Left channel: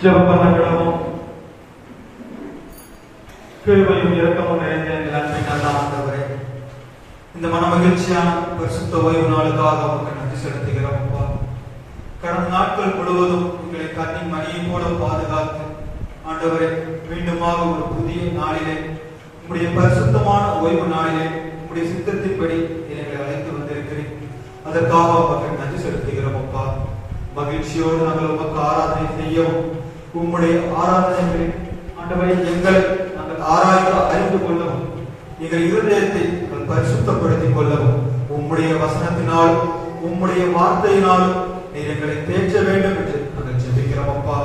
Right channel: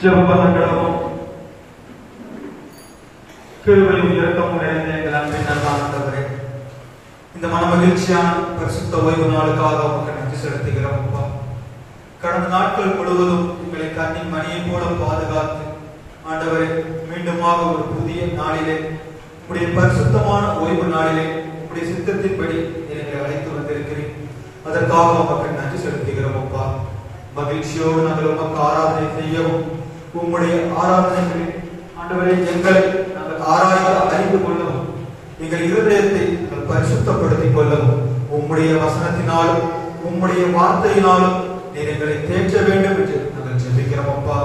ஜெபம் பண்ண கிடப்போம். கிருபையும் இரக்கமும் நிறைந்த எங்கள் அன்பின் நல்ல ஆண்டவரே, இந்த மன மகிழ்ச்சியான பரிசுத்த ஓய்வு நாளுக்காக உமக்கு நன்றி செலுத்துகிறோம். அப்பா, கடந்த நாட்கள் முழுவதும் எங்களை கண்ணின் மணியை போல பாதுகாத்து ஆண்டவரே, மீண்டுமாக ஒரு புதிய நாளிலே உங்களுடைய பரிசுத்தமான ஓய்வு நாளிலே உங்களுடைய சித்தத்தின்படி எங்களை அழைத்து வந்திருக்கிறேன். அதற்காக உமக்கு நன்றி செலுத்துகிறோம். அப்பா, மகிழ்ச்சியோடு நாங்கள் உமக்கு ஆராதனை செய்யவும், உம்முடைய ஆராதனைகளில் ஆண்டவரை எங்களை நாங்கள் ஆராய்ந்து அறிந்து கொள்ளவும், எங்கள் இருதயத்தை நாங்கள் பரிசுத்தப்படுத்திக் கொள்ளவும், உம்முடைய வசனத்தினாலும் உம்முடைய வார்த்தையினாலும் நீர் எங்களை தேற்ற வேண்டும் என்று நாங்கள் ஜெபிக்கிறோம். அப்பா,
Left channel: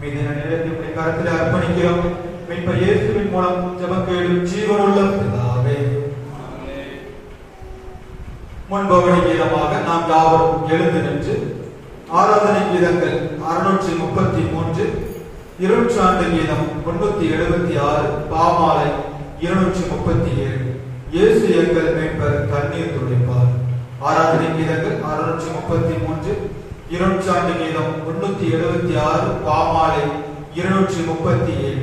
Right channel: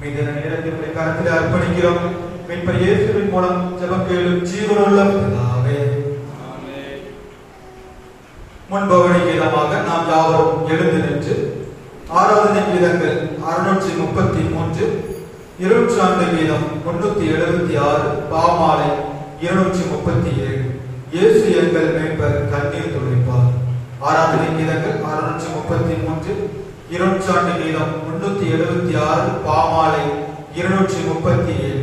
மீதியான நேரத்தை உடைய கரத்தில் அர்ப்பணிக்கிறோம். மீட்பர் இயேசுவின் மூலம் ஜெபம் கேளும் ஜீவனுள்ள பிதாவே. முன்பவனை கீதமாக நாம் யாவரும் எழுந்து நின்று ஆராதனை கீதங்கள் 633, இருட்சார்ந்த கீதம் 376, பாமாலை 237, இயேசு எங்கள் மீட்பர் கண்ணீர் துடைப்பார். ஆராதனை கீதங்கள் 633, இருட்சார்ந்த கீதம் 376, பாமாலை 237.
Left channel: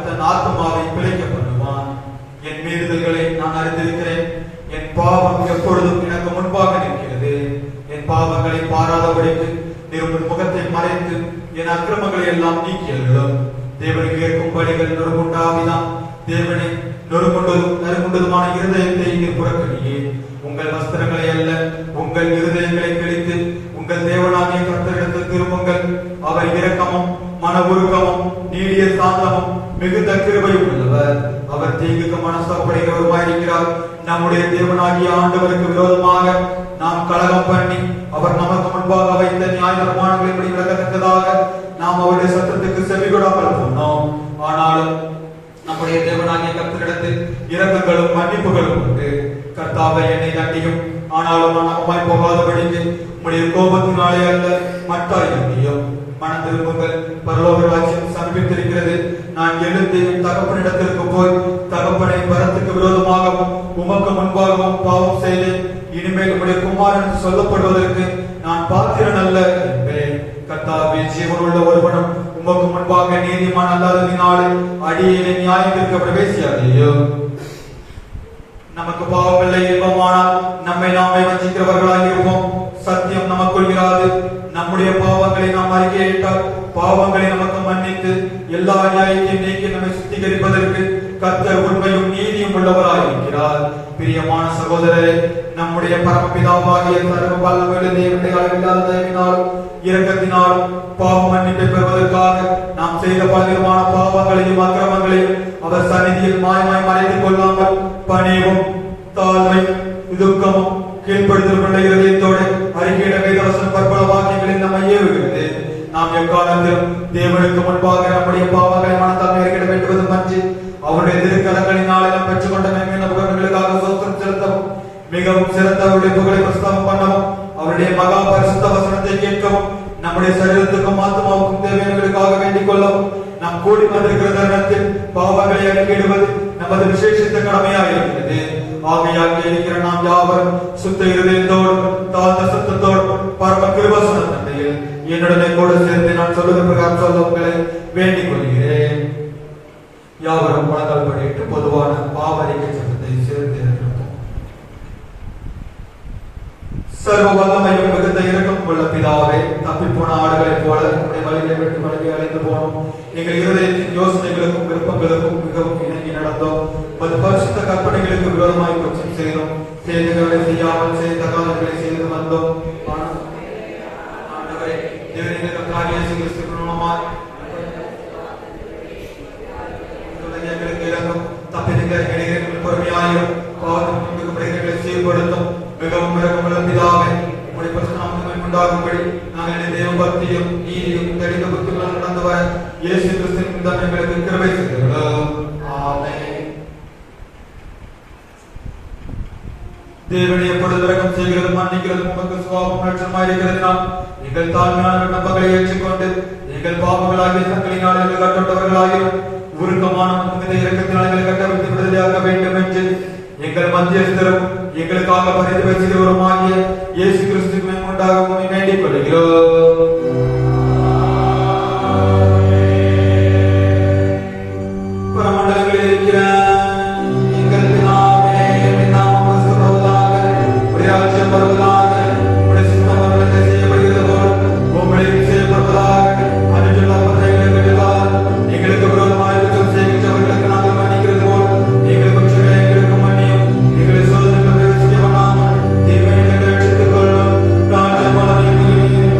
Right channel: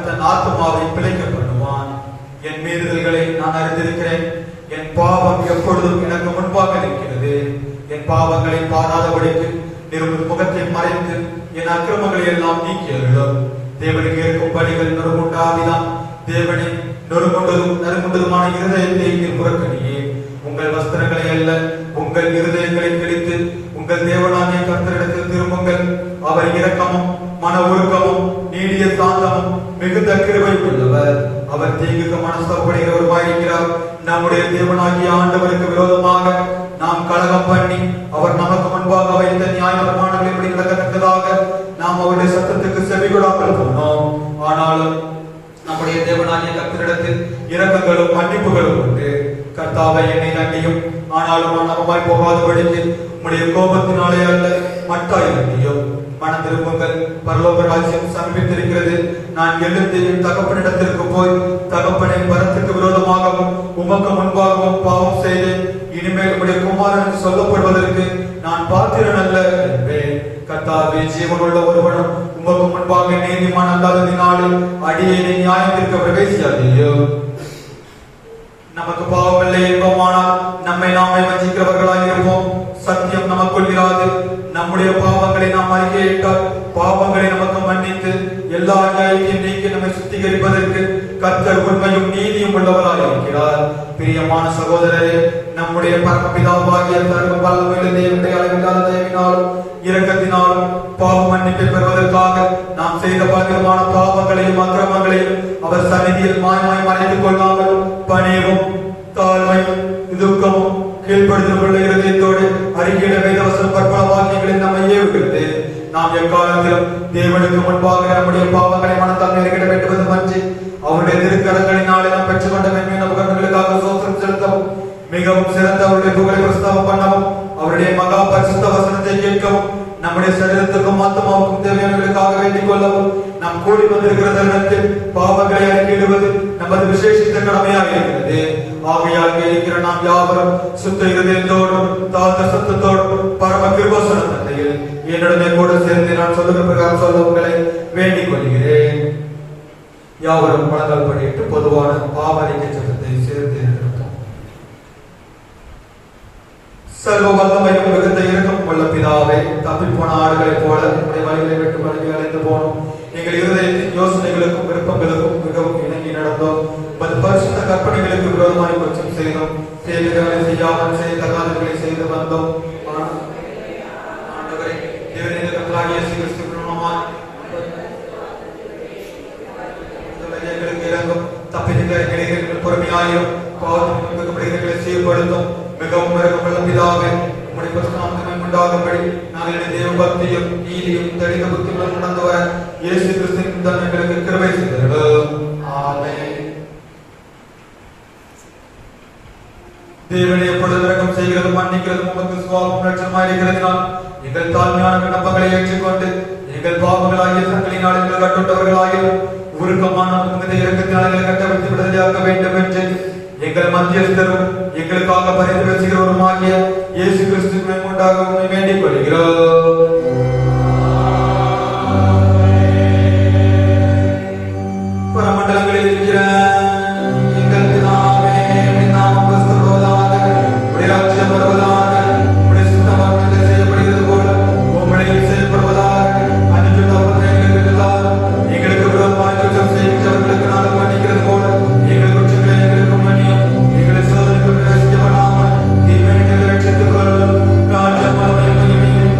அவன் தன் ஆத்மாவை பிழைக்க பண்ணுவான். என் மீறுதல்களை நான் அறிந்திருக்கிறேன். என் பாவம் எப்பொழுதும் எனக்கு முன்பாக இருக்கிறது. என் பாவங்களை பாராதபடிக்கு நிருபர் முகத்தை மறைத்து என் அக்கிரமங்களை எல்லாம் நீக்கியர்களும். தேவனுக்கு ஏற்கும் பணிகள் நொறுங்குண்டாவிதான். தேவனை நறுங்குண்டதுமான இருதயத்தை நீர் புறக்கணியே. உங்கள் வஸ்திரங்களை அல்ல, உங்கள் இருதயங்களை பிடித்து உங்கள் தேவனாகிய கர்த்தரிடத்தில் திரும்புங்கள். அவர் இரக்கமும் மன உருக்கமும் நீடிய சாந்தமும் மிகுந்த கிருபை உள்ளவர். அவர் தீங்குக்கு மனஸ்தப்படுகிறவருமாயிருக்கிறார். நம்முடைய தேவனாகிய ஆண்டவருக்கு விரோதமாக நாம் கலகம் பண்ணி அவர் நமக்கு முன்பாக வைத்த நியாய பிரமாணங்களை விளக்கத்தக்கதாக நாம் அவருடைய சத்தத்துக்கு செவிகொடாமல் போனோம். ஆனாலும் நம்முடைய தேவனாகிய கர்த்தரிடத்தில் இரக்கங்களும் மன்னிப்புகளும் உண்டு. கர்த்தாவை என்னை தண்டியும், ஆனாலும் நான் நம்மாய் போகாதபடிக்கு உம்முடைய கோபத்தினாலே அல்ல மட்டாயும் மனம் திரும்புங்கள். பரலோக ராஜ்யம் சமீபித்திருக்கிறது. நான் எழுந்து என் தகப்பனிடத்திற்கு போய், தகப்பனை பரத்துக்கு விரோதமாகவும் உமக்கு முன்பாகவும் பாவம் செய்தேன். இனிமேல் உடைய குமாரன் சொல்லப்படுவதற்கு நான் பாத்திரன் அல்ல என்பேன். கர்த்தாவே, ஜீவனுள்ள ஒருவனும் உமக்கு முன்பாக நீதிமான் அல்லாததினாலே அடியேனை நியாயத்திற்கு பிரவேசியாதேயோ. நமக்கு பாவமில்லை என்போமானால் நம்மை நாமே வஞ்சிக்கிறவர்களாக இருப்போம். சத்தியம் நமக்குள் இராது. நம்முடைய பாவங்களை நாம் அறிக்கையிட்டால் பாவங்களை நமக்கு மன்னித்து எல்லா அநியாயத்தையும் நீக்கி நம்மை சுத்திகரிப்பதற்கு கர்த்தர் உண்மையும் நீதியும் உள்ளவராய் இருக்கிறார். பிரியமான சகோதரரே, நம்முடைய பரமபிதாவாகிய சர்வ வல்லமையுள்ள தேவனுடைய அளவில்லாத தயவினாலும் இரக்கத்தினாலும் பாவ மன்னிப்பை பெறுவதற்காக நாம் செய்த பலவிதமான பாவங்களையும் அக்கிரமங்களையும் அவர் சந்நிதியில் மாயமாய் மறைத்துக் கொள்ளாமல் பணிவும் தாழ்மையும் துக்கமும் கீழ்ப்படுத்தப்பட்ட இதயத்தோடு அறிக்கையிட வேதவசம் பற்பல வாக்கியங்களில் நம்மை ஏவுகிறது. நாம் எக்காலத்திலும் தேவனுக்கு முன்பாக நம்முடைய பாவங்களை மனத்தால் அறிக்கையிட வேண்டுவது மஞ்சு அவருடைய திருக்கரங்களினாலே நாம் பெற்றுக் கொண்ட மேன்மையான உபகரணங்களுக்காக சோத்திரம் செலுத்தவும், மிகவும் சிறந்த அவருடைய புகழை பிரஸ்தாபம் பண்ணவும், அவருடைய மகா பரிசுத்த வசனத்தை கேட்கவும், நம்முடைய சரீரத்துக்கும் ஆத்மாவுக்கும் தேவையானவர்களுக்காக வேண்டிக் கொள்ளவும் நாம் கூடி வந்திருக்கிற தருணத்தில் பாவங்களை அறிக்கையிடுவது நமது விசேஷித்த கடமையாக இருக்கிறது. ஆகையாக இருக்கிற நாம் யாவரும் சுத்த இருதயத்தோடும் தாழ்ந்த சுத்தத்தோடும் பரம கிருபாசன தந்தையில் என்னுடனே கூட சேர்ந்து நான் சொல்லுகிற பிரகாரம் சொல்ல உங்களை வேண்டிக் கொள்கிறேன். யாவரும் முழங்கால் படிட்டு பொதுவான பாவரிக்கை சட்டத்தை சேர்ந்து இருப்போம். சர்வ வல்லமையும் மிகுந்த இரக்கம் உள்ள பிதாவே, தப்பிப் போன ஆடுகளைப் போல நம்முடைய வழிகளை விட்டு வழிகளை அழைத்து போனோம். எங்கள் இருதயத்தின் யோசனைகளுக்கும் விருப்பங்களுக்கும் மிகவும் இணங்கி நடந்தோம். பரிசுத்த கற்பனைகளுக்கு விரோதமாய் குற்றம் செய்தோம். தேவைகளை செய்யாமல் செய்த காரியங்களை செய்து வந்தோம். பொறுமையாயிரும் பாவங்களை சீர்படுத்தும். மிகவும் இரக்கமுள்ள பிதாவே, உம்முடைய பரிசுத்தநாமம் உண்டாகும்படி நாங்கள் தேவ பக்தியும் நீதியும் தெளிந்த புத்தியுடன் நடந்து வர இயேசு கிறிஸ்துவின் மூலம் எங்களுக்கு கிருபை செய்தருளும். ஆமென். தேவனை எப்பொழுது இரக்கம் செய்கிறது மன்னிக்கிறது உமக்கு சுபாவம் லட்சணமாயிருக்கிறதுனால் எங்கள் தாழ்மையான விண்ணப்பங்களை ஏற்றுக்கொண்டு எங்கள் பாவங்களாகிய சங்கலினால் எங்கள் கட்டுண்டவர்களாகிய உருக்கமான இரக்கத்தினால் கட்டவிழ்த்து விடுதலையாக்க வேண்டும் என்று எங்கள் மத்தியஸ்தரும் எங்களுக்காக பரிந்து பேசுகிறவருமாகிய இயேசு கிறிஸ்துவை உண்டாகவும் வேண்டிக் கொள்கிறோம். புறமண்டலங்களில் இருக்கிற எங்கள் பிதாவே, உம்முடைய நாமம் பரிசுத்தப்படுவதாக, உம்முடைய ராஜ்யம் வருவதாக, உம்முடைய சித்தம் வானத்திலே செய்யப்படுகிறது போல பூமியிலும் செய்யப்படுவதாக. அன்றைய எல்லாம் எங்களுக்கு விரோதமாக குற்றம் செய்கிறவர்களுக்கு நாங்கள் மன்னிக்கிறது போல எங்கள் குற்றங்களை எங்களுக்கு மன்னியும். எங்களை சோதனைக்கு பிரவேசிக்க விடாமல் தீமையை ரட்சித்துக் கொள்ளும். ராஜ்யம் மகிமையும்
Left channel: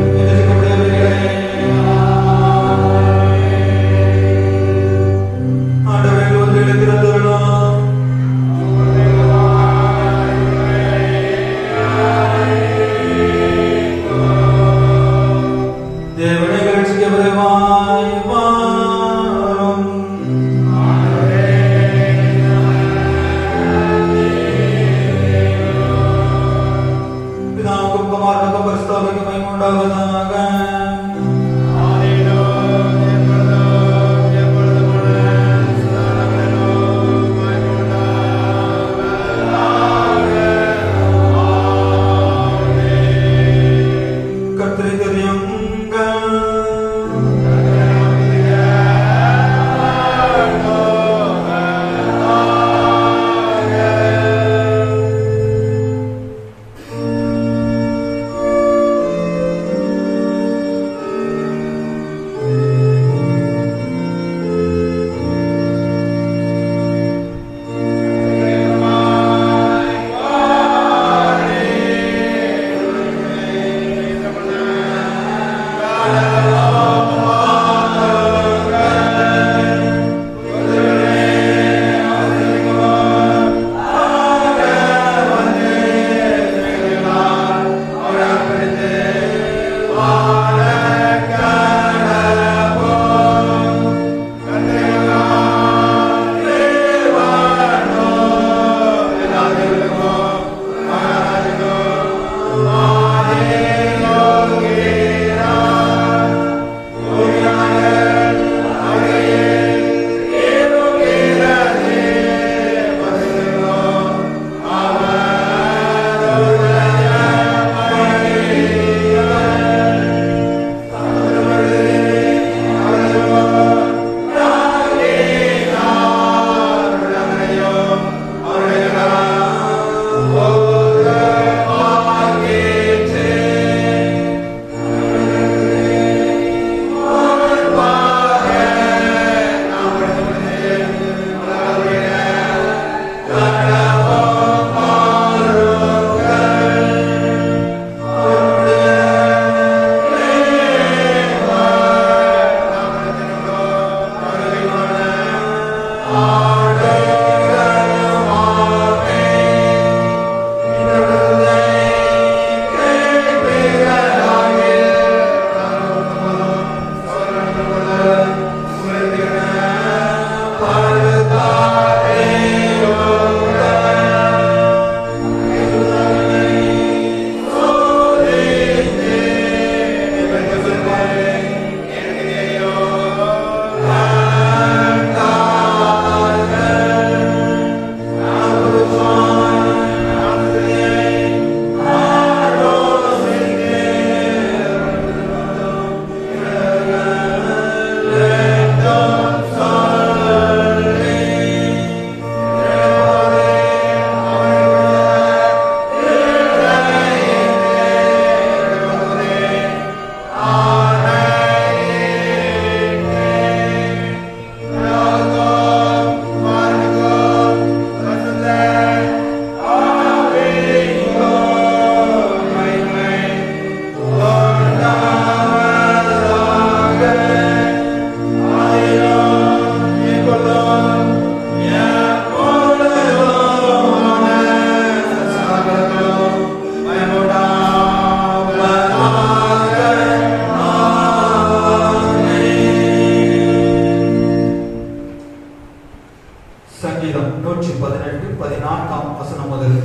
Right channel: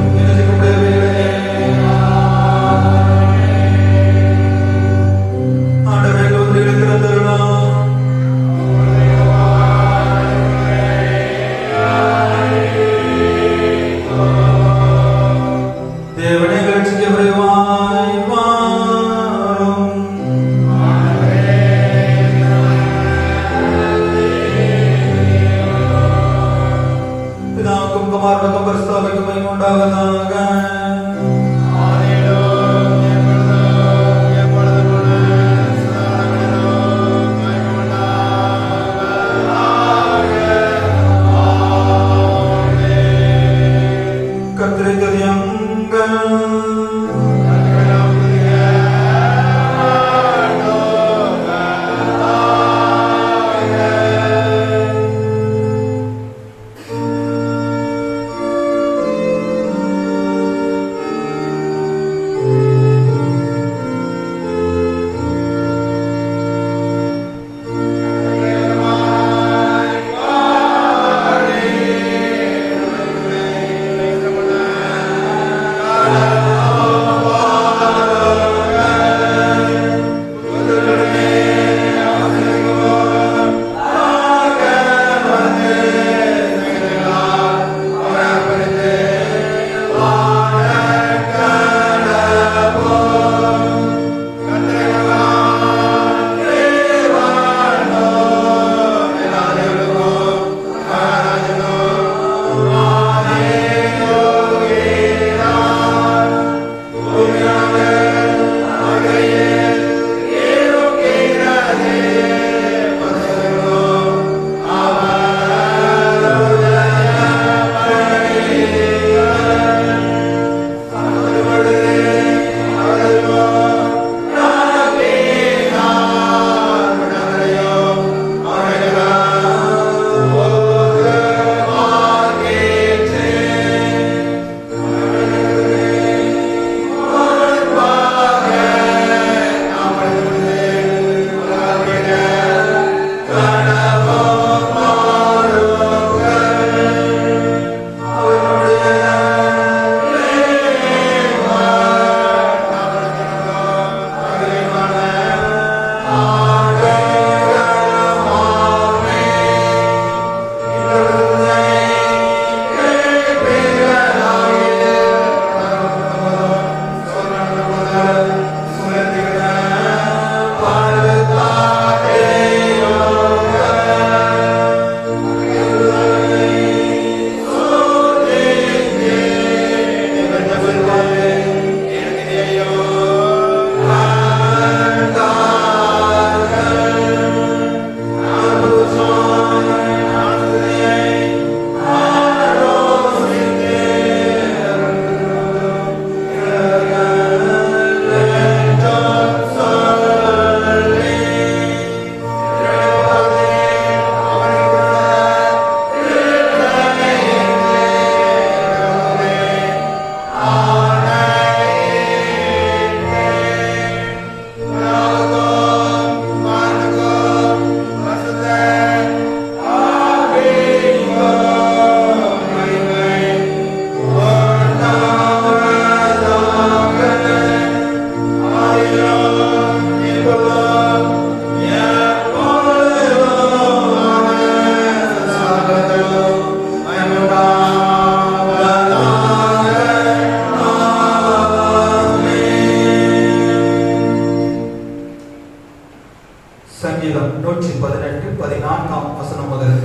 சங்கீதம் 118 14ஆம் வசனம் முதல்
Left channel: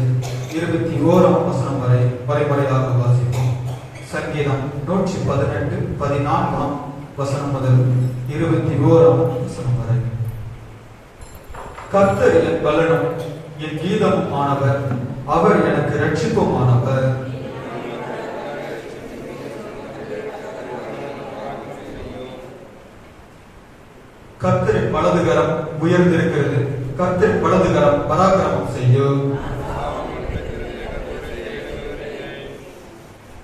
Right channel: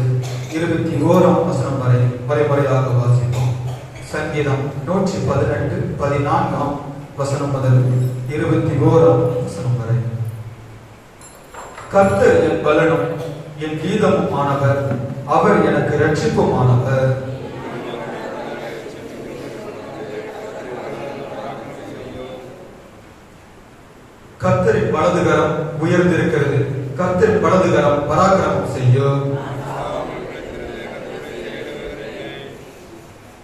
21ஆம் வசனம் வரை வரைமுறையாக வாசிப்போம். சங்கீதம் 118 14ஆம் வசனம் முதல் 21ஆம் வசனம் வரை. கர்த்தர் என் பலனும் என் கீதமும் ஆனவர், அவர் எனக்கு இரட்சிப்புமானவர். கர்த்தரின் வலதுகரம் உயர்ந்திருக்கிறது, கர்த்தரின் வலதுகரம் பராக்கிரமம் செய்யும்.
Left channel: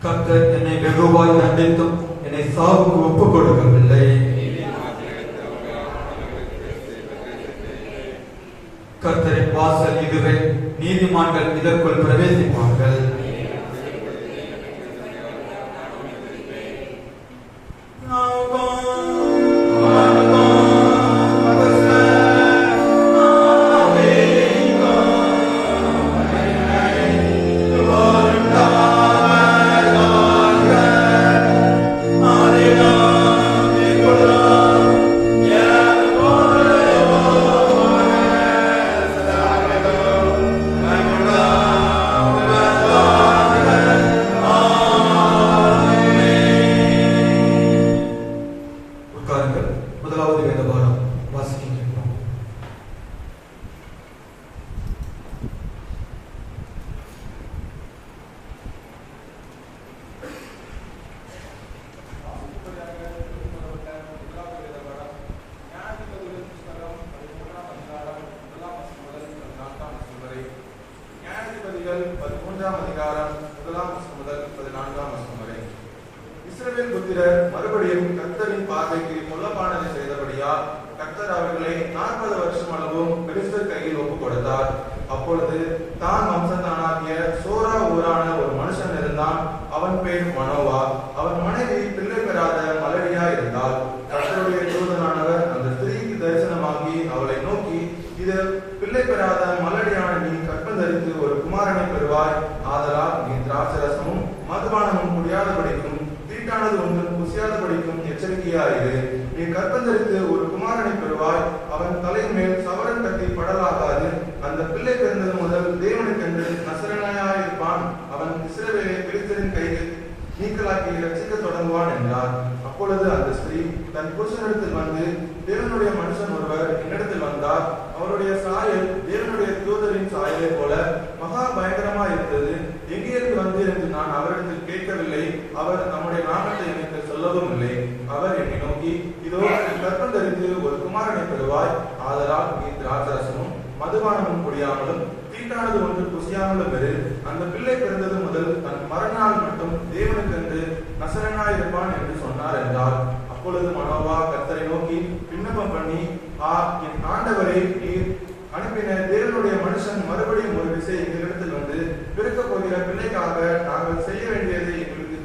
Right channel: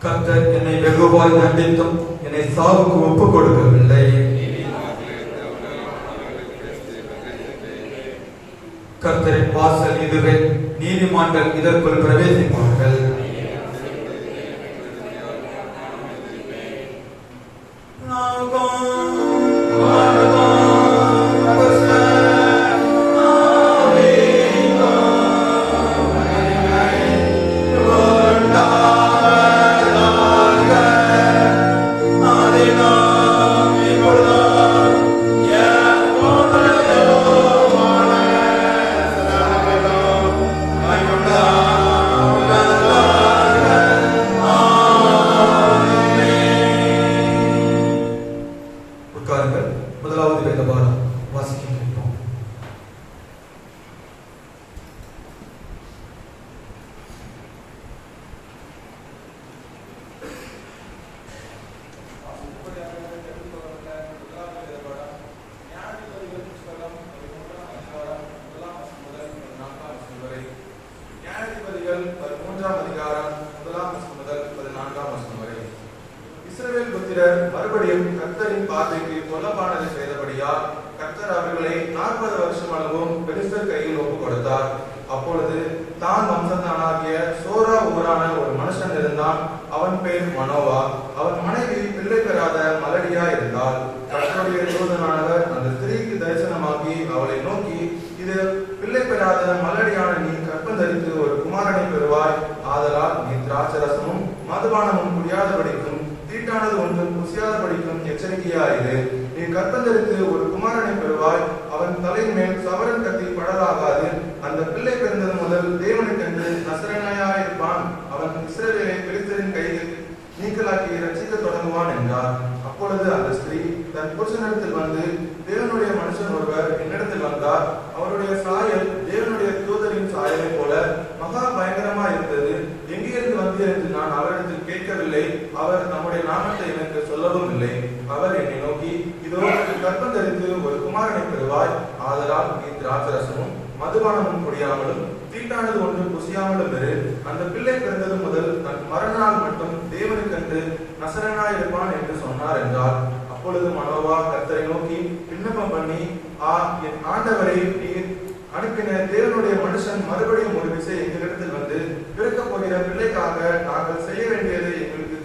கர்த்தர் என்னை வெகுவாய் தண்டித்தும் என்னை சாவுக்கு ஒப்புக் கொடுக்கவில்லை. கர்த்தரின் வாசல் இதுவே, நீதிமான்கள் இதற்குள் பிரவேசிப்பார்கள். முதலாவது வேத பாடம் வாசிக்கின்றோம். இஸ்ரவேல் புத்திரர் மறுபடியும் கர்த்தரின் பார்வைக்கு கொல்லப்பானதை செய்தபடியால் கர்த்தர் அவர்களை 40 வருஷம் அளவும் பெலிஸ்தர் கையில் ஒப்புக் கொடுத்தார். அப்பொழுது தான் வம்சத்தானாகிய சோரா ஊரான ஒரு மனுஷன் இருந்தான். அவன் பேர் மனோவா. அவன் மனைவி பிள்ளை பெறாத மலடியா இருந்தாள். கர்த்தருடைய தூதனானவர் அந்த ஸ்திரீக்கு தரிசனமாகி அவளை நோக்கி, இது பிள்ளை பெறாத மலடியான நீ கற்பந்தரித்து ஒரு குமாரனை பெறுவாய். ஆதலால் நீ திராட்சரசமும் மதுபானமும் குடியாதபடிக்கும் தீட்டானது ஒன்றும் புசியாதபடிக்கும் எச்சரிக்கையாயிரு. நீ கற்பந்தரித்து ஒரு குமாரனை பெறுவாய். அவன் தலையின் மேல் சவரன் கட்டி படலாகாது. அந்த பிள்ளை பிறந்தது முதல் தேவனை கண்டு நசரேயனாயிருப்பான். அவன் இஸ்ரவேலை பெலிஸ்தரின் கையில் நீக்கலாக்கி ரட்சிக்க தொடங்குவான் என்றார். அப்பொழுது அந்த ஸ்திரீ தன் புருஷனிடத்தில் வந்து, தேவனுடைய மனுஷன் ஒருவர் என்னிடத்தில் வந்தார். அவருடைய சாயல் தேவனுடைய தூதரின் சாயலை போல மகா பயங்கரமா இருந்தது. எங்கிருந்து வந்து என்று நான் அவரிடத்தில் கேட்கவில்லை. அவர் நம்முடைய நாமத்தை எனக்கு சொல்லவும் இல்லை. அவர் என்னை நோக்கி, இதோ கற்பம் தரித்து ஒரு குமாரனை பெறுவாய். ஆதலால் நீ திராட்சரசமும் மதுபானமும் குடியாமலும் தீட்டானது ஒன்று புசியாமலும் இரு. அந்த பிள்ளை பிறந்தது முதல் தன் மறுநாள் மட்டும் தேவனுக்கென்று நசரேயனாயிருப்பான் என்று சொன்னார் என்றார். அப்பொழுது மனோவா கர்த்தரை நோக்கி விண்ணப்பம் பண்ணி, என் ஆண்டவரை நீர் அனுப்பின தேவனுடைய மனுஷன் மறுபடியும் ஒரு விசை எங்களிடத்தில் வந்து பிறக்கப் போகிற பிள்ளைக்காக நாங்கள் செய்ய வேண்டியதை எங்களுக்கு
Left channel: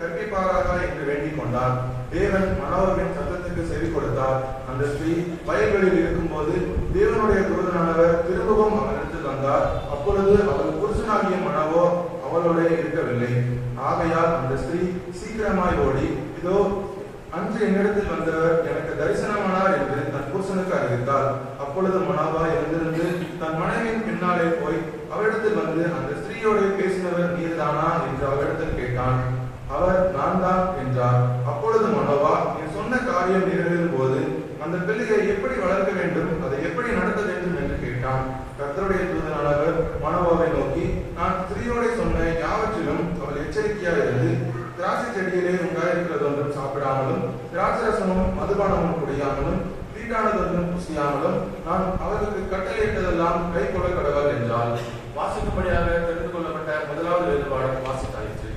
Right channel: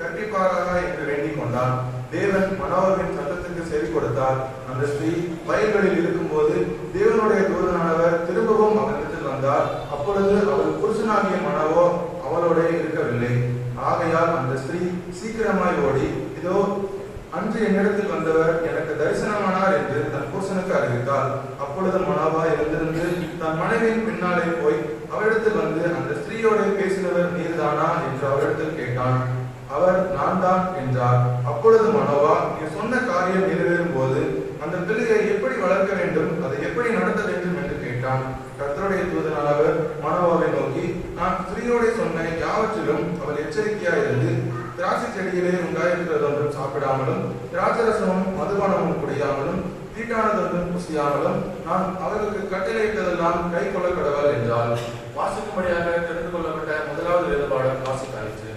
கற்பிப்பாராக என்று வேண்டிக் கொண்டார். தேவன் மனோவாவின் சத்தத்துக்கு செவி கொடுத்தார். அந்த ஸ்திரீ வயல்களில் இருக்கும் போது தேவனுடைய தூதனானவர் திரும்பவும் அவனிடத்தில் வந்தார். அப்பொழுது அவள் புருஷனாகிய மனோவா அவளோட இருக்கவில்லை. ஆகையால் அந்த ஸ்திரீ சீக்கிரமாய் ஓடி, இதோ அன்று என்னிடத்தில் வந்தவர் எனக்கு தரிசனமானார் என்று தன் புருஷனுக்கு அறிவித்தார். அப்பொழுது மனோவா எழுந்திருந்து தன் மனைவியின் பின்னாலே போய் அவரிடத்தில் வந்து, அந்த ஸ்திரீயோட பேசினவர் நீர்தானா என்று அவரிடத்தில் கேட்டான். அவர் நான் தான் என்றார். அப்பொழுது மனோவா, நீ சொன்ன காரியம் நிறைவேறும் போது அந்த பிள்ளையை எப்படி வளர்க்க வேண்டும், அதை எப்படி நடத்த வேண்டும் என்று கேட்டான். கர்த்தருடைய தூதனானவர் மனோவாவை நோக்கி, நான் ஸ்திரீயோட சொன்ன யாவற்றிலும் அவள் எச்சரிக்கையாயிருந்து திராட்சை செடியிலே உண்டாயிருக்கிறதொன்றும் சாப்பிடாமலும் திராட்சரசமும் மதுபானமும் குடியாமலும் தீட்டானதொன்றும் புசியாமலும் நான் அவர்களுக்கு கட்டளையிட்டதெல்லாம் கை கொள்ள கடவுள் என்றால். வாசிக்கும்படியாக தெரிந்து கொள்ளப்பட்ட முதலாவது வேறுபாடு வாசித்தாயிற்று.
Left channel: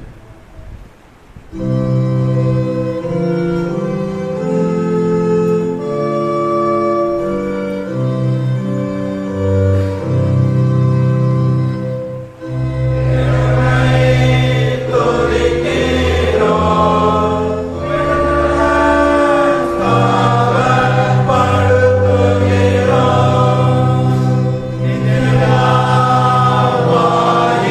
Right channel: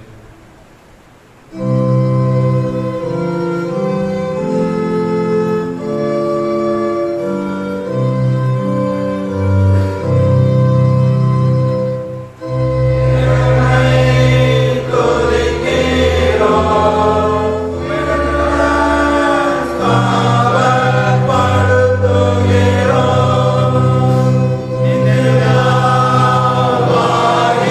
Why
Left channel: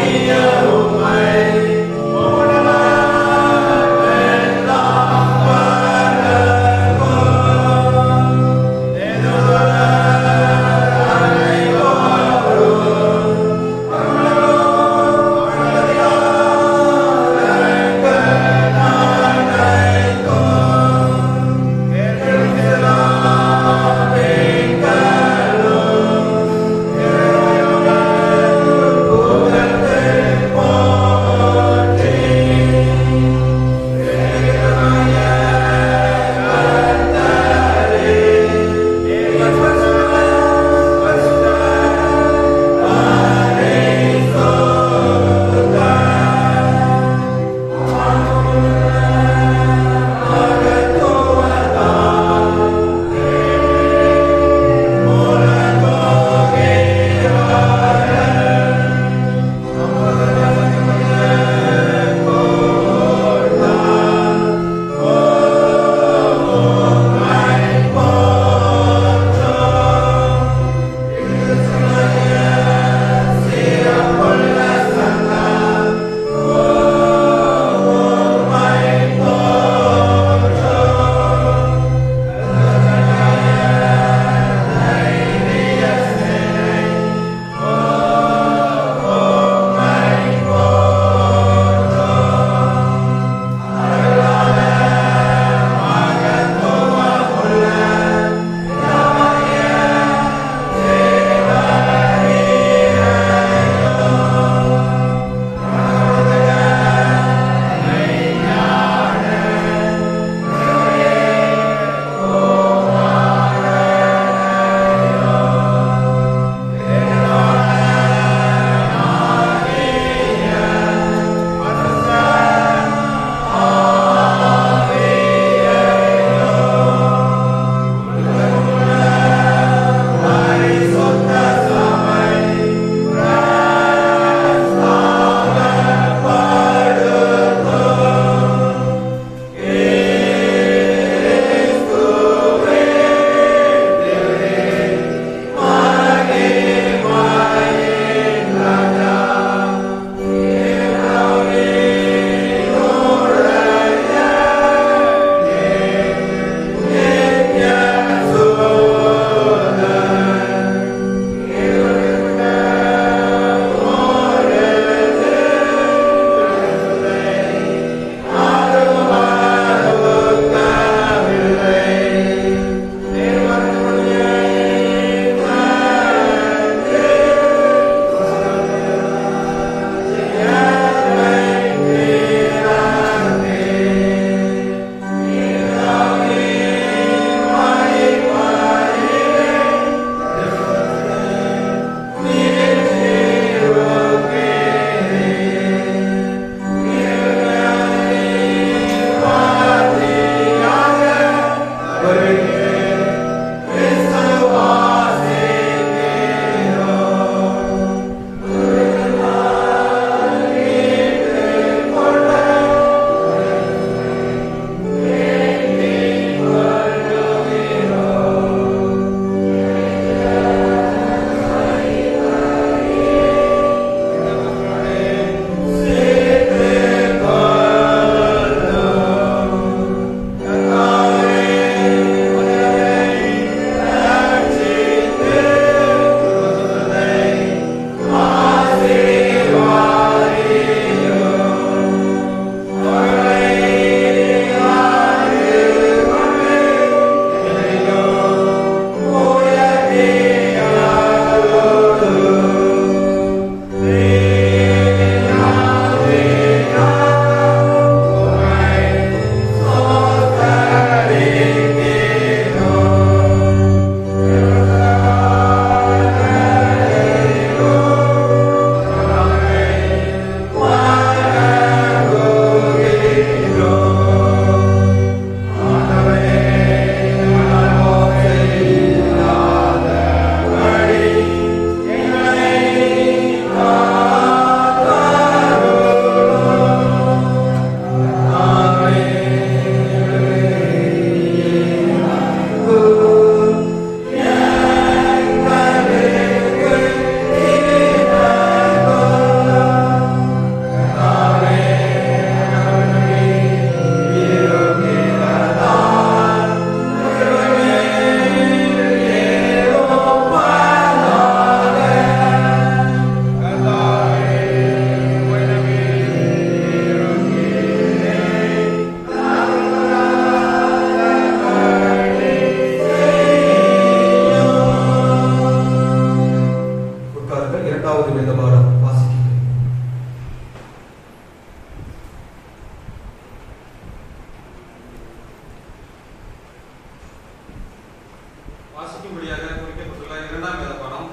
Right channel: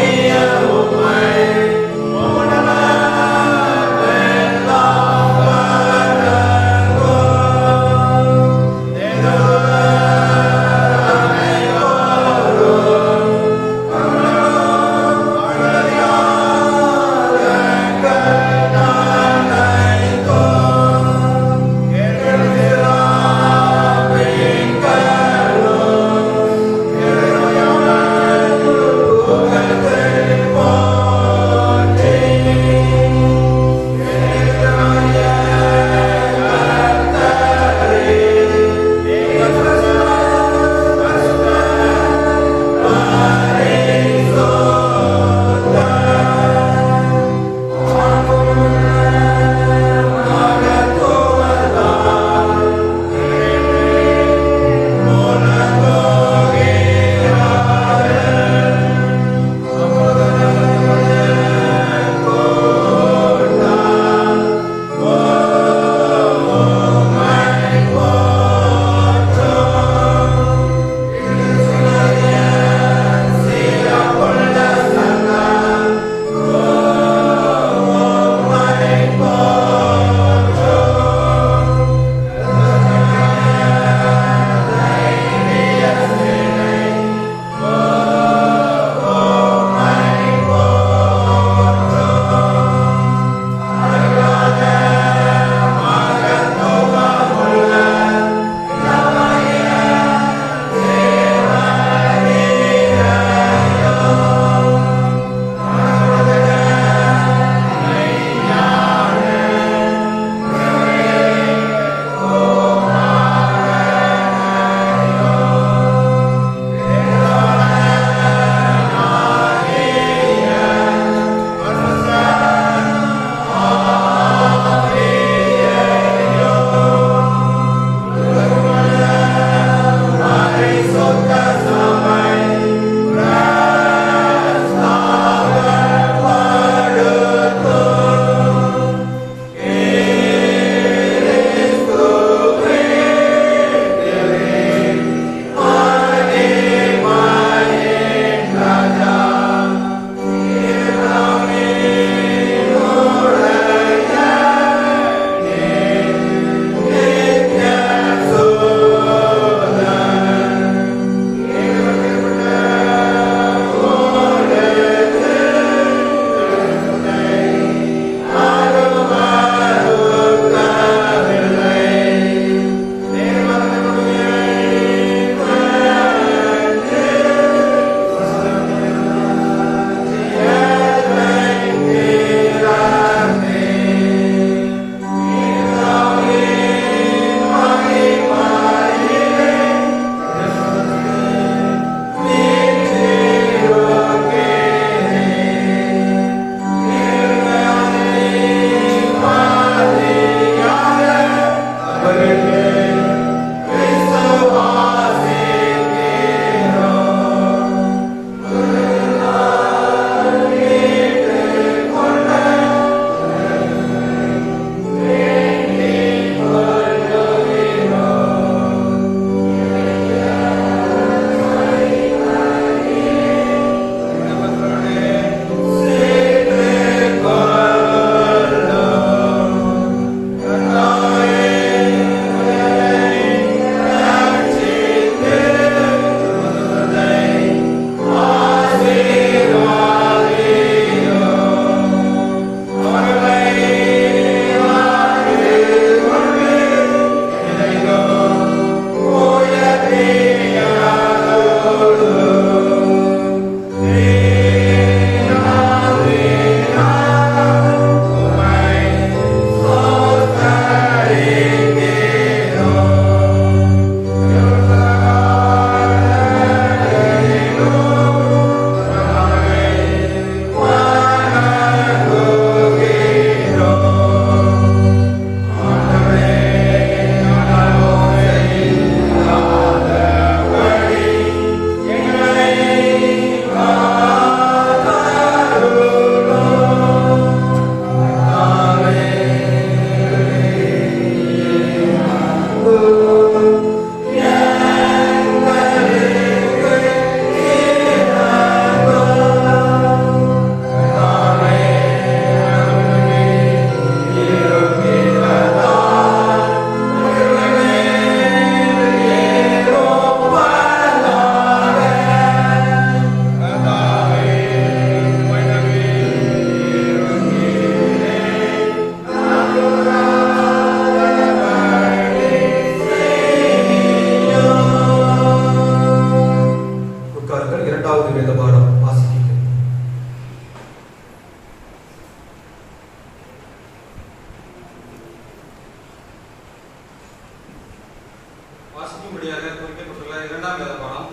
இரண்டாம் வேத பாடம்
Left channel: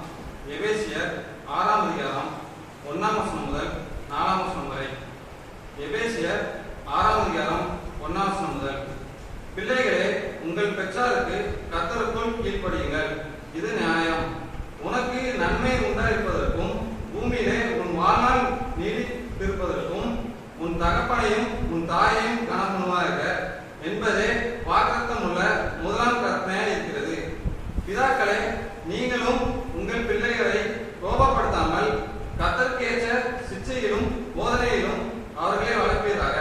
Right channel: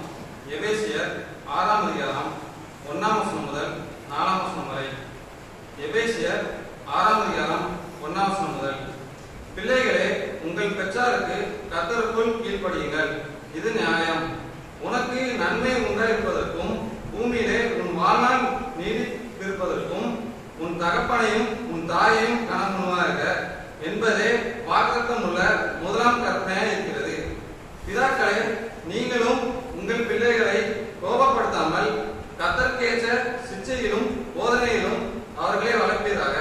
எபேசியர் 6ஆம் அதிகாரம் 1ஆம் வசனம் முதல் 4ஆம் வசனம் வரை. எபேசியர் 6ஆம் அதிகாரம் 1ஆம் வசனம் முதல். பிள்ளைகளே, உங்கள் பெற்றாருக்கு கர்த்தருக்குள் கீழ்ப்படியுங்கள், இது நியாயம். உனக்கு நன்மை உண்டாயிருப்பதற்கும் பூமியிலே உன் வாழ்நாள் நீடித்திருப்பதற்கும் உன் தகப்பனையும் உன் தாயையும் கணக்குமாக என்பதே வாக்குத்தத்தம் உள்ள முதலாம் கற்பனையாக இருக்கிறது. பிதாக்களே, நீங்களும் உங்கள் பிள்ளைகளை கோபப்படுத்தாமல் கர்த்தருக்கேற்ற சிச்சையிலும் போதனையிலும் அவர்களை வளர்ப்பீராக.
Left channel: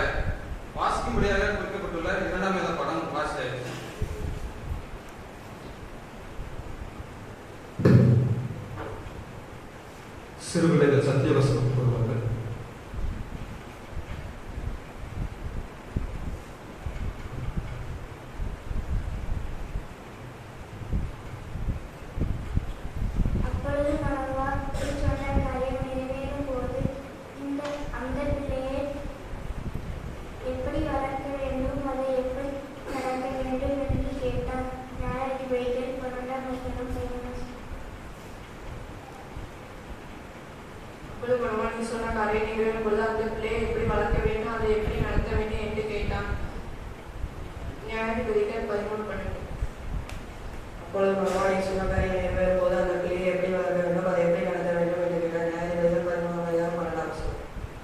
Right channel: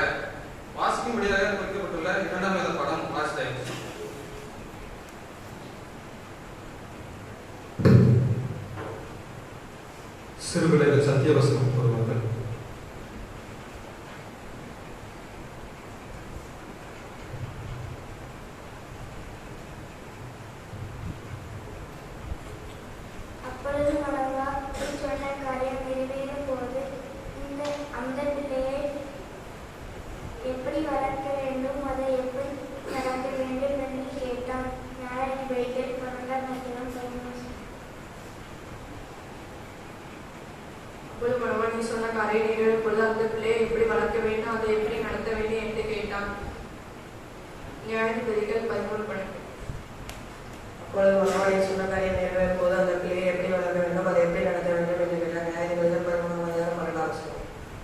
வாசிக்கும்படியாக குறிப்பிட்டுள்ள இரண்டாம் வேத பாடம் வாசித்தேன். சிறுபிள்ளைகள் சத்தியவசனம் கூறுவார்கள். அப்பொழுது மனவாள் சொன்ன காரியம் நிறைவேறும் போது அந்த பிள்ளையை எப்படி வளர்க்க வேண்டும், அதை எப்படி நடக்க வேண்டும் என்று கேட்டான். நியாயாதிபதிகள் 12ஆம் அதிகாரம் 11. அப்பொழுது மனவாள் நீ சொன்ன காரியம் நிறைவேறும் பொழுது அந்த பிள்ளையை எப்படி வளர்க்க வேண்டும், அதை எப்படி நடத்த வேண்டும் என்று கேட்டான். நியாயாதிபதிகள் 11. அப்பொழுது மனவாள் நீ சொன்ன காரியம் நிறைவேறும் போது அந்த பிள்ளையை எப்படி வளர்க்க வேண்டும், அதை எப்படி நடத்த வேண்டும் என்று கேட்டான். நியாயாதிபதிகள் 11ஆம் அதிகாரம் 12ஆம் வசனம்.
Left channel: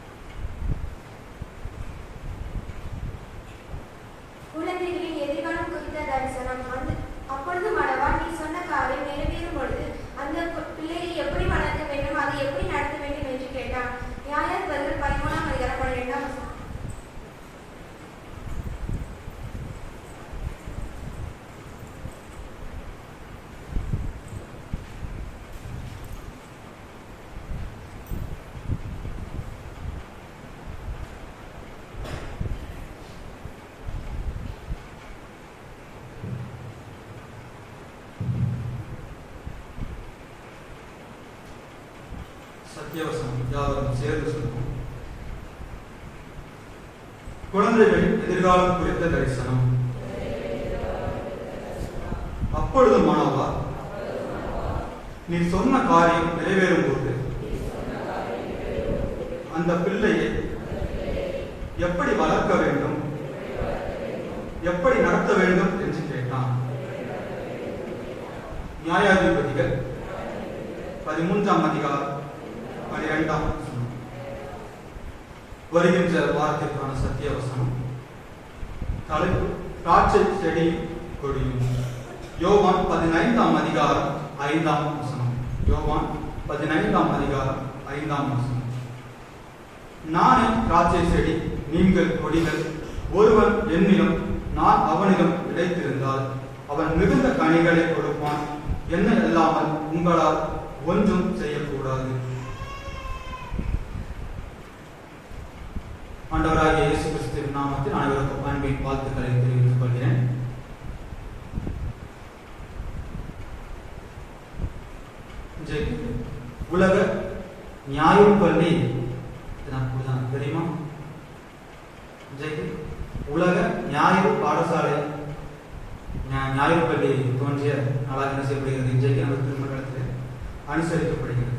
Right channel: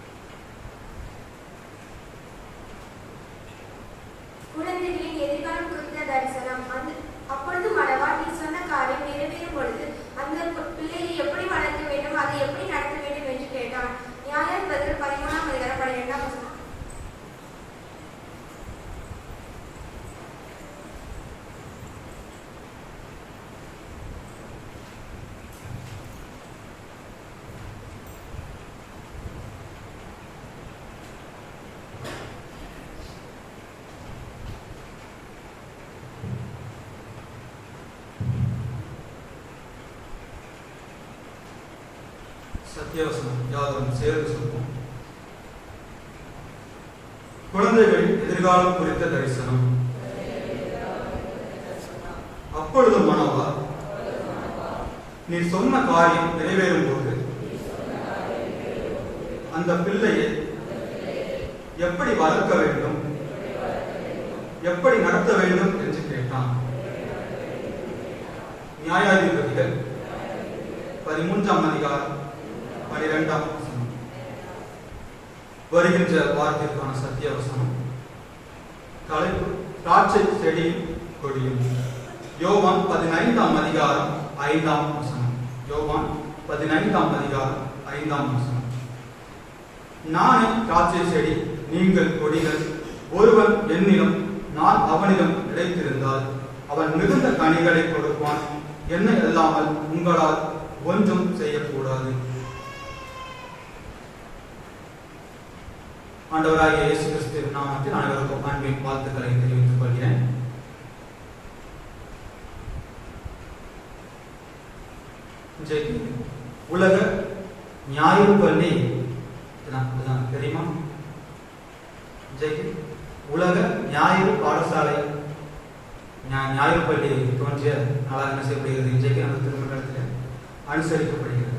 குழந்தைகளின் எதிர்காலம் குறித்த தரிசனம். அப்பொழுது மனவாள் நீ சொன்ன காரியம் நிறைவேறும் பொழுது அந்த பிள்ளையை எப்படி வளர்க்க வேண்டும், அதை எப்படி நடத்த வேண்டும் என்று கேட்டான். நியாயாதிபதிகள் 13ஆம் அதிகாரம் 12ஆம் வசனம். சத்தியவசனம் யாவரும் சேர்ந்து சொல்வோம். குழந்தைகளின் எதிர்காலம் குறித்த தரிசனம். அப்பொழுது மனவாள் நீ சொன்ன காரியம் நிறைவேறும் போது அந்த பிள்ளையை எப்படி வளர்க்க வேண்டும், எப்படி நடத்த வேண்டும் என்று கேட்டான். நியாயாதிபதிகள் 13ஆம் அதிகாரம் 12ஆம் வசனம். வருகின்ற வாரத்திற்கான சத்தியவசனம். தலைப்பு திராட்சை செடியும் கொடியும். யோவான் 15ஆம் அதிகாரம் 5ஆம் வசனம். யோவான் 15ஆம் அதிகாரம் 5ஆம் வசனம். நானே திராட்சை செடி, நீங்கள் கொடிகள். ஒருவன் என்னிலும் நான் அவனிடம் கிடைத்திருந்தால் அவன் மிகுந்த கனிகளை கொடுப்பான். என்னை அல்லாமல் உங்களால் ஒன்றும் செய்யக்கூடாது. ஆண்டவராகிய இயேசு கிறிஸ்துவின் நாமத்தில் அனைவருக்கும் அன்பின் வாழ்த்துக்களை தெரிவித்துக் கொள்கிறேன். உலக ஞாயிறு பள்ளி தெரியுமா? உலக ஞாயிறு பாடசாலை ஞாயிறு பள்ளி தோன்றிய நாளாக என்ன செய்யப்படுகிறது? இன்றைக்கு அந்த திருமணத்தில் அனுசரிக்கப்படுகிறது.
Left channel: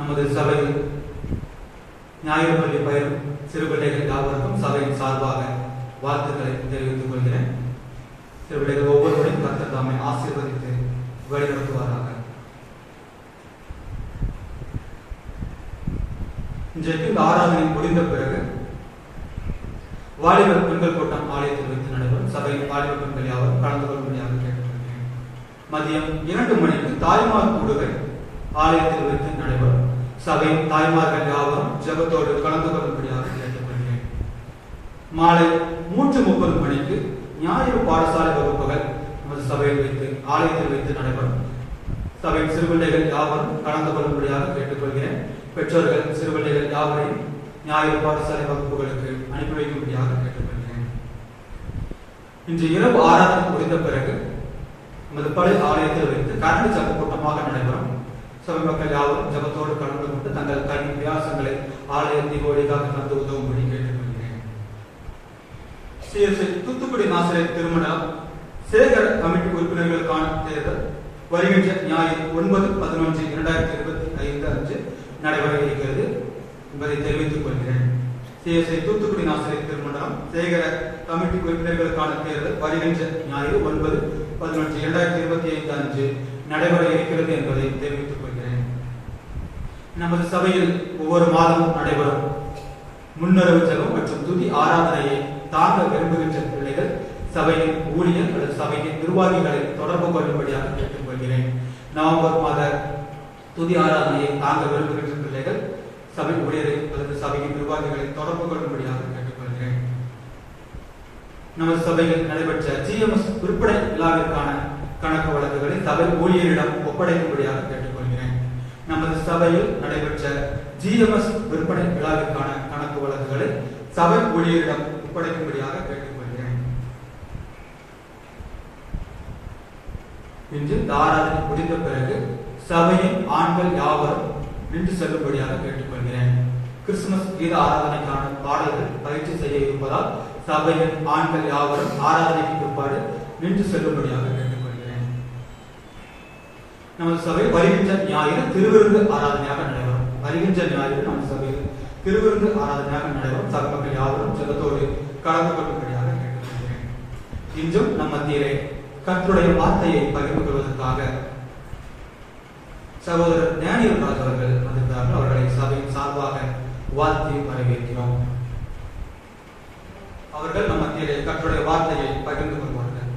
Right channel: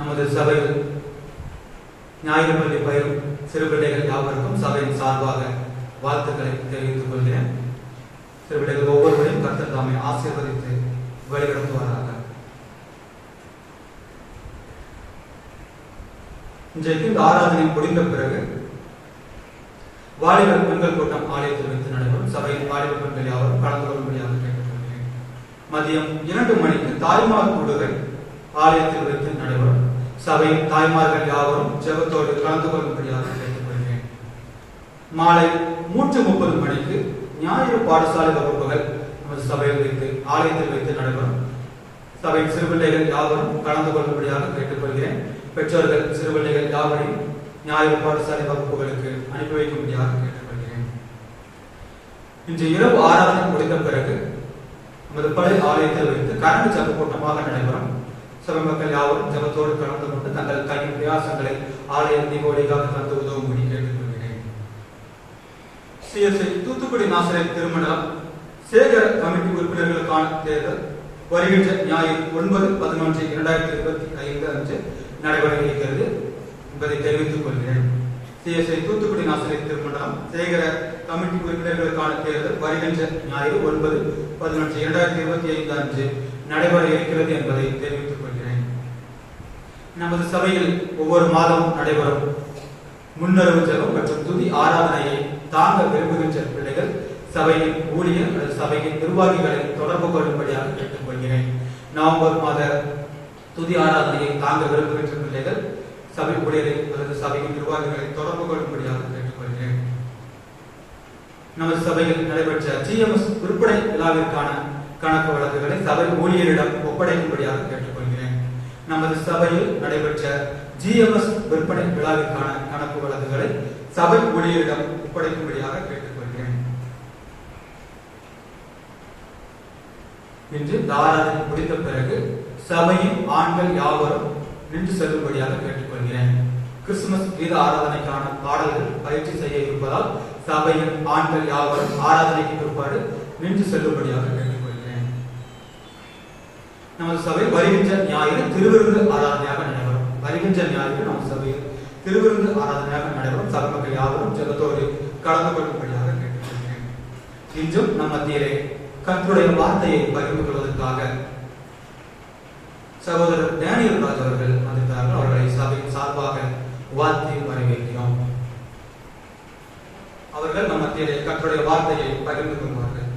நமது சபையில் ஞாயிறு பள்ளி பயிரும் சிறுபிள்ளைகள் யாவருக்கும் சபையின் சார்பாக வாழ்த்துக்களை தெரிவித்துக் கொள்கிறேன். சிறுபிள்ளைகள் ஒவ்வொருவரையும் கர்த்தர் தாமே ஆசீர்வதித்து வழிநடத்துவாராக. இன்றைக்கு இந்த ஆராதனை முடிந்த பிறகு வாலிப பெண்கள் கூட்டம் ஆலயத்தில் வைத்து நடைபெறும். சபையின் வாலிப பெண்கள் யாவரும் கலந்து கொள்ளும்படியாக கேட்டுக்கொள்கிறேன். மதியம் 2 மணிக்கு தாய்மார் கூடுகை ஆலயத்தில் வைத்து நடைபெறும். சபையின் தாய்மார்கள் யாவரும் ஜெபத்தோடு கலந்து கொள்ளும்படியாக கேட்டுக்கொள்கிறேன். மாலை 3:30 மணிக்கு ஞாயிறு பாடசாலை வகுப்புகள் நமது சபையில் வைத்து ஆலயத்தில் வைத்து நடைபெறும். சபையின் சிறுபிள்ளைகள் யாவரும் கலந்து கொள்ளும்படியாக கேட்டுக்கொள்கிறேன். பெற்றோர்கள் சிறுபிள்ளைகள் யாவரையும் ஞாயிறு பாடசாலை வகுப்புகளுக்கு அனுப்பி வைக்கும்படியாக கேட்டுக்கொள்கிறேன். இன்று இரவு ஆராதனை முடிந்த பிறகு நமது பழைய ஆலயத்தில் வைத்து கரண்ட் ஜப கூட்டமாக நடைபெறும். சபை மக்கள் யாவரும் ஜபத்தோடு கலந்து கொண்டு தங்கள் கல்வி பிரயாசங்களை ஆலய தீபாவளிக்காக தந்து உதவும்படி கேட்டுக்கொள்கிறேன். தூத்துக்குடி நாசரேத் திருமணம் சேகர கமிட்டி உறுப்பினர்களுக்கான வருகின்ற ஞாயிறு 9/11/2025 அன்று நடைபெற இருக்கிறது என்பதை தெரிவித்துக் கொள்கிறேன். CSI தூத்துக்குடி நாசிரியர் திருமணம் சேகர கமிட்டி உறுப்பினர்களுக்கான தேர்தல் வருகின்ற ஞாயிறு 9/11/2025 அன்று நடைபெற இருக்கிறது என்பதை தெரிவித்துக் கொள்கிறேன். நமது சபையில் ஒவ்வொரு மாதம் நடைபெறும் முன்னறிவு ஜெபம் மற்றும் துதி ஆராதனையை தாங்க விரும்புகின்ற பிள்ளைகள் சபையின் ஊழியர் அல்லது சபையின் நிர்வாகிகளை தொடர்பு கொள்ளும்படியாக கேட்டுக்கொள்கிறேன். நவம்பர் மாத துதி ஆராதனையை தாங்க விரும்புகின்ற பிள்ளைகள் சபை ஊழியரை அல்லது சபையின் நிர்வாகிகளை தொடர்பு கொள்ளும்படியாக கேட்டுக்கொள்கிறேன். நமது சபையில் நடைபெற்ற GMS விற்பனை விழாவிற்கான கணக்கு வழக்குகளை சபை ஊழியரிடம் ஒப்படைக்கும்படியாக கேட்டுக்கொள்கிறேன். நமது சபையில் நடைபெற்ற GMS விற்பனை விழாவிற்கான கணக்கு வழக்குகளை சபை ஊழியரிடம் ஒப்படைக்கும்படியாக கேட்டுக்கொள்கிறேன். இன்று ஆராதனை முடிந்த பிறகு சபையின் ஆண்கள் யாவரும் நின்று செல்லும்படியாக கேட்டுக்கொள்கிறேன். கிறிஸ்துமஸ் கீத ஆராதனைக்கான பாடல்கள் பயிற்சி செய்ய இருப்பதால் சபையின் ஆண்கள் யாவரும் ஆராதனைக்கு பிற்பாடு நின்று செல்லும்படியாக கேட்டுக்கொள்கிறேன். நமது சபை வருகின்ற ஞாயிறு திருவிருந்து ஆராதனையாக நடைபெறும். வருகின்ற ஞாயிறு நமது சபையில் திருவிருந்து ஆராதனையாக நடைபெறும். சபை மக்கள் யாவரும் ஜெபத்தோடு கலந்து கொள்ளும்படியாக கேட்டுக்கொள்கிறேன். இன்றும் நம் மத்தியிலே கர்த்தருடைய வார்த்தையை பகிர்ந்து கொள்வதற்காக சகோதரர் டேனியல் ராஜ் அவர்கள் வந்திருக்கிறார்கள். அவர்களை சபையின் சார்பாக வாழ்த்தி வரவேற்கிறோம். அவர்கள் நம் மத்தியிலே கர்த்தருடைய வார்த்தையை பகிர்ந்து கொள்வார்கள்.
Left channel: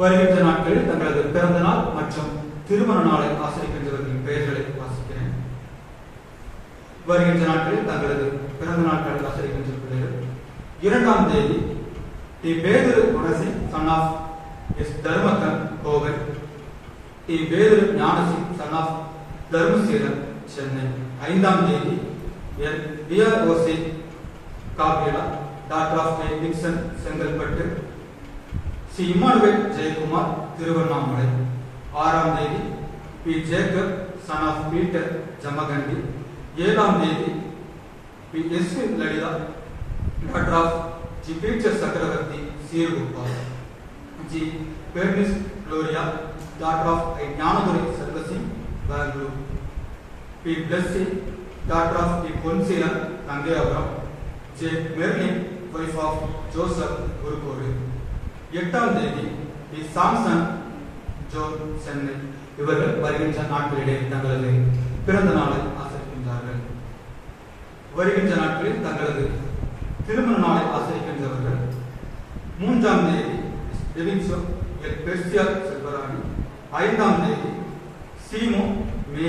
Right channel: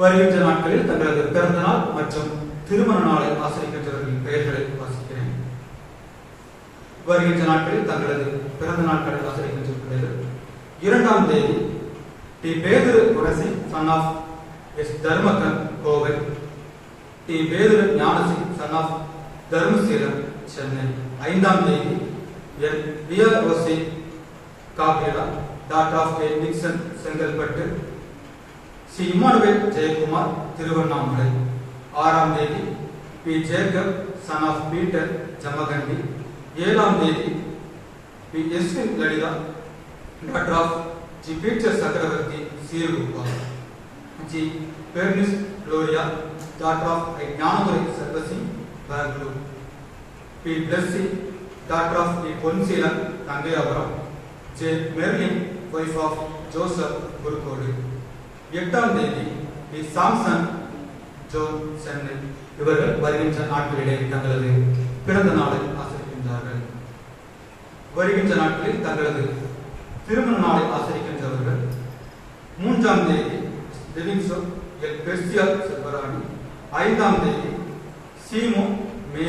வருகின்ற நாட்களில் தங்களது பிறந்த நாள் மற்றும் திருமண நாளை ஆசிரிக்கின்றவர்களின் பெயர்களை வாசிக்கிறேன். வருகின்ற நாட்களில் தங்களது பிறந்த நாட்களை ஆசிரிக்கின்ற பிள்ளைகள் 2ஆம் தேதி டி. பேதுரு குணசி சன் ஆஃப் எஸ். தர்மகன் கோவில், D. Pethuru Gnanasi son of Dharmaseelam Chennai. 5ஆம் தேதி எல். பியர்ஓசி காபிரா daughter of A. Vinson Chengalpattu, C. Emmanuel Jayakumar Tiruvannamalai. 6ஆம் தேதி P. Jacob son of Peter Jamakandi. 7ஆம் தேதி P. S. Lalitha daughter of G. Peter Chakravarthy சீர்குப்பா, G. Bernice Gloria daughter of I. Gnanadurai சர்வசிங் Bangalore, P. Blessy daughter of D. Ponseelan Thangaiyapuram, J. Merlin wife of Joseph குருக்கோடு. 8ஆம் தேதி B. Samson Joe Chennai. இவர்கள் வருகின்ற நாட்களிலே தங்களது பிறந்த நாளை ஆசரிக்கின்றார்கள். வருகின்ற நாட்களில் தங்களது திருமண நாளை ஆசரிக்கின்றவர்கள் 3ஆம் தேதி டெலிங்சம் எல். பெர்சியா செல்வராணி, 5ஆம் தேதி சீமோ மே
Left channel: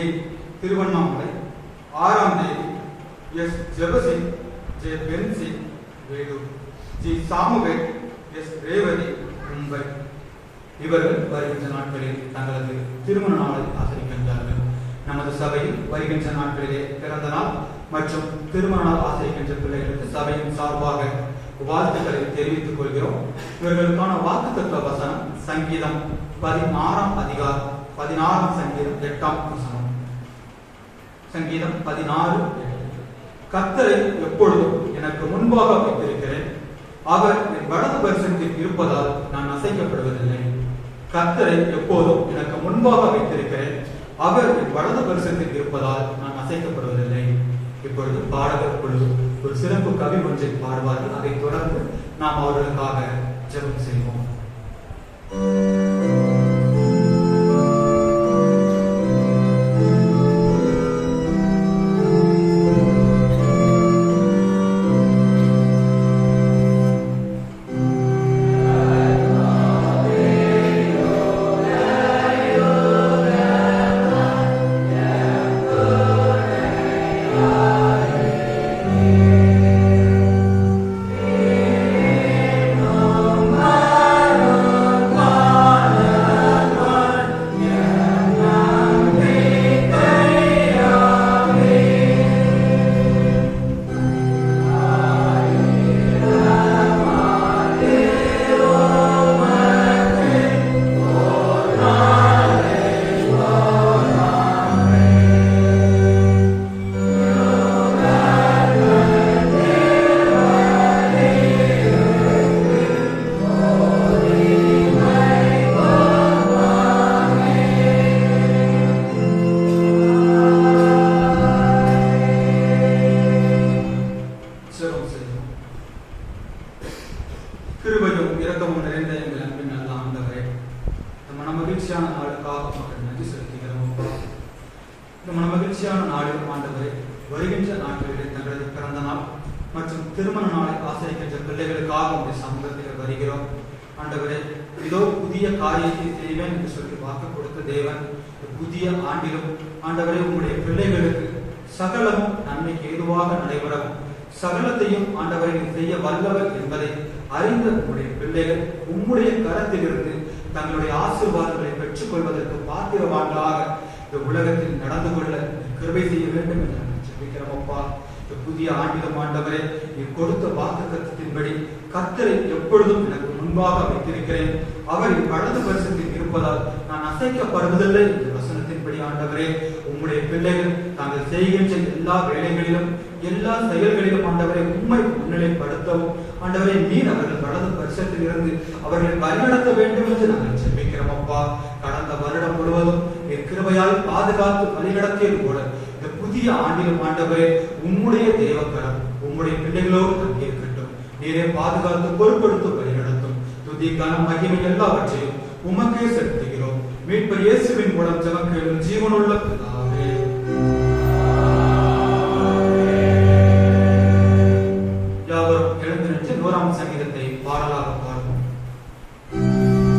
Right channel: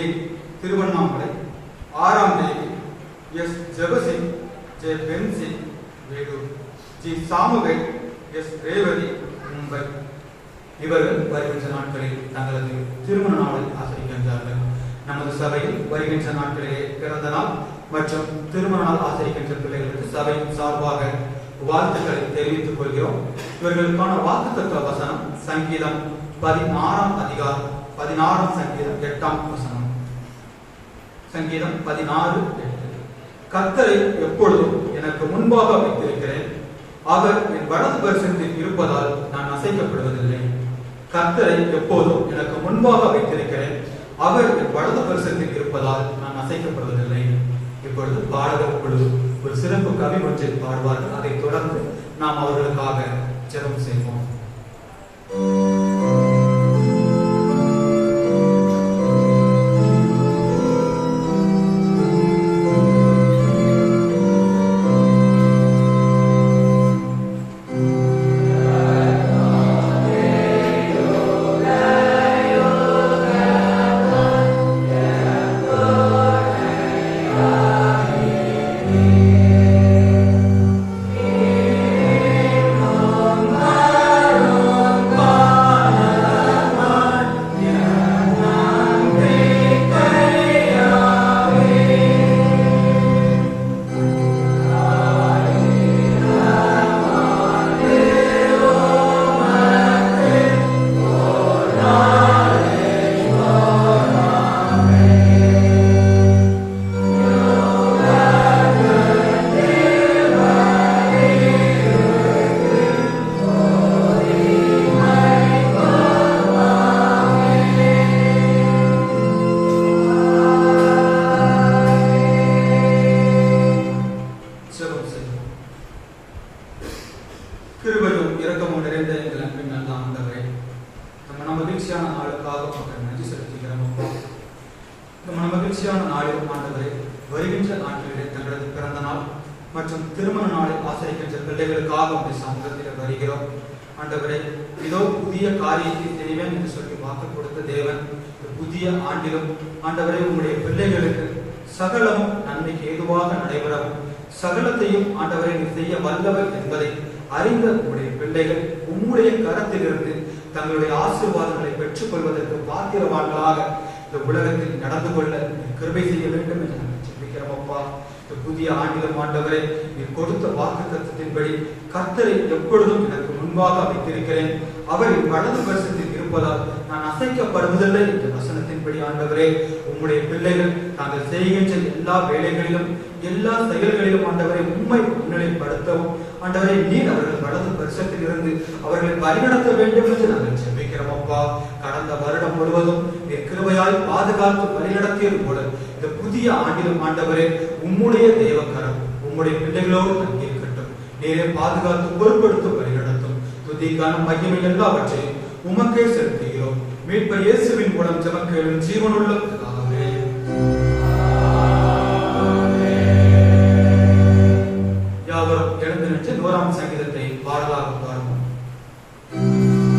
திருவண்ணாமலை, 6ஆம் தேதி S. Jebasingh J. Bency Vellore, G. Samuel S. Revathi Mumbai. இவர்கள் வருகின்ற நாட்களில் தங்களது திருமண நாளை ஆசரிக்கின்றார்கள். நமது சபையில் வருகின்ற நாட்களிலே பிறந்த நாள் மற்றும் திருமண நாள் ஆசரிக்கின்ற பிள்ளைகளுக்கு சபையின் சார்பாக வாழ்த்துக்களை தெரிவித்துக் கொள்கிறோம். இவர்களுக்கான வாக்குத்தத்த வசனம் சங்கீதம் 16ஆம் அதிகாரம் 16ஆம் சங்கீதம் 8ஆம் வசனம். சங்கீதம் 16:8. கர்த்தரை எப்பொழுதும் எனக்கு முன்பாக வைத்திருக்கிறேன், அவர் என் வலது பரிசத்தில் இருப்பதால் நான் அசைக்கப்படுவதில்லை. கர்த்தரை எப்போதும் எனக்கு முன்பாக வைத்திருக்கிறேன், அவர் என் வலது பரிசத்தில் இருப்பதால் நான் அசைக்கப்படுவதில்லை. இப்பொழுது பாடகர் குழு ஒரு சிறப்பு கவி ஒன்றை பாடுவார்கள். அதைத் தொடர்ந்து நாம் அவர்களுக்காக ஜெபம் செய்வோம். Oh இரக்கமும் நிறைந்த எங்கள் அன்பின் நல்ல ஆண்டவரே, இந்த மன மகிழ்ச்சியான நாளுக்காக மக்கள் நன்றி செலுத்துகிறோம். இந்த மன மகிழ்ச்சியான நாளில் ஆண்டவரே, வருகின்ற நாட்களிலே தங்களது பிறந்த நாள் மற்றும் திருமண நாளை ஆசரிக்கின்ற பிள்ளைகளுக்காக உங்கள் சமூகத்தில் வருகிறோம். ஆண்டவரே, இதோ புதிய காரியத்தை செய்வேன் என்று சொல்லி வாக்கு கொடுத்த தேவன், புதிய ஆண்டிலும் ஆண்டவரே உங்களுடைய பிள்ளைகளுக்கு சகலமும் நன்மைக்கு ஏதுவாக நடைபெறவும் சகலத்தையும் ஆண்டவரை செய்ய வல்லவர் என்பதை அறிந்த உங்களுடைய பிள்ளைகள் உங்களுடைய கரத்திலிருந்து தங்களுடைய ஆசீர்வாதங்களை பெற்றுக் கொள்வதற்கு பாத்திரவான்களாக இந்த உலகத்தில் நடந்து கொள்ள கிருபை செய்ய வேண்டும் என்று நாங்கள் ஜெபிக்கிறோம். அப்பா, இந்த புதிய ஆண்டிலும் ஆண்டவரே நீர் கொடுத்த வாக்குத்தத்தத்தின்படி கர்த்தரை எப்பொழுதும் எனக்கு முன்பாக வைத்திருக்கிறேன், அவர் வலது பரிசத்தில் இருப்பதால் நான் அசைக்கப்படுவதில்லை என்ற வசனத்தின்படி ஆண்டவரே உங்களுடைய பிள்ளைகள் தாங்கள் செய்கின்ற எல்லா வேலைகளிலும் எல்லா செயல்களிலும் ஆண்டவரை உண்மை முன்னிலைப்படுத்தவும் ஆண்டவரை நீர் அவர்கள் வலது பரிசத்தில் இருந்து அவர்களை வழிநடத்த வேண்டும் என்று நாங்கள் ஜெபிக்கிறோம். அப்பா, கடந்த வருடம் முழுவதும் என் கிருபையால் பாதுகாத்து வழிநடத்தியது போல இந்த புதிய ஆண்டிலும் ஆண்டவரே உம்முடைய தெய்வக்கரம் உம்முடைய பிள்ளைகளோடு தங்கியிருக்கட்டும். நீரே பாதுகாத்து பொறுப்படுத்த வழிநடத்தும். துதி கனம் மகிமை எல்லாவற்றையும் உமக்கே செலுத்துகிறோம். மீட்பர் இயேசுவின் மூலம் ஜெபம் கேளும் ஜீவனுள்ள பிதாவே. யாவரும் எழுந்து நின்று 1ஆம் சங்கீதத்தை பாடலாக பாடுவோம். Amen.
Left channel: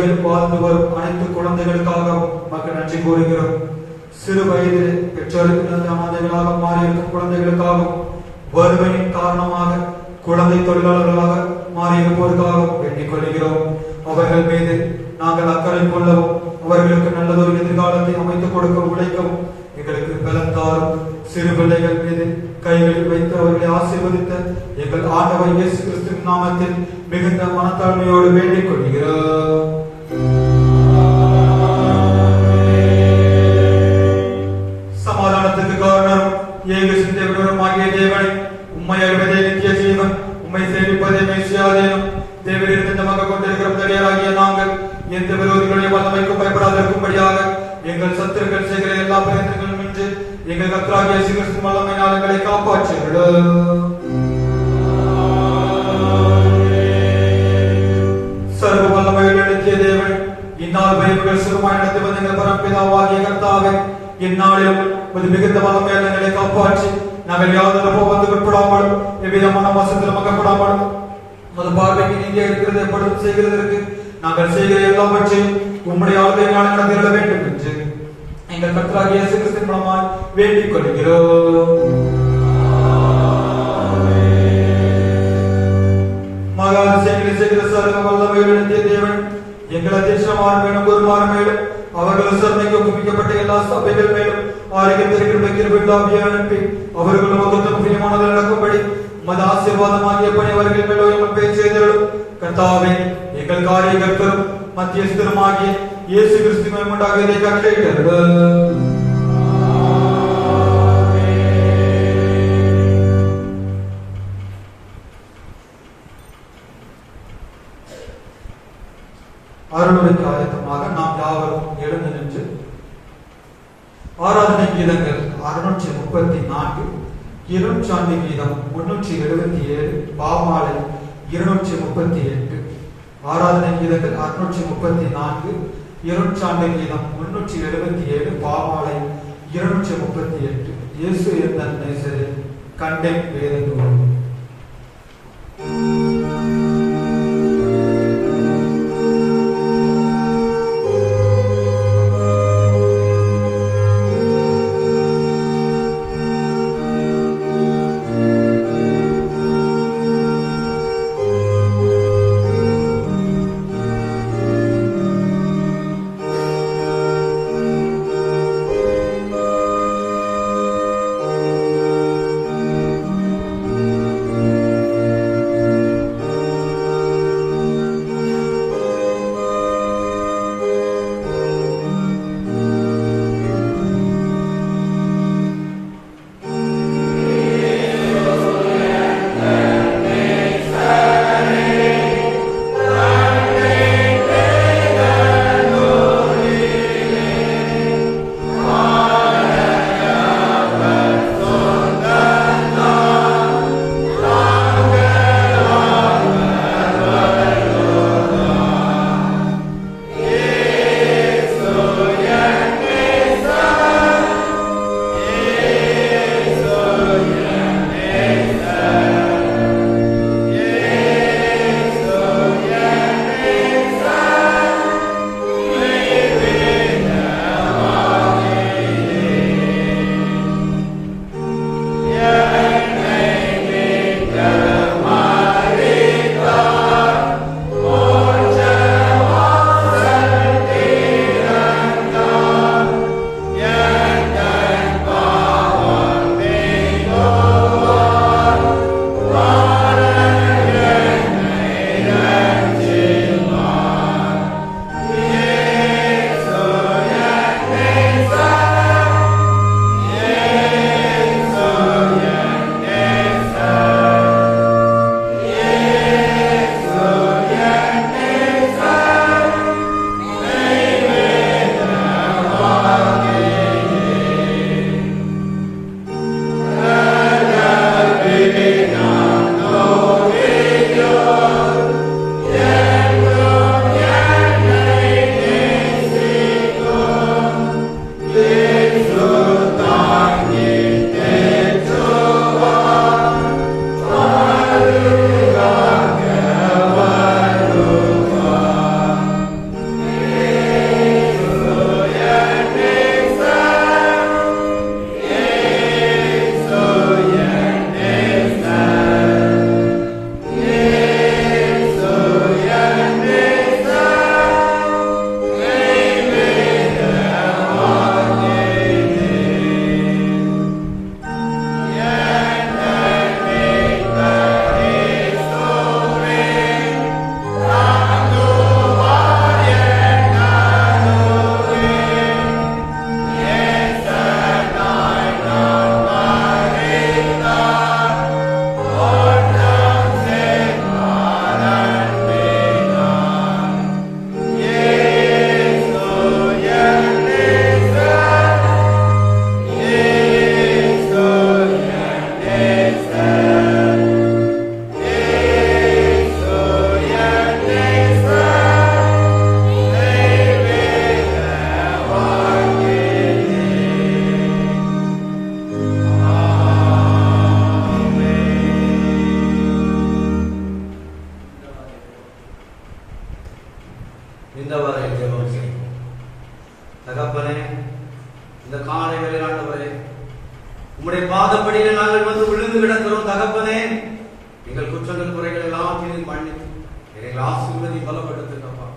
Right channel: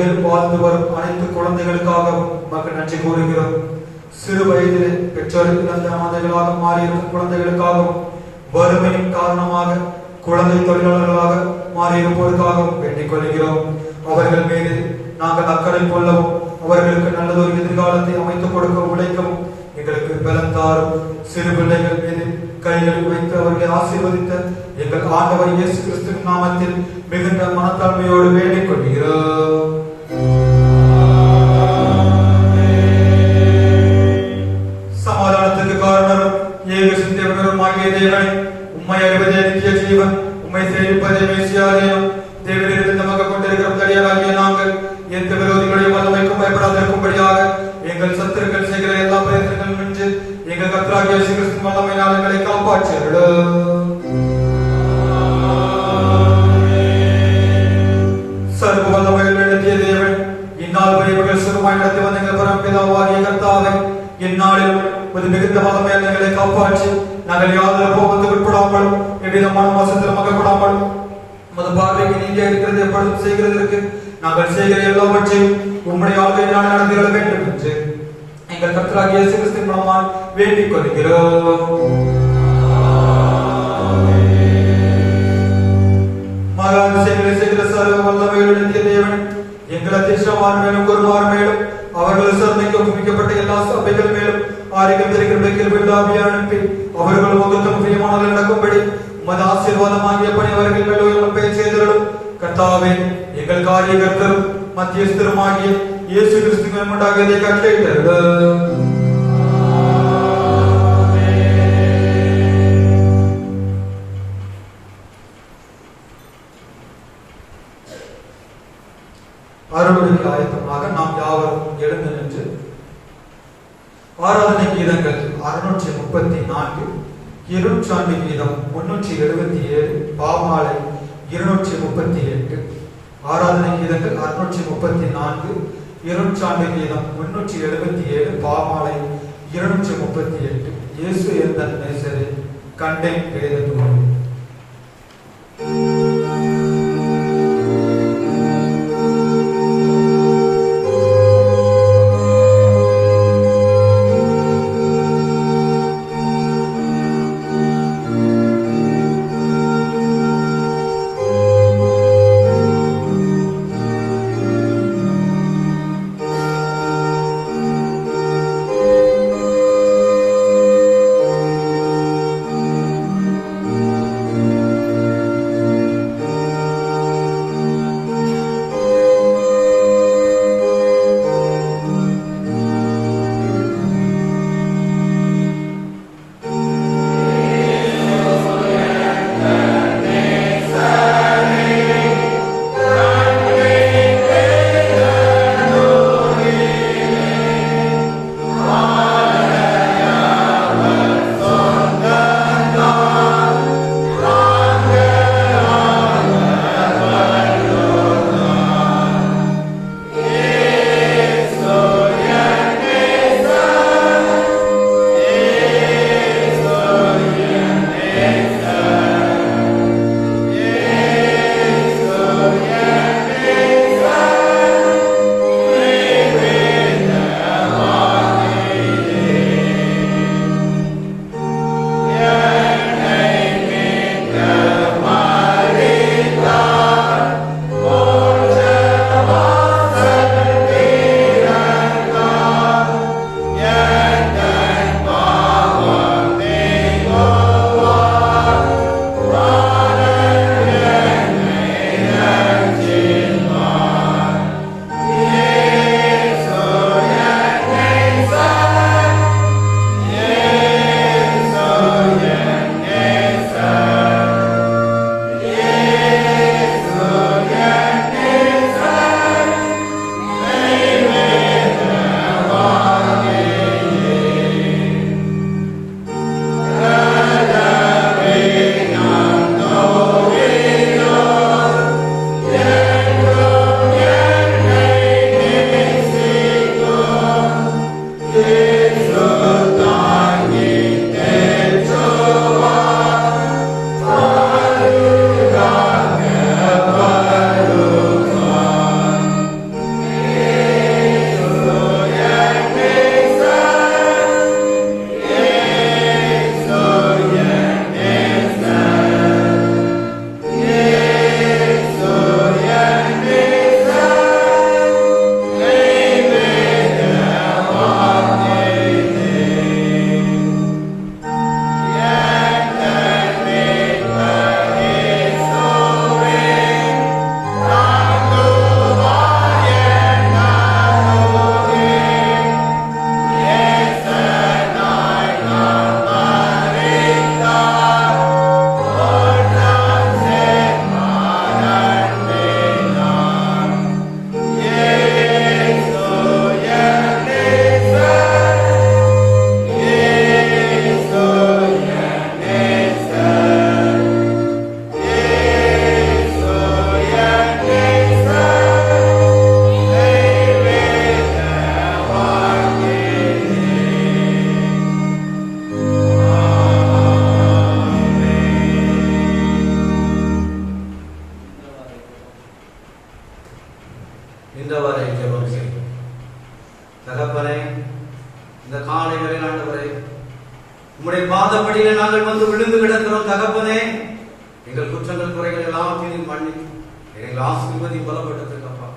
உலகில் வாழ்ந்து வரும் அனைத்து குழந்தைகளுக்காகவும் மக்கள் நன்றி கூறுகிறோம். சிறு வயது பெற்றோருக்கு இழந்த அனாதைகளாக மாறியிருக்கும் குழந்தைகளுக்காகவும், வறுமையின் காரணமாக குழந்தை தொழிலாளர்களாக மாறியிருப்போருக்காகவும் வேண்டிக் கொள்கிறோம். அவர்கள் மீது நாங்கள் அக்கறை கொள்ளவும், அவர்களுக்கு நல்லதொரு எதிர்காலத்தை அமைத்துக் கொடுக்க உழைக்கவும் எங்களுக்கு பலம் தாரும். சிறு பிள்ளைகள் மீது கைகளில் வைத்து அவர்களை ஆசீர்வதித்த எங்கள் ஆண்டவர் இயேசு கிறிஸ்துவின் நாமத்தில் மிகுந்த மனத்தாழ்மையோடு வேண்டிக் கொள்கிறோம். சமாதானத்துக்கு காரணரும் ஏக சிந்தையுடனும் ஆகிய தேவனை, உம்மை அறிவதே நித்திய ஜீவன், உம்மை சேவிப்பதே மேசியாதேனும், தேவனிடத்தில் நமக்கு கொண்டிருக்கிற தடியாளாகிய நாங்கள் எந்த விரோதிகளையும் மதமைக்கும் பயப்படாதிருக்கும்படியாக எங்கள் சத்துருக்கள் செய்கிற எல்லா பிரயத்தனங்களும் என்று எங்கள் கர்த்தராகிய இயேசு கிறிஸ்துவின் வல்லமையினால் எங்களை காப்பாற்றுகிறோம். சர்வ வல்லமையில் நடத்திய தேவன், இந்நாள் பயவுகள் சிறுமாய் நடத்தி வந்த எங்கள் பரம்பிதாவாகிய கர்த்தாவே, இந்நாளில் ஒரு மிகுந்த வல்லமையால் எங்களை காப்பாற்றி நாங்கள் யாதொரு போவதுக்கு உட்படாமலும் எவ்விதமான மோசத்திலும் அகப்படாமலும் உமது பார்வைக்கு நீதியாக இருக்கிறது எப்பொழுதும் செய்கிறதற்கு நாங்கள் செய்கிற எல்லாவற்றையும் உம்முடைய ஆளுகையினால் நடத்திட வேண்டும் என்று எங்கள் கர்த்தராகிய இயேசு கிறிஸ்துவின் மூலமாய் வேண்டிக் கொள்கிறோம். மகா அதிசயங்களை செய்கிற சர்வ வல்லமையில் நடத்திய தேவன், எங்கள் அத்தியட்சமார் மேலும் குருமார் மேலும் அவர்கள் விசாரணைக்கு ஒப்புவிக்கப்பட்ட எல்லா சபைகள் மேலும் ஆரோக்கியம் தெரிவிக்கிற அனுப்பி அவர்களும் அவர்களும் பிரியமானதில் நடக்கும்படி உமது ஆசீர்வாதமாகிய பணி அவர்கள் மேலும் பேச்சு செய்தரும். கர்த்தாவே, எங்கள் காரியகர்த்தரும் மத்தியஸ்தருமாகிய இயேசு கிறிஸ்துவின் உண்டாகியதை கட்டளையிட்டருளும். அருளுக்கு ஆயத்தமாக நாம் யாவரும் எழுந்து நின்று ஆராதனை கீதங்கள் 634, இருச்சாண்டி கீதம் 377, பாமாலை 238. ஆராதனை கீதங்கள் 634, இருச்சாண்டி கீதம் 377, பாமாலை 238. இயேசு எந்தன் நேசரே, கண்டேன் வேதத்தோடு. ஜெபம் செய்வோம். தகப்பனே, இந்த காலை வேளை ஆண்டவரே, உம்முடைய பாதப்படியில் நாங்கள் வந்து விழுந்து கிடக்கிறோம். தகப்பனே, எங்கள் குற்றங்கள் குறைகள் எல்லாத்தையும் மன்னித்து எங்களை ஆசீர்வதி பலப்படுத்துங்கப்பா.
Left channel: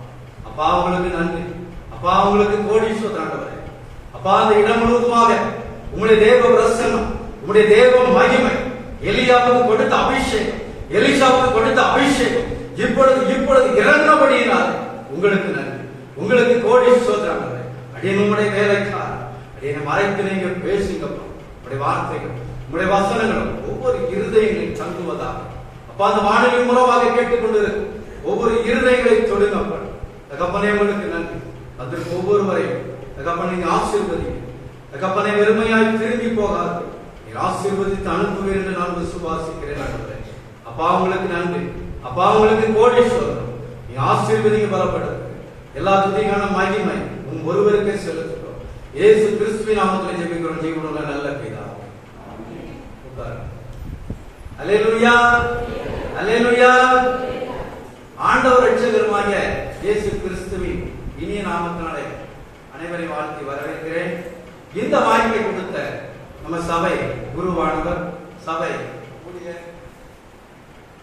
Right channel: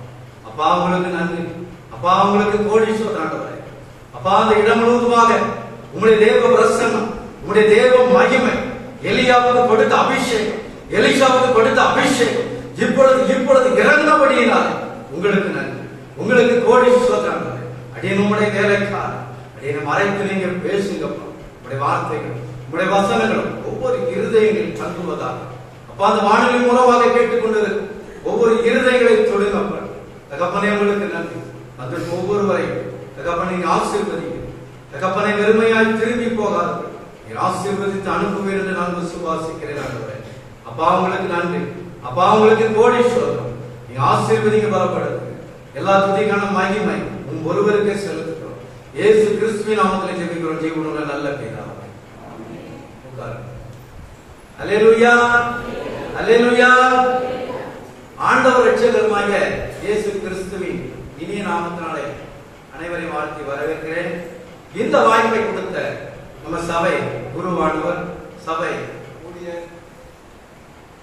அப்பா உங்களுக்கு நன்றி. அப்பா உங்களுக்கு கோடீஸ்வரர் ஆண்டவரே. அப்பா அந்த இடம் முழுவதுமாக உங்களுடைய தேவ பிரசன்னம், உங்களுடைய தேவ மகிமை, எலியாவுக்கு கொடுத்த அபிஷேகம், எலிஷாவுக்கு கொடுத்த அபிஷேகம் இப்பொழுது இறந்தபடியினால் உங்களுக்கு நன்றி. உங்களுக்கு கோடீஸ்வரர் ஆண்டவரே. அடியே உங்களுடைய வேலைக்காரர் அடியை மறைத்து நீங்க பேசுங்கப்பா. உங்களுடைய வார்த்தைகள், உங்களுடைய வசனங்கள் ஒவ்வொரு இருதயங்களில் தங்குவதாக அப்பா அந்த வானொலி மூலமாக கேட்டுக்கொண்டிருக்கு ஒவ்வொரு இருதயங்களை தொடுங்கப்பா. தகப்பனே உங்களுக்கு நன்றி. அதற்கு ஒவ்வொருவரையும் தகப்பனை நீங்க ஆசீர்வதிங்க. தகப்பனை வெறுமையாய் திரும்பி போகாது ஆசீர்வதித்து அனுப்புவேன் என்று நான் விசுவாசிக்கிறேன். அப்பா உங்களுக்கு நன்றி. அப்பா உங்களுக்கு கோடீஸ்வரர். நீ ஆசீர்வதிக்க பலப்படுது. எல்லா துதிக்கான மகிமை உன் ஒருவருக்கே செலுத்துகிறோம். இயேசு கிறிஸ்துவின் நாமத்தில் ஜெபிக்கிறோம். ஜெபிக்கிறோம் நல்ல பிதாவே. அல்லேலூயா, அல்லேலூயா. ஆண்டவர் இரட்சகருமாகிய இயேசு கிறிஸ்துவின் இனிய நாமத்தினாலே அனைவரையும் வாழ்த்தி வரவேற்கிறேன். இந்த வாய்ப்பை கொடுத்த நம்ம சபை குருவானவர், சபை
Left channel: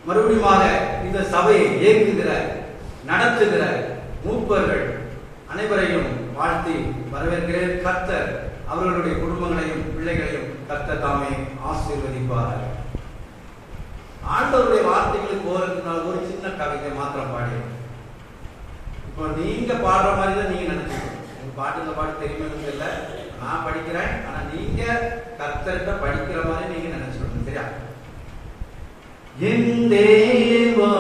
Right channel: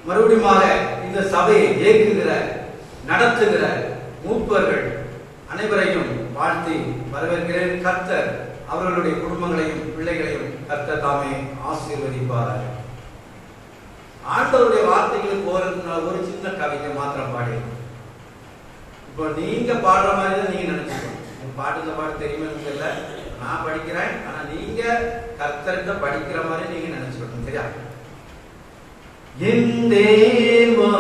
மறுபடியுமாக இந்த சபையை இயக்குகிற நடத்துகிற மூப்பர்கள் அனைவரையும் வாழ்த்தி வரவேற்கிறேன். கர்த்தர் அவர்களுடைய குடும்பங்களையும் பிள்ளைகளையும் கர்த்தர் தாமே ஆசீர்வதிப்பார். ஆண்டவருடைய வார்த்தைகளுக்கு போறதுனால ஒரு சின்ன கவிதை மாத்திரம் பாடிடும். இப்போ நீங்க பாடுற மாதிரி தான் நீங்க நினைச்சுக்கணும். பாட்டுல பாட தெரியுமே இல்ல, நான் படிக்கிறேன். ஆனா நீங்க கர்த்தர்கிட்ட படிக்கிற மாதிரி நீங்க நினைச்சுக்கணும். சரியா? என் தேவா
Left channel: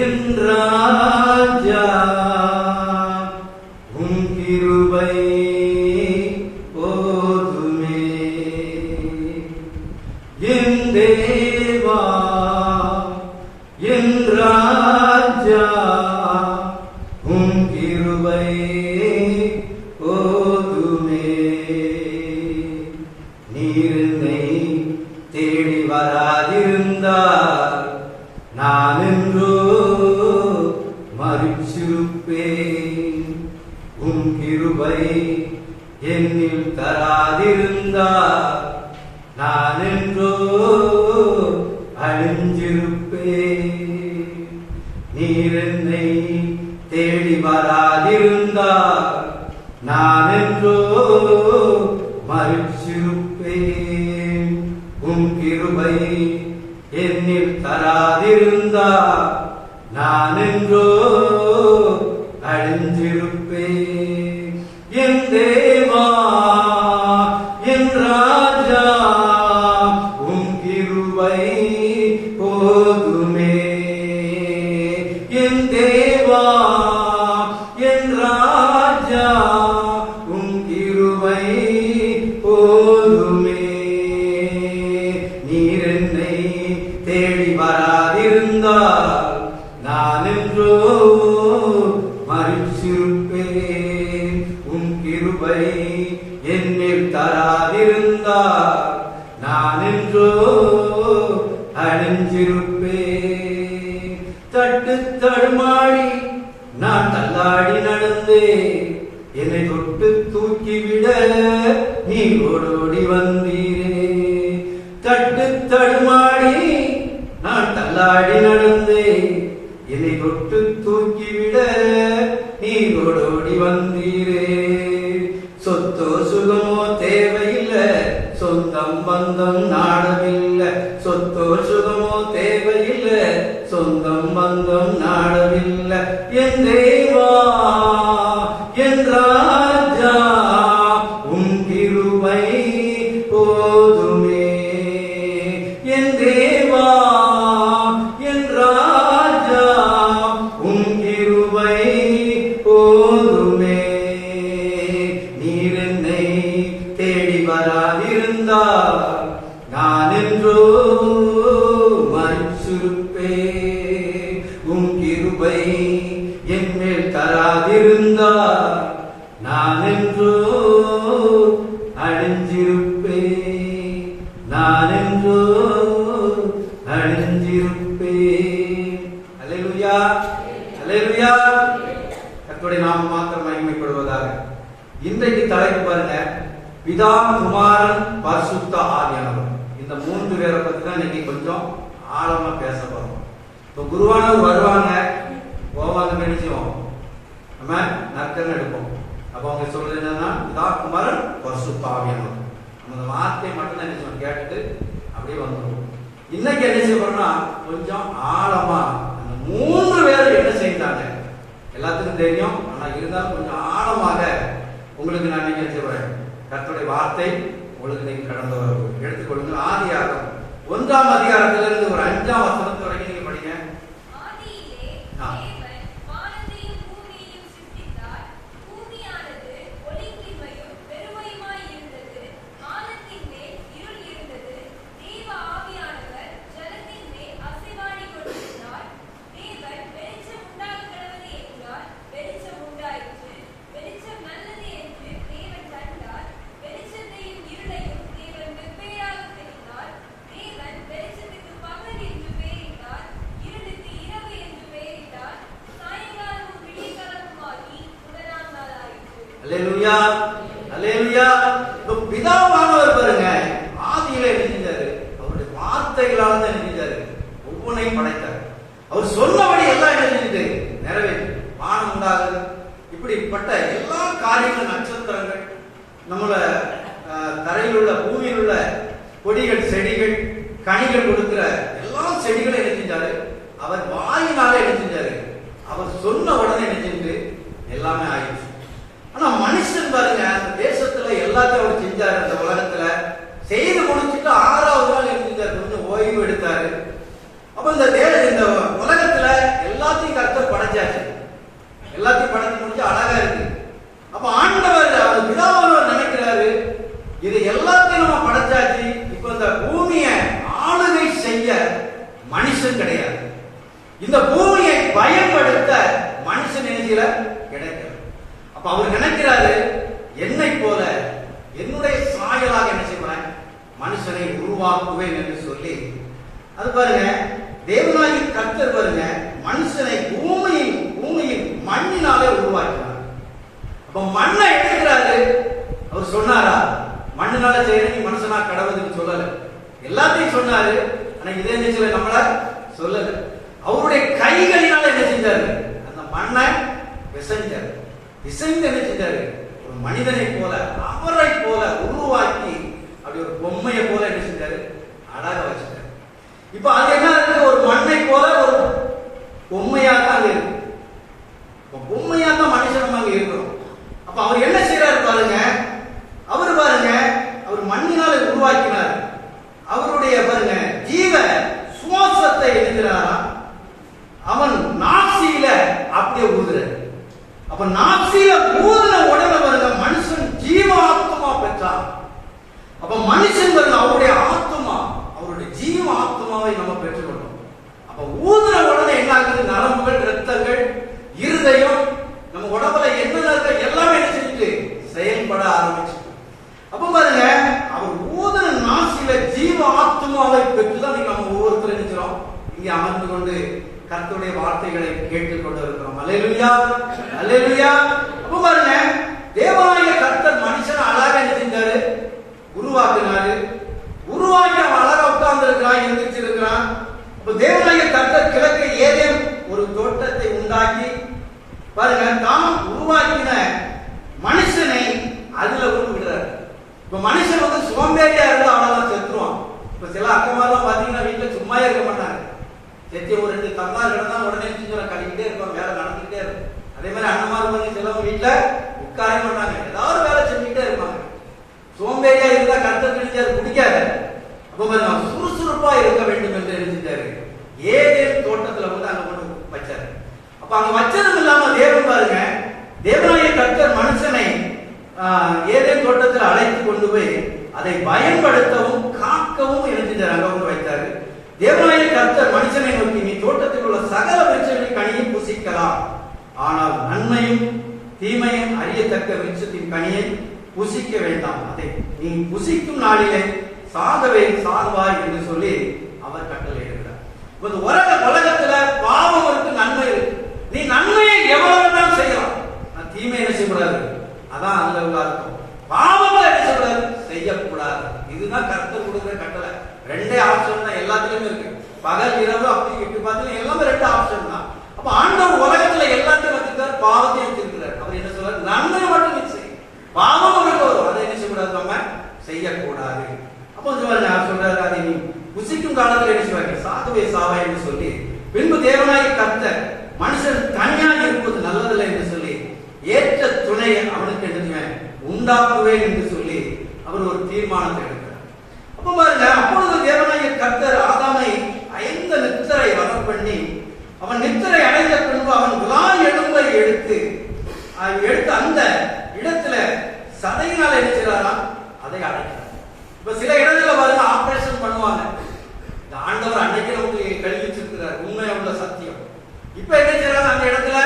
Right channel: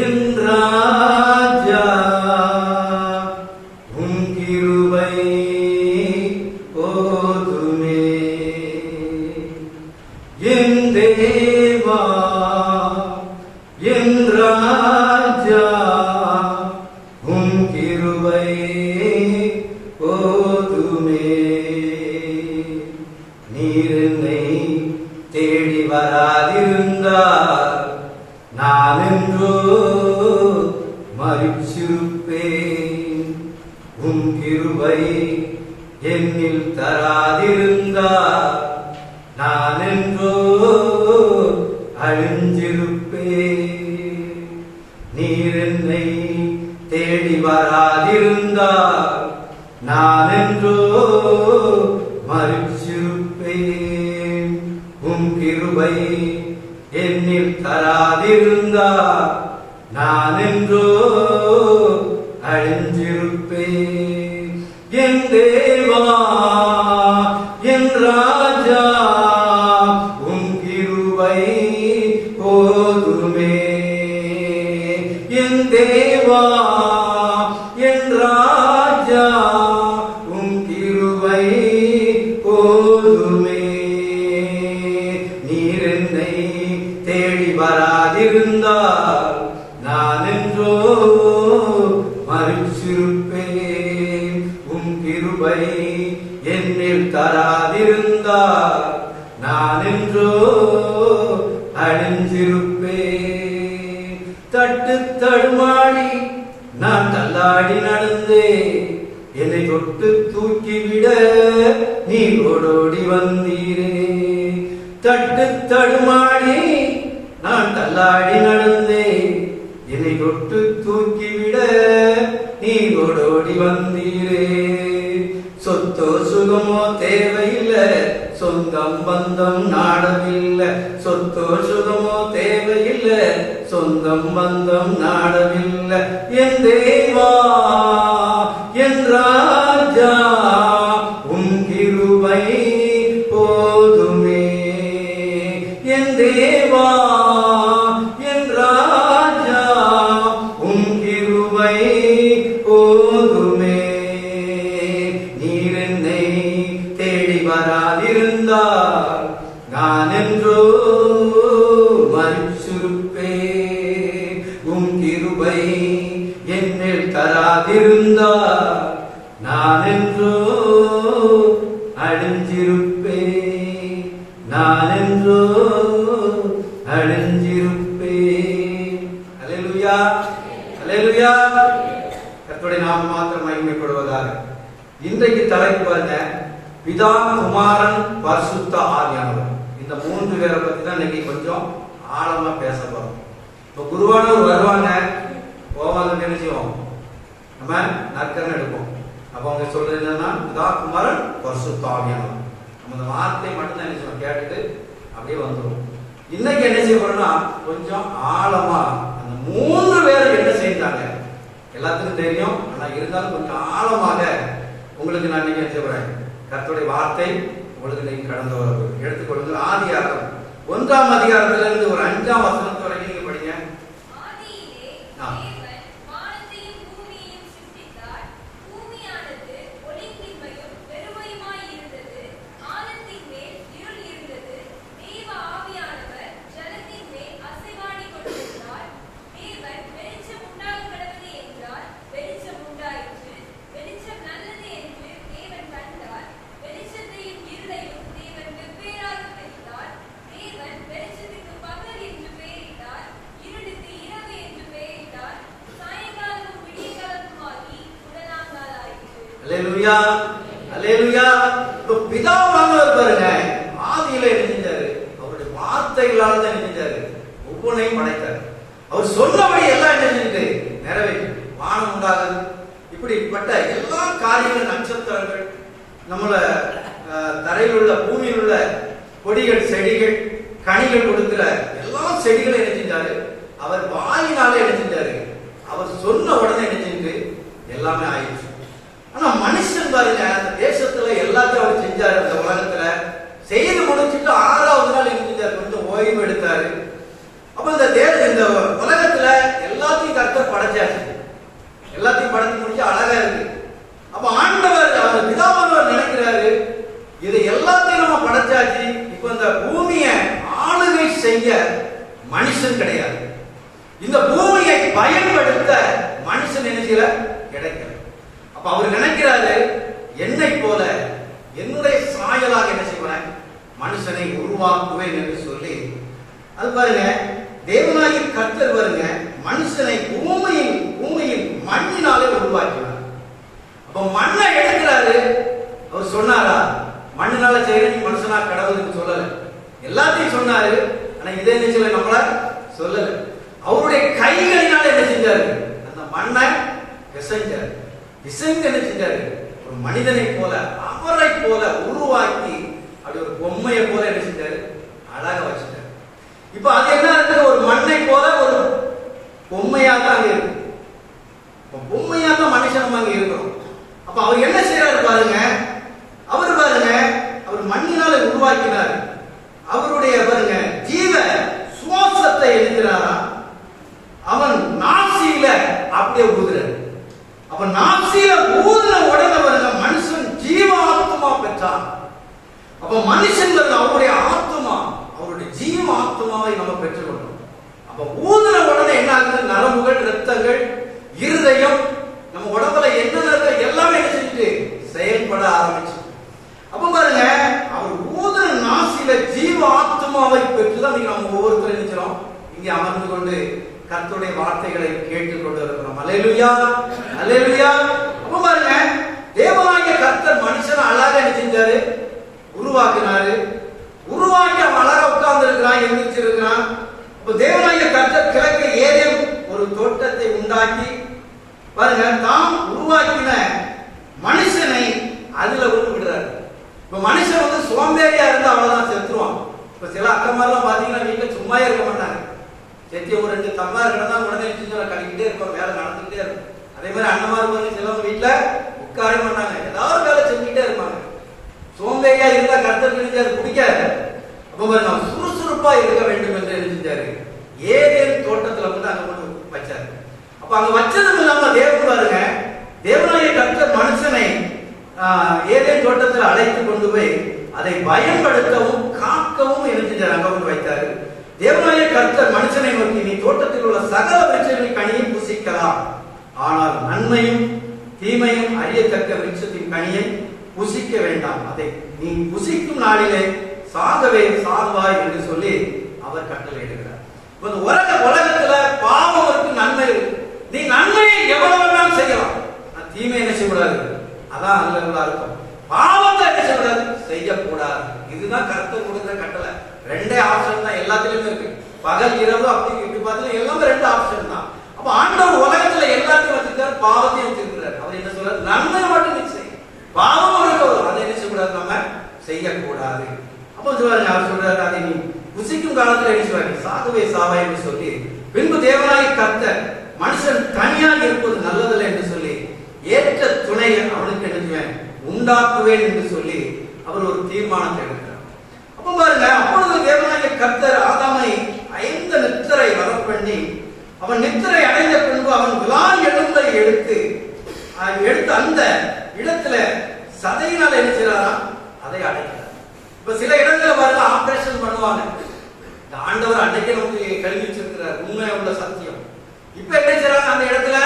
என் ராஜா உம் கிருபை போதுமே. என் தேவா என் ராஜா உம் கிருபை போதுமே. நீரை தேடி வராதிருந்தால் நான் என்றோ மரிச்சிருப்பேன். உம் கிருபை என்னில் தராதிருந்தால் நான் என்றோ அழிஞ்சிருப்பேன். நீர் என்னை தேடி வராதிருந்தால் நான் என்றோ மரிச்சிருப்பேன். உம் கிருபை என்னில் தராதிருந்தால் நான் என்றோ அழிஞ்சிருப்பேன். என் தேவா என் ராஜா உம் கிருபை போதுமே. என் தேவா என் ராஜா உம் கிருபை போதுமே. நீர் என்னை தேடி வராதிருந்தால் நான் என்றோ மரிச்சிருப்பேன். உம் கிருபை என்னில் தராதிருந்தால் நான் என்றோ அழிஞ்சிருப்பேன். தட்டு தடுமாடி நான் தள்ளாடி நடந்தேன். என்னை தொட்டு தூக்கிவிட நீ ஓடோடி வந்தீரே. தட்டு தடுமாடி நான் தள்ளாடி நடந்தேன். என்னை தொட்டு தூக்கிவிட நீ ஓடோடி வந்தீரே. சொத்தோ சுகமோ தேவையில்லை, சொந்தம் பந்தம் நாடவில்லை. சொத்தோ சுகமோ தேவையில்லை, சொந்தம் பந்தம் நாடவில்லை. என் தேவா என் ராஜா உம் கிருபை போதுமே. என் தேவா என் ராஜா உம் கிருபை போதுமே. நீர் என்னை தேடி வராதிருந்தால் நான் என்றோ மரிச்சிருப்பேன். உம் கிருபை என்னில் தராதிருந்தால் நான் என்றோ அழிஞ்சிருப்பேன். நான் என்றோ அழிஞ்சிருப்பேன். அல்லேலூயா, அல்லேலூயா. கர்த்தருடைய நாமம் மாத்திரம் மகிமைப்படுவதாக. இன்றைக்கு தலைப்பு பாருங்க, பிதா, குமாரன், பரிசுத்த ஆவியானவர். இந்த 3 பேரை பத்தி தான் இன்னைக்கு கொஞ்சம் ஆழமா பேச போறோம். இப்போ குருவானவர் வருவாங்க, போவாங்க, என்ன செய்வோம், நம்ம நக்கன்னு எடுப்போம். அப்ப அவங்க சொல்றது என்னன்னா, பிதா, குமாரன், பரிசுத்த ஆவியானவர். நம்ம அந்த வார்த்தையை மட்டும் தான் என்ன கேட்டுட்டு அப்படியே வந்துடும். இன்னைக்கு என்ன செய்யணும்னா கொஞ்சம் ஆழமா அந்த 3 பேர் என்ன செய்தாங்க எல்லாத்துக்கும் தெரியும். ஆனா இருந்தாலும் கொஞ்சம் ஆழமாக உங்களுக்கு நான் என்ன செய்வேன், கர்த்தருடைய வார்த்தை உங்களுக்கு நீங்க கடந்து வர எடுத்துக்கொள்ளுங்க. ஆதியாகமம் 1ஆம் அதிகாரத்திலிருந்து ஒரு 5ஆம் வசனம் வரைக்கும் நீங்க படிங்க. அல்லேலூயா, அல்லேலூயா. பிதாவானவர் பாருங்க, ஆதியில என்ன செஞ்சாரு, அவருடைய வார்த்தைகளால தான் என்ன செஞ்சாரு, ஒவ்வொன்றையும் படைத்தார். அவர் சொன்னபடி எல்லாம் என்ன செஞ்சுட்டு நிறைவேற்றி வானம் உண்டாகுது. இப்படிப்பட்ட எல்லா காரியங்களும், நட்சத்திரங்கள், நம்மள தரையில் உள்ள பூமியில் உள்ள கொடிகள், செடிகள், கனிகள் கொடுக்கிற எல்லா செடிகளும் என்ன செஞ்சாரு, அவர் வாயினால என்ன செஞ்சாரு, அவர் சொன்ன உடனே என்ன செஞ்சு எல்லாமே ஆயிடுச்சு. ஆனா மனுஷன் பாருங்க, அந்த தேசத்துல எல்லாத்தையும் அவர் செஞ்சாரு. அந்த உலகத்துல செய்து முடிச்சுட்டு 6ஆவது நாள் என்ன செஞ்சாரு, கொஞ்சம் ஓய்வு எடுத்தாரு. அப்ப இந்த உலகத்துல எல்லாத்தையும் கர்த்தர் படைச்சாச்சு. எல்லாத்தையும் படைச்சு முடிச்சு அழகா இருக்கு. அப்ப ஆண்டவர், அவர் பிதாவானவர் நினைக்கிறாரு, இது எல்லாத்தையும் நம்ம படைச்சாச்சு, இப்ப இந்த பூமியை ஆளுகை செய்ய மனுஷன் கிடையாது. இந்த பூமியை பயன்படுத்த மனுஷன் நினைக்கிற கிடைக்கும். அப்ப அவர் நினைக்கிறாரு, என்னை போல என்னுடைய சாயலாக என்ன செய்வேன், மனுஷனை உருவாக்குவேன் என்று சொல்லி, அது பாருங்க, தேவனாகி கர்த்தர் பாருங்க மனுஷனை பூமியின் மண்ணினாலே உருவாக்கினார். அப்ப மண்ணை எடுக்கிறாரு. அவர் சொன்னாரா, மண்ணினால செய்யற நீ மனுஷனா கடவுளுக்கு சொல்லல, எல்லாத்தையும் சொன்னாரு. ஆனா இதே நிச்சயம் நம்மள சொல்லல. அவருடைய கைகளினால என்ன செஞ்சாரு, அந்த மண்ணை பிசைஞ்சாரு. பிசைந்து என்ன செஞ்சாரு, ஒரு மனிதனை போல, அவரை போல உருவாக்கி அப்படி ஒரு பொம்மையை போல என்ன செஞ்சாரு, அழகா வச்சுட்டாரு. இப்ப அது என்ன இருக்கு, ஒரு மண்ணை போல ஒரு பொம்மையா தான் இருக்கு. பொம்மையா தான் மனுஷன் அங்க இருக்கிறோம். அப்ப அவர் என்ன செய்யறாரு பாருங்க, அவர் பாருங்க, அவர் மண்ணினால உருவாக்கினார். அவருடைய பாருங்க ஜீவ சுவாசத்தை எழுதினாரா, அவன் நாசியில அப்படியே ஊதுறாரு. அப்ப நாசியில ஊதுன உடனே பாருங்க மனுஷன் ஜீவ ஆத்மா பெற்றான். அப்ப மனுஷன் பாருங்க அவருடைய ஆத்மா, அவருடைய ஜீவ ஆத்மாவை நம்ம பெற்றுக்கொள்ளணும். அப்ப ஊதுன உடனே என்ன ஆகுது, நரம்புகள், இரத்தங்கள், இருதயம், நம்ம உடம்புல என்ன இருக்க எல்லாமே என்ன செஞ்சுட்டு செயல்பட ஆரம்பிச்சு. அப்ப பாருங்க, அவர் ஊதுன நாசியில ஜீவ ஆத்மாவை பெற்றுதான் நம்ம ஒவ்வொருத்தரும் நினைக்கிறோம் இங்கே அமர்ந்து கொண்டு கர்த்தருடைய வார்த்தைகளை கேட்டுக் கொண்டு இருக்கிறோம். அல்லேலூயா, அல்லேலூயா. அப்ப பாருங்க, தேவனாகிய கர்த்தர் மனுஷனை அழகா என்ன செஞ்சாரு, உருவாக்கினாரு. உருவாக்கி அவன் அழகா உட்கார்ந்து இருக்கிறான், எழுந்திருச்சிருக்கிறான். அப்ப தேவனாகிய கர்த்தர் கிழக்கு ஏதேன் ஒரு தோட்டத்தை உண்டாக்கி பாருங்க, தாம் உருவாக்கின மனுஷனை அதுல விடுறாரு. இப்ப மனுஷன் வந்து சோம்பேறியா இருந்தா அவ்வளவுதான் செத்துருவான். இப்ப சில அக்கமாரெல்லாம் பாத்தீங்கன்னா வீட்டுல சும்மா இருக்க மாட்டாங்க. செத்தி ஒரு 2 தம்மார் கிடந்தா உடனே கழிக்கிட்டே இருப்பாங்க, வேலை நடந்துகிட்டே இருக்கும். அதே மாதிரி அண்ணமார் சிலவங்க வீட்டுல உட்கார மாட்டாங்க, ஏதாவது வேலை செஞ்சுக்கிட்டே இருப்பாங்க. சோம்பேறியா இருந்தா கர்த்தர் நினைச்சு அது பிடிக்காது. அப்ப சுறுசுறுப்பா இருக்க வேண்டும் என்று நினைச்சாரு. ஏதேன் தோட்டத்துல வந்து அங்க கொண்டு வச்சாரு. அப்ப அங்க வச்சதும் இல்லாம தேவன் பாருங்க, தேவனாகிய கர்த்தர் மனுஷனை ஏதேன் தோட்டத்தில் அழைத்து கொண்டு போய் அதை பயன்படுத்தவும் காக்கவும் என்ன செஞ்சார், அங்க கொண்டு வைத்தாரு. தேவனாகிய கர்த்தர் மனுஷனை நோக்கி, நீ தோட்டத்தில் உள்ள சகல விருட்சங்களின் கனியை புசிக்கலாம், ஆனால் நன்மையும் தீமையும் அறியத்தக்க விருட்சத்தின் கனியை புசிக்க வேண்டாம், அதை நீ புசிக்கும் நாளிலே சாகவே சாவாய் என்று சொல்லி அவர் கட்டளையிடுகிறார். உலகத்துல பாவம் இருக்கு, நன்மை இருக்கு. நீ நன்மையை எவ்வளவு வேண்டாம் செய்யலாம், அதான் அங்க உள்ள அர்த்தம். பாவத்தை என்ன செய்யக்கூடாது, செய்யக்கூடாது. இதுதான் கர்த்தர் கொடுத்த கட்டளை. ரெண்டே ஆப்ஷன் தான் எல்லாத்துலயுமே இருக்கு. பகல் இரவு அப்படி இப்படி பார்த்தீங்கன்னா எல்லாமே ரெண்டு ஆப்ஷன் தான். அப்ப ஆண்டவர் உலகத்துல எல்லாத்தையும் வச்சிருக்காரு, பாவத்தையும் வச்சிருக்கிறார். அவர் என்ன சொல்றாரு, நன்மை மட்டும் நீ செய், பாவம் வரும் அதை என்ன செய்யக்கூடாது, நம்ம செய்யக்கூடாது. அப்ப சொல்றாரு, அவர் சொல்றாரு, அதை நீ புசிக்கும் காலத்துல என்ன சொல்றாரு, சாகவே சாவா என்று சொல்லி, பின்பு தேவனாய் கர்த்தர் மனுஷன் தனியாக இருப்பது நல்லதில்லை என்று சொல்லி ஏற்ற துணையை அவனுக்கு எடுத்துவேன் உண்டாக்குவேன் என்று சொல்லி அவர் ஒரு தீர்மானத்தை எடுக்கிறார். அப்ப பாருங்க, அப்பொழுது தேவனாகிய கர்த்தர் ஆதாமை ஐந்த நித்திரை வர பண்ணி, அவன் நித்திரை அடைந்த பின்பு அவன் விலால் எலும்பை எடுத்து அந்த இடத்துல சதையினால் என்ன செய்யறாராம், அதை அடைக்கிறார். இப்ப சில இடத்துல பாருங்க ஆபரேஷன் பண்ணுவாங்க. இந்த ஆண்டவர் அன்னைக்கு நமக்கு கல்விச்சிருக்கிறார், உண்மை உள்ள சத்தியம். இப்ப என்ன செய்யறாங்க, அந்த இடத்துல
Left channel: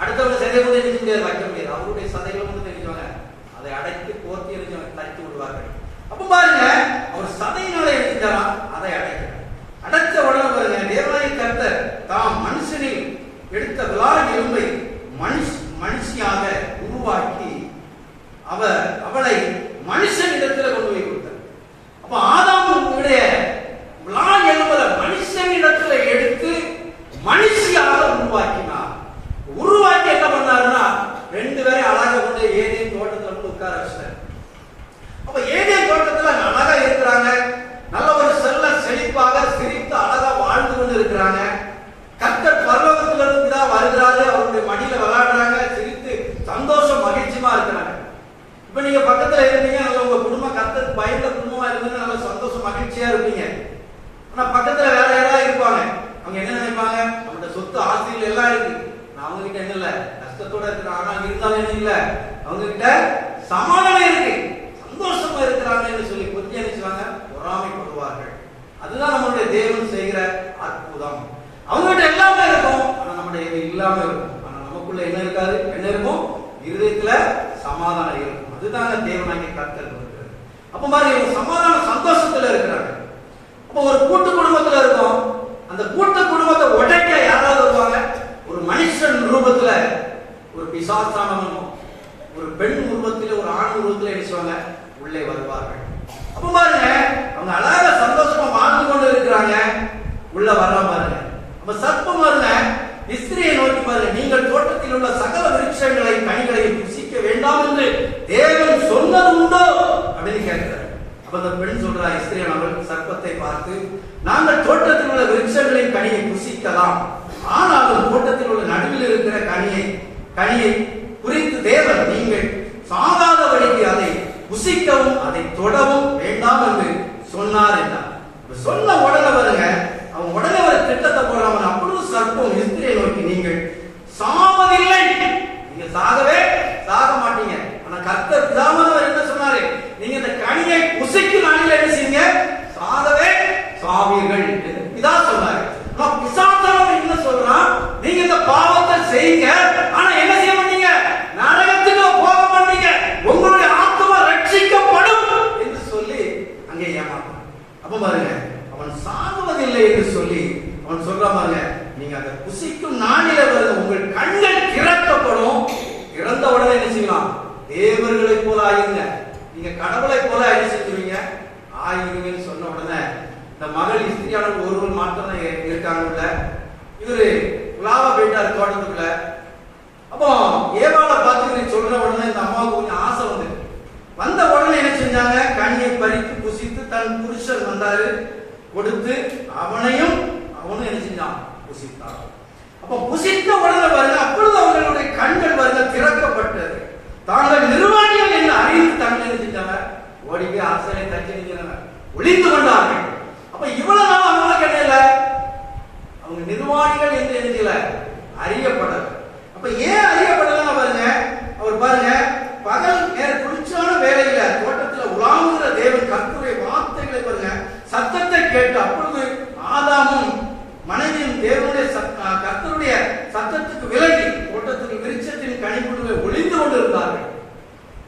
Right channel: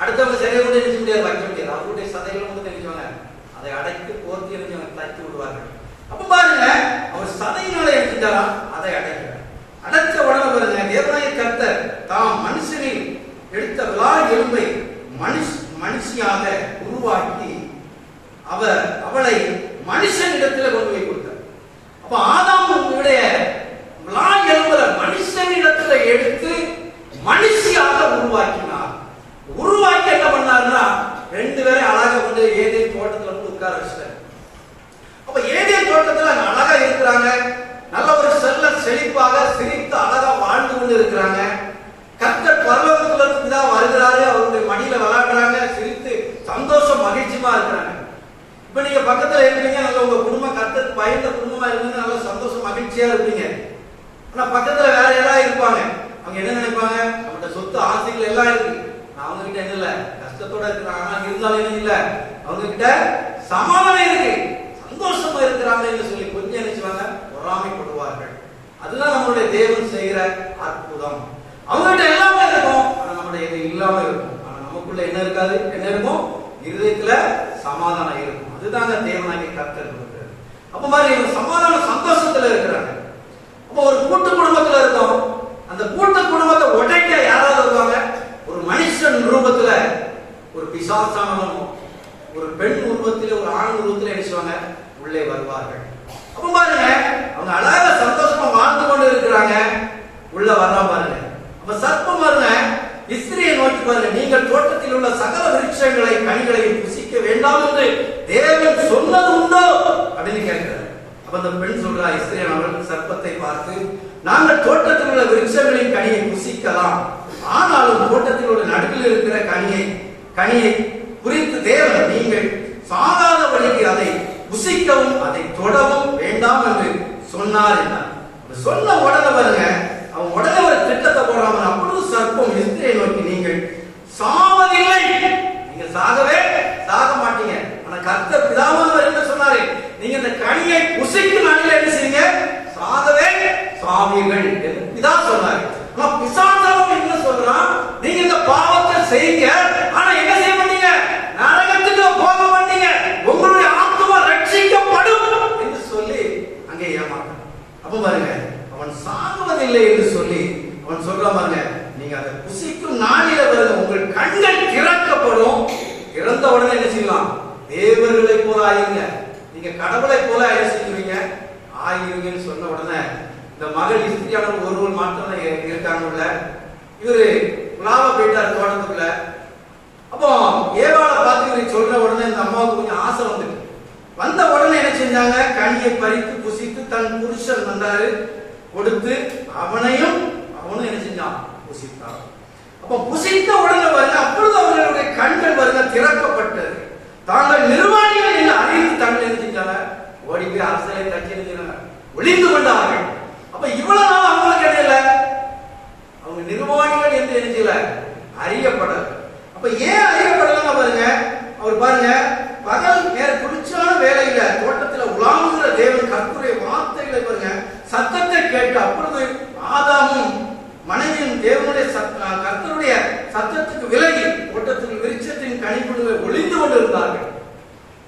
அடுத்தவங்க சதையை வந்து என்ன முடியாது, வைக்க முடியாது. அவருடைய சதைகளை வந்து தெரிஞ்சவங்க அதை அடைத்து போர்த்தி எரிஞ்சவங்க தச்சு விடுவார்கள். அப்ப பாருங்க, அவர் சதையினால எடுத்துட்டாராம், அதை அடைக்கிறார். அடைச்ச உடனே பாருங்க, தேவனாகிய கர்த்தர் தாம் மனுஷனில் எடுத்த விலால் எலும்பை மனுஷியாக உருவாக்கி அவளை மனுஷனிடத்துல கொண்டு போய் கொடுத்தார். அப்ப ஆதாமுடைய விலால் எலும்பை மனுஷனிடத்துல எடுத்து மனுஷியாக உருவாக்கினார். உருவாக்கி என்ன பண்ணாருன்னா, ரெண்டு பேரும் அழகா வந்து ஏதேன் தோட்டத்துல வந்து உட்கார வச்சிட்டார். அப்ப ஏதேன் தோட்டத்துல அழகா இருக்கிறாங்க, நல்ல ஒரு செழிப்பாக சிரித்து அழகா வாழ்ந்து கொண்டு இருக்கிறாங்க. கர்த்தர் பரலோகத்துல இருந்து தான் வருகிறாரு, அவருடைய மடியில விளையாடுறாங்க, சிரித்து சந்தோஷம் மகிழ்ச்சியா இருக்கிறாங்க. இப்ப நீங்க பக்கத்துல இருந்தீங்க, நல்ல உங்க குடும்பம் கர்த்தருக்கு பயந்த குடும்பமா இருந்தீங்க, நல்ல சந்தோஷம் மகிழ்ச்சியா இருப்பீங்க. ஆனா பக்கத்துல வேற யாராவது இருப்பாங்க, அவங்க என்ன நினைப்பாங்க, அவங்களோட சொத்து ஆசைகள் எல்லாம் இருக்கு, நான் அவங்க கிட்ட என்ன இல்ல கஷ்டத்தோட இருக்கிறாங்க, ஆனா இருந்தாலும் என்ன இல்ல அவங்க கிட்ட சமாதானம் இருக்கு, சந்தோஷமா இருக்கிறாங்கன்னு சொல்லி கொஞ்சம் நினைச்சுவாங்க, பொறாமைப்படுவார்கள். அதுதான் நம்மளுடைய தேவன் செய்கிற அற்புதம். அவங்ககிட்ட எல்லாமே இருக்கும், ஆனா நம்மளுடைய இது இல்லாம இருக்கும். ஆனா நமக்குள்ள என்ன இருக்காது, என்ன இருக்கும், இருதயத்துல சமாதானம் இருக்கும். அதுதாங்க தேவனாகிய கர்த்தர் கொடுக்கிறது. அப்ப மாதிரி சமாதான சந்தோஷத்துல இருக்கிறாங்க. அப்போ ஒரு கூட்டு குடும்பத்துல இருக்கும், அந்த கூட்டு குடும்பத்தை உடைக்க யாராவது வருவாங்க, ஒரு மனுஷன் ரூபத்துல ஒரு பிசாசானவனும் ஒரு பெண் உருவத்திலே ஒரு ஆண் உருவத்திலே என்ன உள்ளே வருவார்கள். அப்ப பாருங்க, அவங்க அழகா சந்தோஷமா வாழ்ந்து கொண்டு இருக்கிறாங்க, உள்ள வர பாருங்க. அப்ப சர்ப்பம் பாருங்க, இஸ்திரியை நோக்கி பாருங்க, நீங்கள் தோட்டத்தில் உள்ள சகல விருட்சங்களை கனிகளையும் புசிக்க வேண்டாம் என்று தேவன் சொன்னது உண்டோ அப்படின்னு கேட்கிறார். அப்ப அந்த பெண் சொல்றா, இஸ்திரியன் அவள் சர்ப்பத்தை பார்த்து, நாங்கள் தோட்டத்தில் உள்ள விருட்சங்களின் கனியை புசிக்கலாம், ஆனாலும் தோட்டத்தில் உள்ள நடுவில் இருக்கிற கனியை குறித்து தேவன் நீங்கள் சாகாத வழிக்கு அதை புசிக்கவும் அதை தொடவும் வேண்டாம் என்று சொன்னார் என்றார். சொன்ன உடனே பாருங்க, அவன் உடனே ஒரு திட்டத்தை போடுறாங்க. அப்பொழுது சர்ப்பம் இஸ்திரியை நோக்கி, நீங்கள் சாவதில்லை, நீங்க சாகவே சாக மாட்டீங்க, ஆனா கர்த்தர் பிதாவானவர் என்ன சொன்னாரு, நீங்க இந்த கனியை புசிக்கும் நாளில் என்ன செய்யுங்க, சாகவே சாவீர்கள் இதா சொன்னாரு. பிசாசானவன் என்ன சொல்றான், நீங்க இந்த பாவத்தை செய்யுங்க, ஆனா என்ன செய்ய மாட்டீங்க, நரகத்துக்கு போக மாட்டீங்க, உங்களுடைய ஆத்மா ரட்சிக்கப்படும் என்று சொல்லி அங்கே ஏமாற்றான். அப்ப பாருங்க, அவன் சாகுவதில்லை என்று சொல்லி அவன் சொல்ற பாருங்க, நீங்க அதை புசிக்கும் நாளில பாருங்க உங்கள் கண்கள் திறக்கப்படும், திறந்த உடனே என்ன செய்யலாம், தேவர்களை போல ஆயிருங்க, நீங்க கடவுளை போல என்ன செஞ்சுவீங்க ஆயிருங்கன்னு சொன்ன உடனே இந்த மகள் இஸ்திரியான ஒருவர் மாத்திரம் இருக்காங்க. இவரு உலாவ போயிட்டார் தோட்டத்துக்குள்ள. அப்போ ஏவாளை பார்த்து சொல்ற உடனே இந்த அம்மாவுக்கு கொஞ்சம் ஆசை வந்த உடனே என்ன செஞ்சாங்க, கனியை பறித்து புசித்து தன் புருஷன் வந்தாரு கொடுத்து அவனும் என்ன செஞ்சான், புசித்தான். அப்ப புசித்த உடனே வருங்க, அப்பொழுது அவர்களுடைய கண்கள் வருங்க திறக்கப்பட்டது, தாங்கள் நிர்வாணிகள் என்று அறிந்து தங்கள் என்ன செஞ்சாங்க, ஓடி போய் அரசலை தச்சு ஒளிந்து கொண்டார்கள். அப்ப இவ்வளவு நாள் அவங்களுக்கு இடையில அவங்க நிர்வாணிகள் என்று நினைக்கல, அறியப்படல. அப்ப ஏன் அறியப்படலன்னு பாருங்க, அவர் பாருங்க, பகல் நேர குளிர்ச்சியான வேலையில தோட்டத்தில் உலாவுகிற தேவன் கர்த்தருடைய வார்த்தைகளை பாருங்க சத்தத்தை கேட்டு, அப்பொழுது ஆதாமும் மனைவியும் தேவனுடைய கர்த்தருடைய சத்தத்துக்கு விலகி தோட்டத்துக்கு விருட்சத்தின் கனிப்புகளை ஒளிந்து கொண்டு இருந்தார்கள்.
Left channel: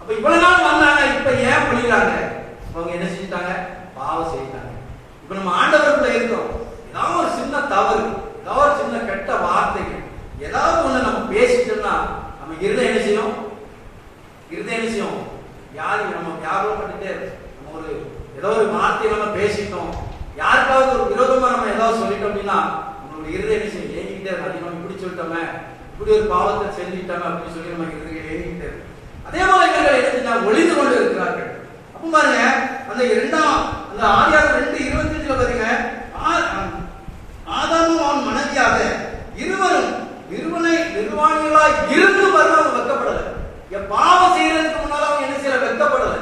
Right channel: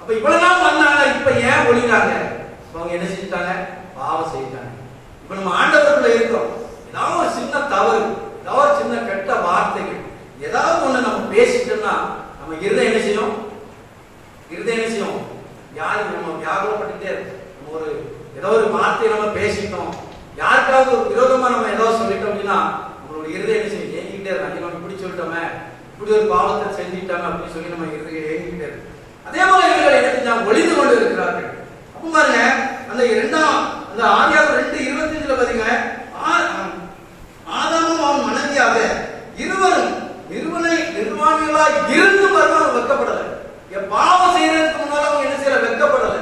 அப்ப இவ்வளவு நாள் வந்தாங்க, இப்ப ஏன் ஒளிகிறாங்க, அவங்க என்ன செஞ்சிட்டாங்க, பாவம் செய்தாங்க. இப்ப நம்ம ஆண்டவருக்குள்ள இருக்கோம், ஏதாவது ஒரு சின்ன தவறு, ஏதாவது சின்ன கெட்ட வார்த்தைகள், ஏதாவது ஒண்ணு நம்ம பேசிட்டோம்னா நம்ம இருந்த என்ன செய்யும், இருதய விஷயம் யாரு நம்ம வியாபகப்பட்டுட்டே நம்ம ஒரு ஏதோ ஒரு வார்த்தையை நம்ம பேசிட்டோம், யாருக்காவது ஒரு விரோதமா நம்ம ஏதாவது சொல்லிட்டோம் அப்படின்னா நம்மளுடைய இருதய விஷயம் ஏங்கிட்டே இருக்கும். நம்ம இப்படி சொல்லிட்டோமே, இப்படி ஒரு பாவத்தை செஞ்சுட்டோம் அப்படின்னு சொல்லி நம்ம இருதயம் ஏங்கிட்டே இருக்கும். அதே போல இவர்கள் என்ன செஞ்சாங்க, ஒளிந்து கொண்டு இருக்கிறார்கள். அப்ப பாருங்க அந்த அந்த ஆதியாகமம் 2:25 பாருங்க, ஆதாமும் அவன் மனைவியாக இருவரும் நிர்வாணிகளாய் இருந்து பாருங்க அவங்க வெட்கப்படல. பாவம் செய்யறதுக்கு முன்னால அவங்க என்ன செய்யல, வெட்கப்படல.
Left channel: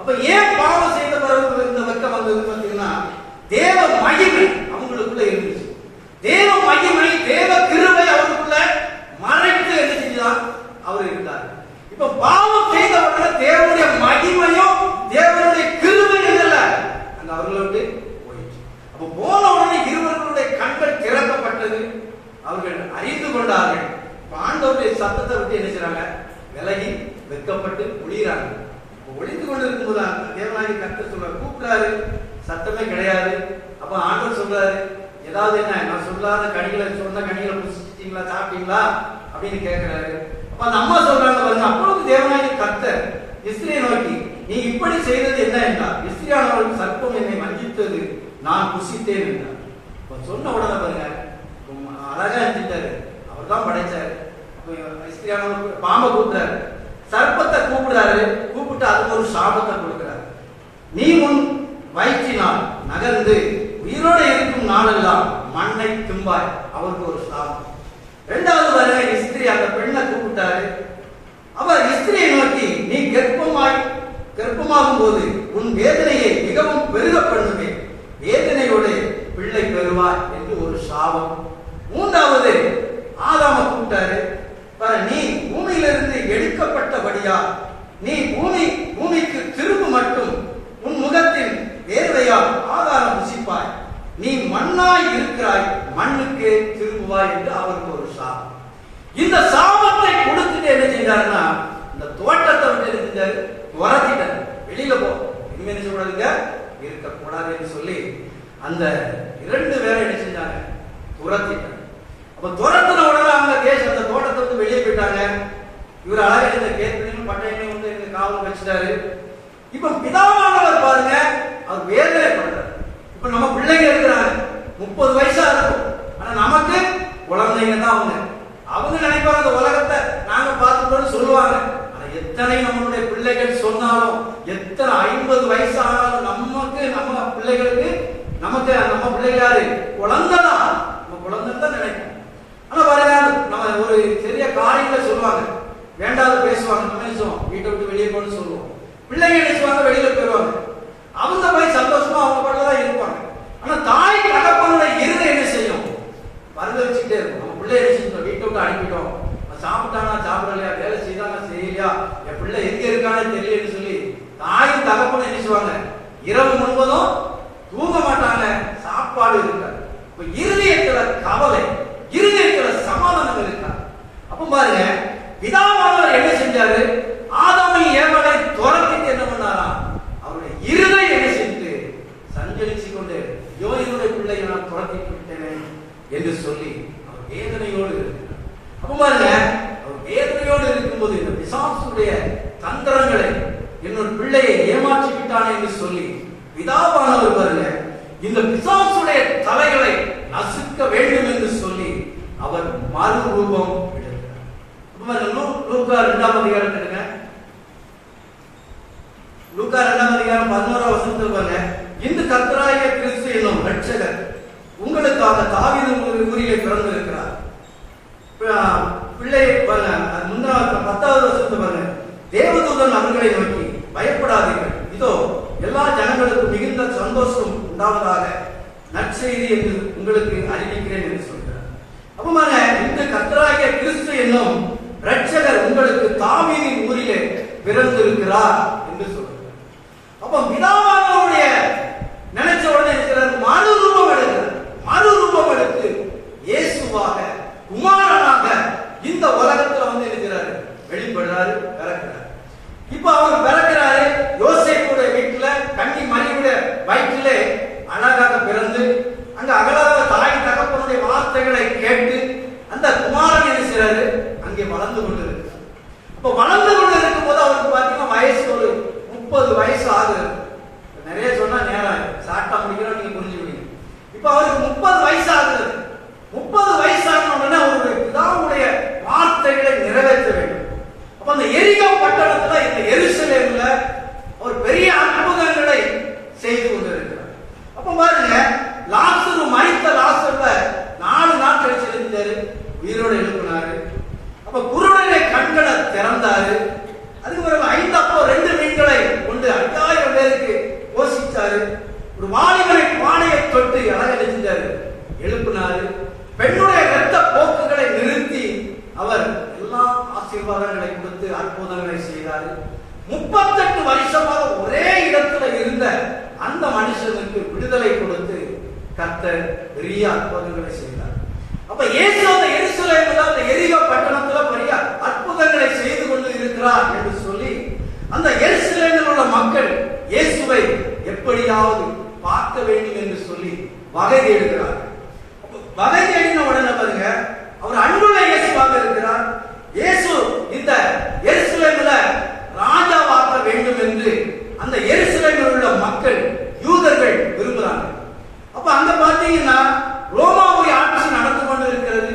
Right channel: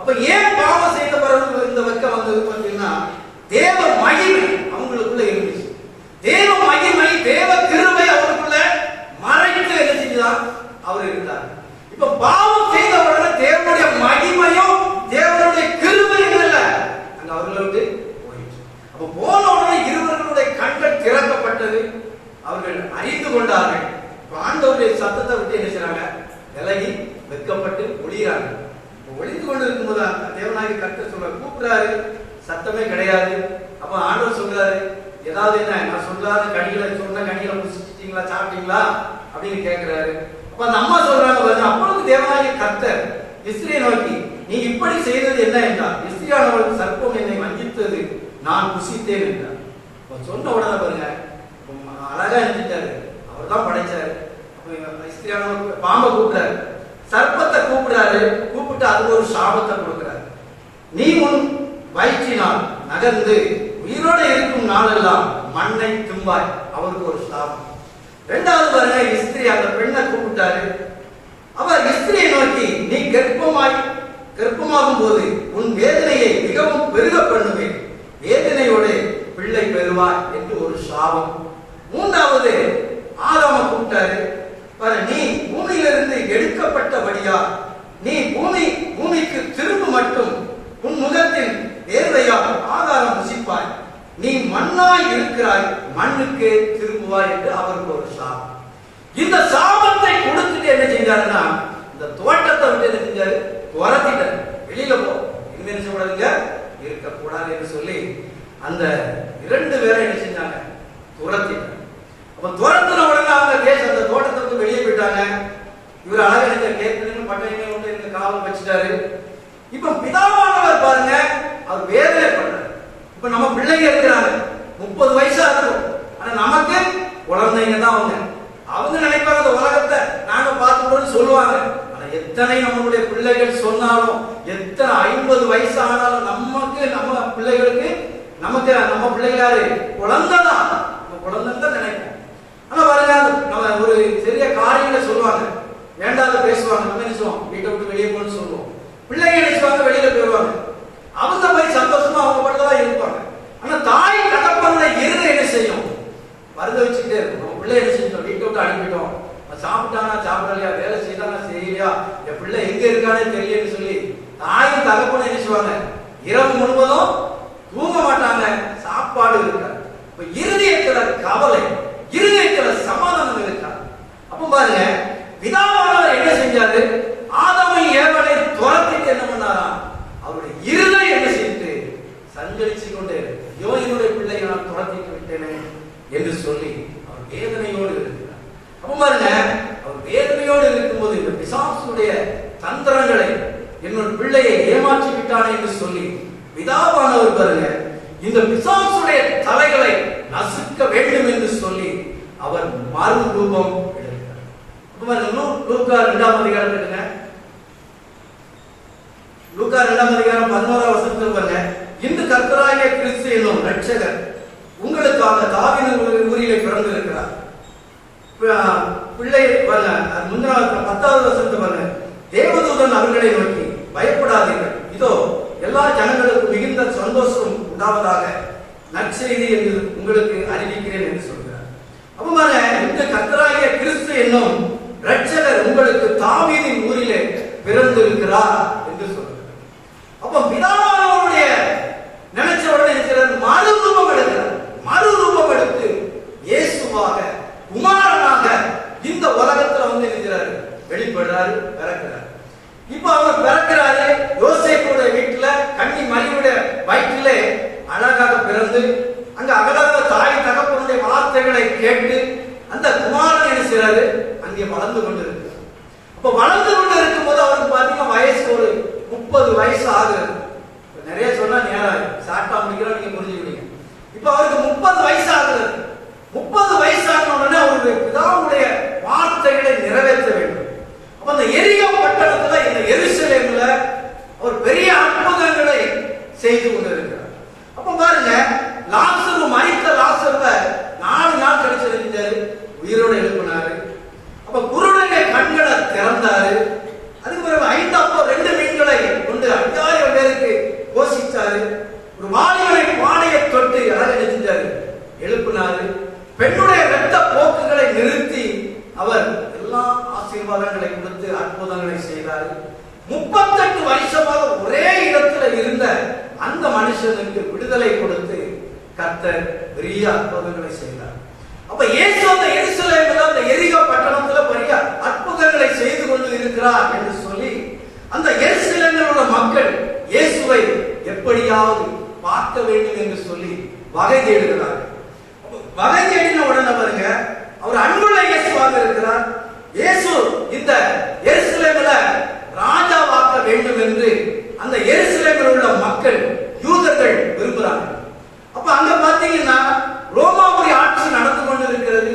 அப்ப ஏன் பாவம் செய்த பிறகு இந்த வெட்கம் வந்தது அப்படின்னா தேவ மகிமை அவங்களுக்குள்ள இருந்துச்சு. தேவ மகிமை தேவ கிருபை அவருக்குள்ள மறைத்து என்ன செஞ்சுதான் அவர் இருந்தார். இப்ப பாவம் செய்த உடனே தேவனுடைய மகிமையும் தேவனுடைய கிருபையும் இல்ல அங்க அவர்களுக்கு போயிடுச்சு. அப்ப போன உடனே இருவர்களுடைய கண்கள் திறக்கப்பட்டது, அவர்கள் அறிந்து கொண்டார்கள். ஆண்டவருடைய சத்தத்தை விட்டு என்ன செய்றாங்க, விலகி வெட்கப்பட்டு ஒளிகிறாங்க. ஒளிந்து கொண்டு இருக்கும்போது தேவனாகி கர்த்தர் சொல்றாரு, கூப்பிடுறாரு, சத்தமே கிடையாது. அப்ப ஆண்டவர் சொல்றாரு, ஏதாவது என்ன நான் சொல்லாத கனிகளை சொன்ன கனிகளை புசிச்சிட்டீங்களா, சாப்பிட்டீங்களா அப்படின்னு கேட்கிறாரு. அப்ப அந்த அம்மா சொல்றாங்க, அப்பொழுது தேவனாகி கர்த்தர் இஸ்ரேலை நோக்கி, நீ இப்படி செய்தது என்ன என்றார். இஸ்ரேலானவர்களுக்கு சர்ப்பம் என்னை வஞ்சித்தது, நான் புசித்தேன் என்றார். சொன்ன உடனே பாருங்க அழகா இருந்துட்டாரு, அவர் தான் படைச்சாரு. இஸ்ரேலானவர் பாம்பை கூப்பிடாரு, சர்ப்பத்தை கூப்பிடாரு, கூப்பிட்டு அதுக்கு ஒரு சாபத்தை கொடுக்கிறார். நீ உன் வயிற்றினால் நகர்ந்து உயிரோடு இருக்கும் நாளெல்லாம் மண்ணை திம்பாய். அவருக்கு ஒரு சாபம். இரண்டாவது வர இஸ்திரி அந்த பெண்ணை கூப்பிட்டாரு. அவர் இஸ்திரியை நோக்கி, நீ கர்ப்பமாகும் போது உன் வேதனையை மிகவும் பெருக பண்ணுவேன், வேதனையோடு பிள்ளை பெறுவாய் என்று ஒரு சாபம். மூன்றாவது ஆதாம கூப்பிட்டாரு, நீ பூமியிலிருந்து எடுக்கப்பட்டபடியா நீ பூமிக்கு திரும்ப மட்டும் உன் முகத்தின் வேர்வையால் ஆதாரம் புசிப்பாய், நீ மண்ணாய் இருக்கிறாய், மண்ணுக்கு திரும்புவாய் என்று அவருக்கு ஒரு சாபம். இந்த சாபத்தை கொடுத்துட்டு என்ன செஞ்சாருன்னா இந்த தோட்டத்தை விட்டு என்ன செஞ்சாரு, துரத்திட்டாரு. வெளியில போ, இனிமே என்ன செய்யக்கூடாதுங்க, இருக்கக்கூடாது என்று சொல்லி அந்த 2 பேரை என்ன செஞ்சாங்க, துரத்திட்டாங்க. அப்ப துரத்தின உடனே அவங்க அந்த தோட்டத்தை விட்டு வெளியே போயிட்டாங்க. இவர் அழகா இந்த கேட்கணும் பட்டையினையும் கொண்டு இந்த காவல் வச்சுட்டாரு. இப்ப பிதாவானவர் பாருங்க, அவர் வேதனை பண்றாரு. இப்ப நம்ம பிள்ளைங்க இருக்கிறாங்க, 30 வயசா இருக்கும், ஆனா நமக்கு குழந்தைங்க தான். அவங்க நினைப்பாங்க அந்த உலகத்தை நாங்க பார்த்துட்டோம்னு சொல்லுவாங்க. ஆனா எத்தனை நம்மளுடைய பிள்ளைகள் சொன்னாலும், எத்தனை 50 வயசு ஆனாலும் நமக்கு நம்ம பிள்ளைகளுக்கு நமக்கு நம்ம பிள்ளைகாரு குழந்தைதான், நம்ம குழந்தை தான் நினைப்போம். ஆனா பாருங்க நம்ம ஒரு பெரிய காரியங்களை சொல்லுவாங்க, வேண்டாத பேசுவாங்க, நம்ம நினைச்சோம் வீட்டை விட்டு வெளியே போன்னு சொல்லுவோம். பிள்ளைங்க நினைச்சுவாங்க வெளியில போயிடுவாங்க, அவங்க போய் சந்தோஷமா அவங்க பட்டதான் இருப்பாங்க. ஆனா தாய் தகப்பன இருந்த என்ன செய்யும், வருத வச்சுக்கிட்டே இருக்கும். நம்ம பிள்ளை என்ன செஞ்சோம், வீட்டை விட்டு அனுப்பிட்டோம், சாப்பிட்டானா சாப்பிடலையா, வேலை செய்தானா செய்யலையா, என் பிள்ளை எங்க இருக்கானே தெரியலன்னு சொல்லி தாய் தகப்பன என்ன செய்வாங்க, இரவு முழுவதும் தூங்க மாட்டாங்க, சாப்பாடு இருக்காது. இப்ப இருதயத்துல கவலை, இருதயத்துல சமாதானம் இருக்காது. அப்ப பாருங்க பிதாவானவர் என்ன செஞ்சாரு, ஆதாமை ஏவலை துரத்திட்டு என்ன பண்ணாரா, அவருடைய இருதயம் என்ன செய்து சஞ்சரிச்சு கொண்டு யோனியுடைய பிள்ளையை நான் துரத்திட்டு விட்டேன் என்று சொல்லி அவர் வேதனையோடு இருக்கிறார். அப்ப பாருங்க அவர் வேதனையோடு இருக்கும்போது இந்த பிசாசுடைய தந்திரங்களை என்னோட பிள்ளையை ஏமாற்றி விட்டானே என்று சொல்லி பிதாவானவர் பாருங்க இந்த பிசாசுடைய தலைகளை நசுக்க வேண்டும் என்று சொல்லி அவர் மறு ரூபம் எடுக்கிறார். லூக்கா 2ஆம் அதிகாரம் எடுங்க. லூக்கா 2ஆம் அதிகாரம் 11ஆம் வசனத்தில் பாருங்க, இன்று கர்த்தராகிய கிறிஸ்து என்னும் இரட்சகர் உங்களுக்காக தாவீது ஊரிலே பிறந்திருக்கிறார். பிள்ளை பாருங்க, முந்தினாவது 10வது வசனத்தை பாருங்க, தேவதூதன் அவர்களை நோக்கி பயப்படாதீர்கள், இதோ எல்லா ஜனங்களுக்கும் மிகுந்த சந்தோஷம் உண்டாவதாக நற்செய்தி என்று உங்களுக்கு அறிவிக்கிறேன் என்று சொல்கிறார். அப்ப இந்த கர்த்தராகிய கிறிஸ்து என்னும் இரட்சகர் உங்களுக்கு தாவீதின் ஊரிலே பிறந்திருக்கிறார் என்று சொல்கிறார். அப்ப பிதாவானவருடைய நினைச்ச உடனே மறுரூபம் எடுக்கிறார். மறுரூபம் எடுத்து இயேசுவாக குமாரனாக இந்த உலகத்துல இருக்கிறாரு, வெளிப்படுறாரு, பிறக்கிறார். இப்ப அவர் பிறக்கிறாரு, யோசேப்புடைய வீட்டுல கன்னி மரியுடைய வயிற்றிலே அழகாக பிறந்து அங்க அகலாத தாய் தகப்பனுடைய வார்த்தைகளை கேட்டு அந்த குமாரன் என்ன செய்யறாரு, அங்கே வளர்ந்து கொண்டிருக்கிறார். இப்ப வளர்ந்து கொண்டு இருக்கும் போது அவருக்கு பாத்தீங்கன்னா வயசு ஒரு 30 வயசு ஆகுது. நிறைய சொன்னா நேரம் சாட்டா முடிக்கிறோம், நீங்க புரிஞ்சுக்கிட்டீங்க. இப்ப அவருக்கு 30 வயசு ஆகுது. 30 வயசு ஆன உடனே அவருடைய பிதாவுடைய வார்த்தைகளை நிறைவேற்ற வேண்டும். அப்ப அந்த எரிகோ பட்டணத்துல, இந்த எருசலேம்ல அவர் பெரிய அற்புதங்களை செய்து கொண்டிருக்கிறார். அப்ப பாருங்க, லாசரு மரித்த லாசருவ 4 நாள் கழிச்சு இருந்தாரு, உயிரோடு எழுப்பினாரு. அப்ப குருடனை கண்களை திறந்தாரு. அதுக்கு பிறகு 5 அப்போ 2 மீன்களை கொண்டு 5000 பேருக்கு போஷிச்சாரு. ஒரு வாலிபரை பானையை தொட்டு அழகழிச்சாரு, எழுப்பினாரு. பெண்ணுடைய இரத்த போக்குகளை நிறுத்தி அவர் எல்லா ஆசீர்வாதங்களை கொடுத்து அற்புதங்களை செய்தார். 38 வருஷமாக ஒரே இடத்துல இருந்த அந்த மனுஷனுக்கு விடுதலை கொடுத்து கர்த்தர் பெரிய அற்புதங்களை செய்தார். அப்ப இயேசு அந்த எருசலேமில் அந்த எரிகோ பட்டணத்துல பெரிய அற்புதங்களை செய்து கொண்டு இருக்கிறார் என்று சொல்லி அந்த எருசலேமில் உள்ள மக்கள் இயேசுவை எப்படியாவது பார்க்க வேண்டும் என்று சொல்லி வகை தேடுகிறார். வகை தேடின உடனே பாருங்க, அவர் அன்புள்ள இயேசுவாக இருக்கிறார். இயேசு இந்த எருசலேமில் ராஜாவாக்க வேண்டும் என்று அந்த எருசலேமில் உள்ள மக்கள் யூதர்கள் விரும்புகிறாங்க. அப்ப அங்க பாத்தீங்கன்னா ரோமாவுடைய ஆட்சி நடந்து கொண்டு இருக்கிறது.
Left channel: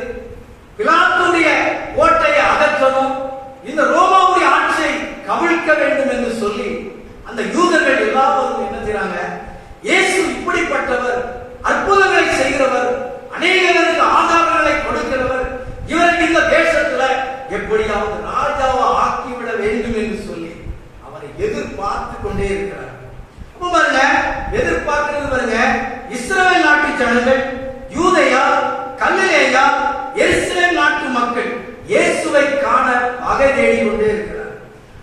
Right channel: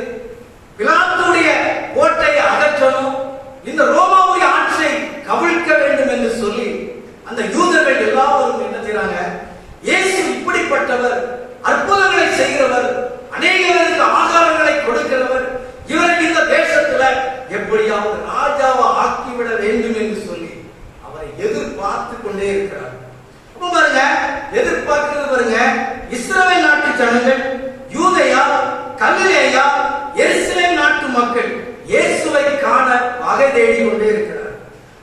பிலாத்துடைய கோட்டையை அகற்றணும், இந்த ரோமாவுடைய ஆட்சியை கவிழ்க்க வேண்டும் என்று சொல்லி அந்த யூதர்கள் எல்லாரும் என்ன செய்றாங்க, இயேசு இப்படிப்பட்டவர், அற்புதங்களை செய்கிறவர், அநேகருக்கு ஆகாரங்களை கொடுக்கிறவர், இவருக்கு இந்த தேசத்துல எப்படியாவது ராஜாவை ஆக்கிவிட வேண்டும் என்று சொல்லி அவரை எதிர்பார்த்து கொண்டே இருக்கிறார். அப்ப பாருங்க, எதிர்பார்க்கிறது பாருங்க, இஸ்ரவேல் நாட்டு ஜனங்கள், யூதேயா, கலிலேயா, எருசலேம் நாட்டு மக்கள் இயேசுவை காண வகை தேடி கொண்டே இருக்கிறார்.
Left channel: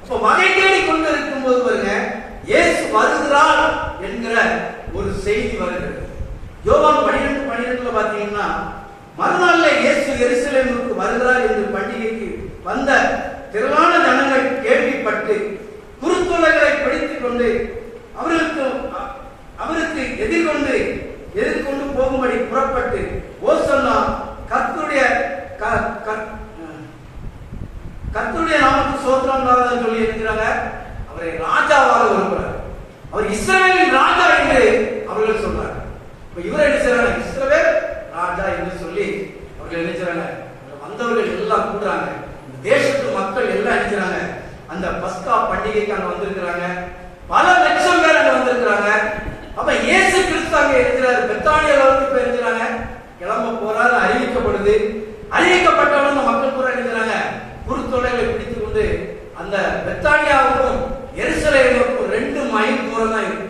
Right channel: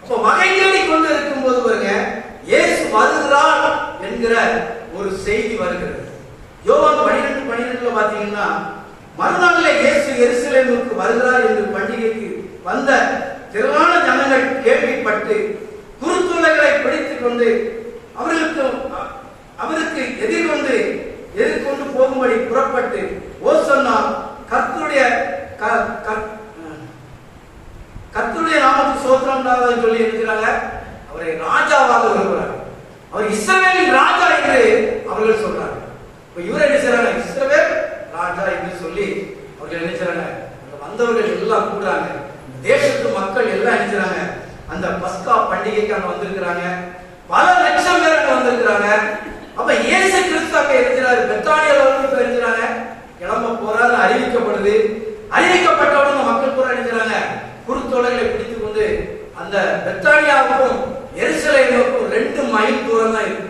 அப்ப வகை தேடி கொண்டு இருக்கும் போது பாருங்க, இயேசு வருகிறார் என்கிற ஒரு செய்தி வருகிறது. யோவான் 12:12 பாத்தீங்கன்னா, மறுநாள்ல இயேசு எருசலேமுக்கு வருகிறார் என்று பண்டிகைக்கு வந்த திரளான ஜனங்கள் கேள்விப்பட்டு குருத்தோலைகளை பிடித்துக் கொண்டு அவருக்கு எதிர்கொண்டு போகும்படி புறப்பட்டு ஓசன்னா கர்த்தருடைய நாமத்துக்கு ஸ்தோத்திரம் உண்டாவதாக சொல்லி இருக்கிறாங்க. அவரை ராஜாவாக விரும்புகிறார். அவர் இஸ்ரவேலின் ராஜா என்று அவர்கள் சொல்றாங்க. இவர் என்ன செய்றாங்க, இஸ்ரவேல் ராஜா என்று சொல்லி அவர்கள் என்ன செய்றாங்க, வந்தவர்கள் எல்லாம் கூடுறாங்க. தேசத்து மக்கள் எல்லாம் என்ன செய்றாங்க, அந்த பஸ்கா பண்டிகைக்கு அங்க வந்திருக்கிறாங்க. பல லட்சம் பேர் அங்க வந்திருக்கிறாங்க. அப்ப இயேசு கிறிஸ்து அங்க இருக்கிறாரு, பெத்தானியால வந்து இருக்கிறாங்க. கிளம்ப போறாரு அறிவிக்கப்படுது. அறிவிக்கப்பட்டவுடன் மக்கள் பூரா இருக்கிறாங்க, குருத்தோலைகளை பிடித்துக் கொண்டு அந்த பெத்தானியாவுக்கும் எருசலேமுக்கும் 2 மைல் தூரம் தான் இருக்கு.